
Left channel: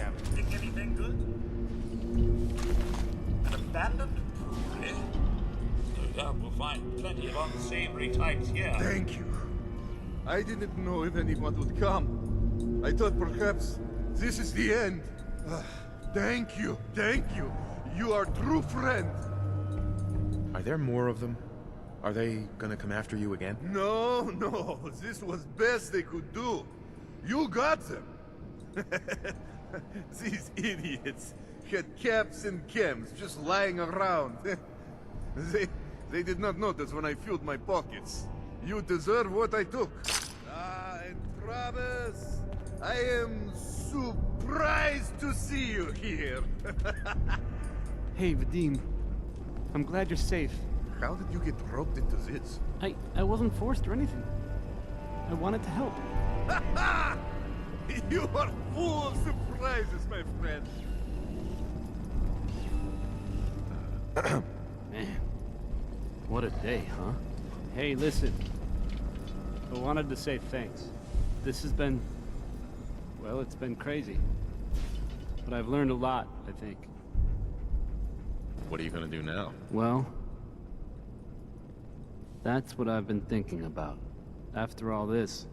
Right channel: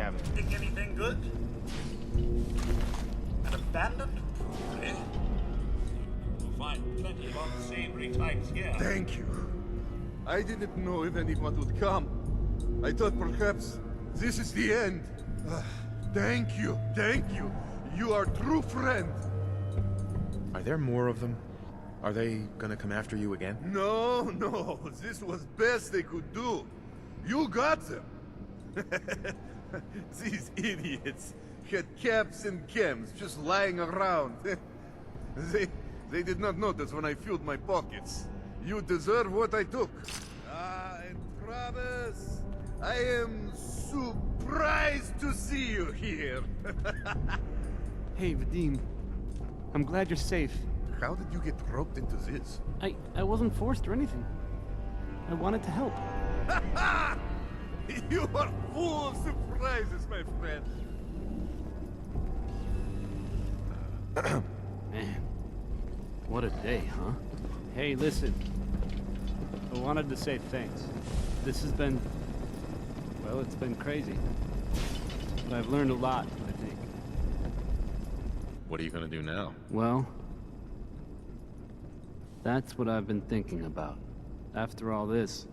scavenger. Think anything good? An abandoned brewery? No doubt we'll find plenty of unsavory types here. Thank you. I didn't know if anyone would come. I thought perhaps this is the end. Thank you, thank you. You are a true friend. Are there more of them? Are they gonna come after you again? No, no, this was best they could do. You got them. These idiots had caps and chems just lying around. They did not notice when I filled my pockets. You deserve what I took. And Travis, I am surprised to see you here. Hey, Vadim. I'm glad you're safe. How did you get roped into this? I wasn't forced or anything. I wanted to help. You are full of surprises, my friend. Man, what a day, huh? Hey, listen. I wanted to say thanks. This has been... well, it's been crazy. But I've learned a lot, I think. What are you gonna do now? Well, that's what I've been thinking about. After all this,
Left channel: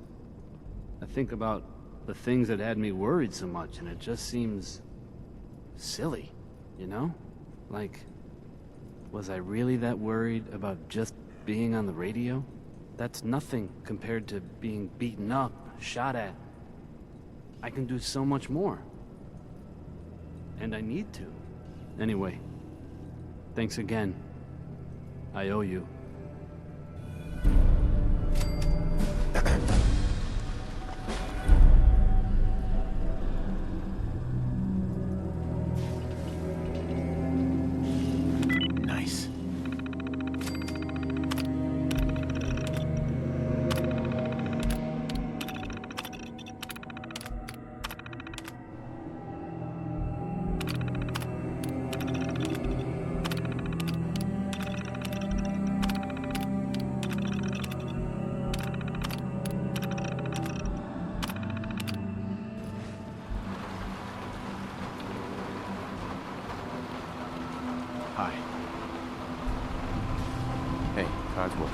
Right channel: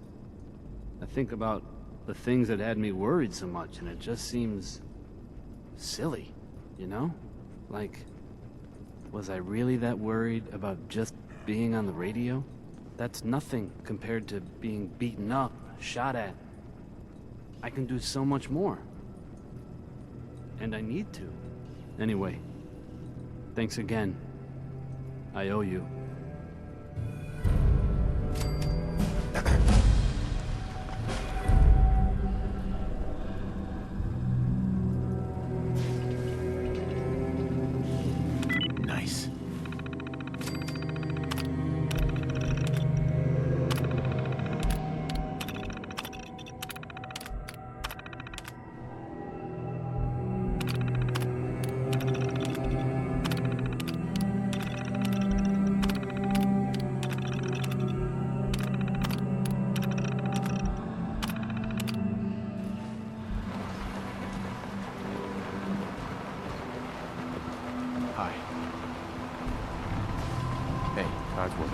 I think about the things that had me worried so much, and it just seems silly, you know? Like, was I really that worried about just being on the radio? That's nothing compared to being beaten up, shot at. I can do so much more. And I need to. Anyway, thanks again. I owe you. Nice. Hi. Hey, Codsworth.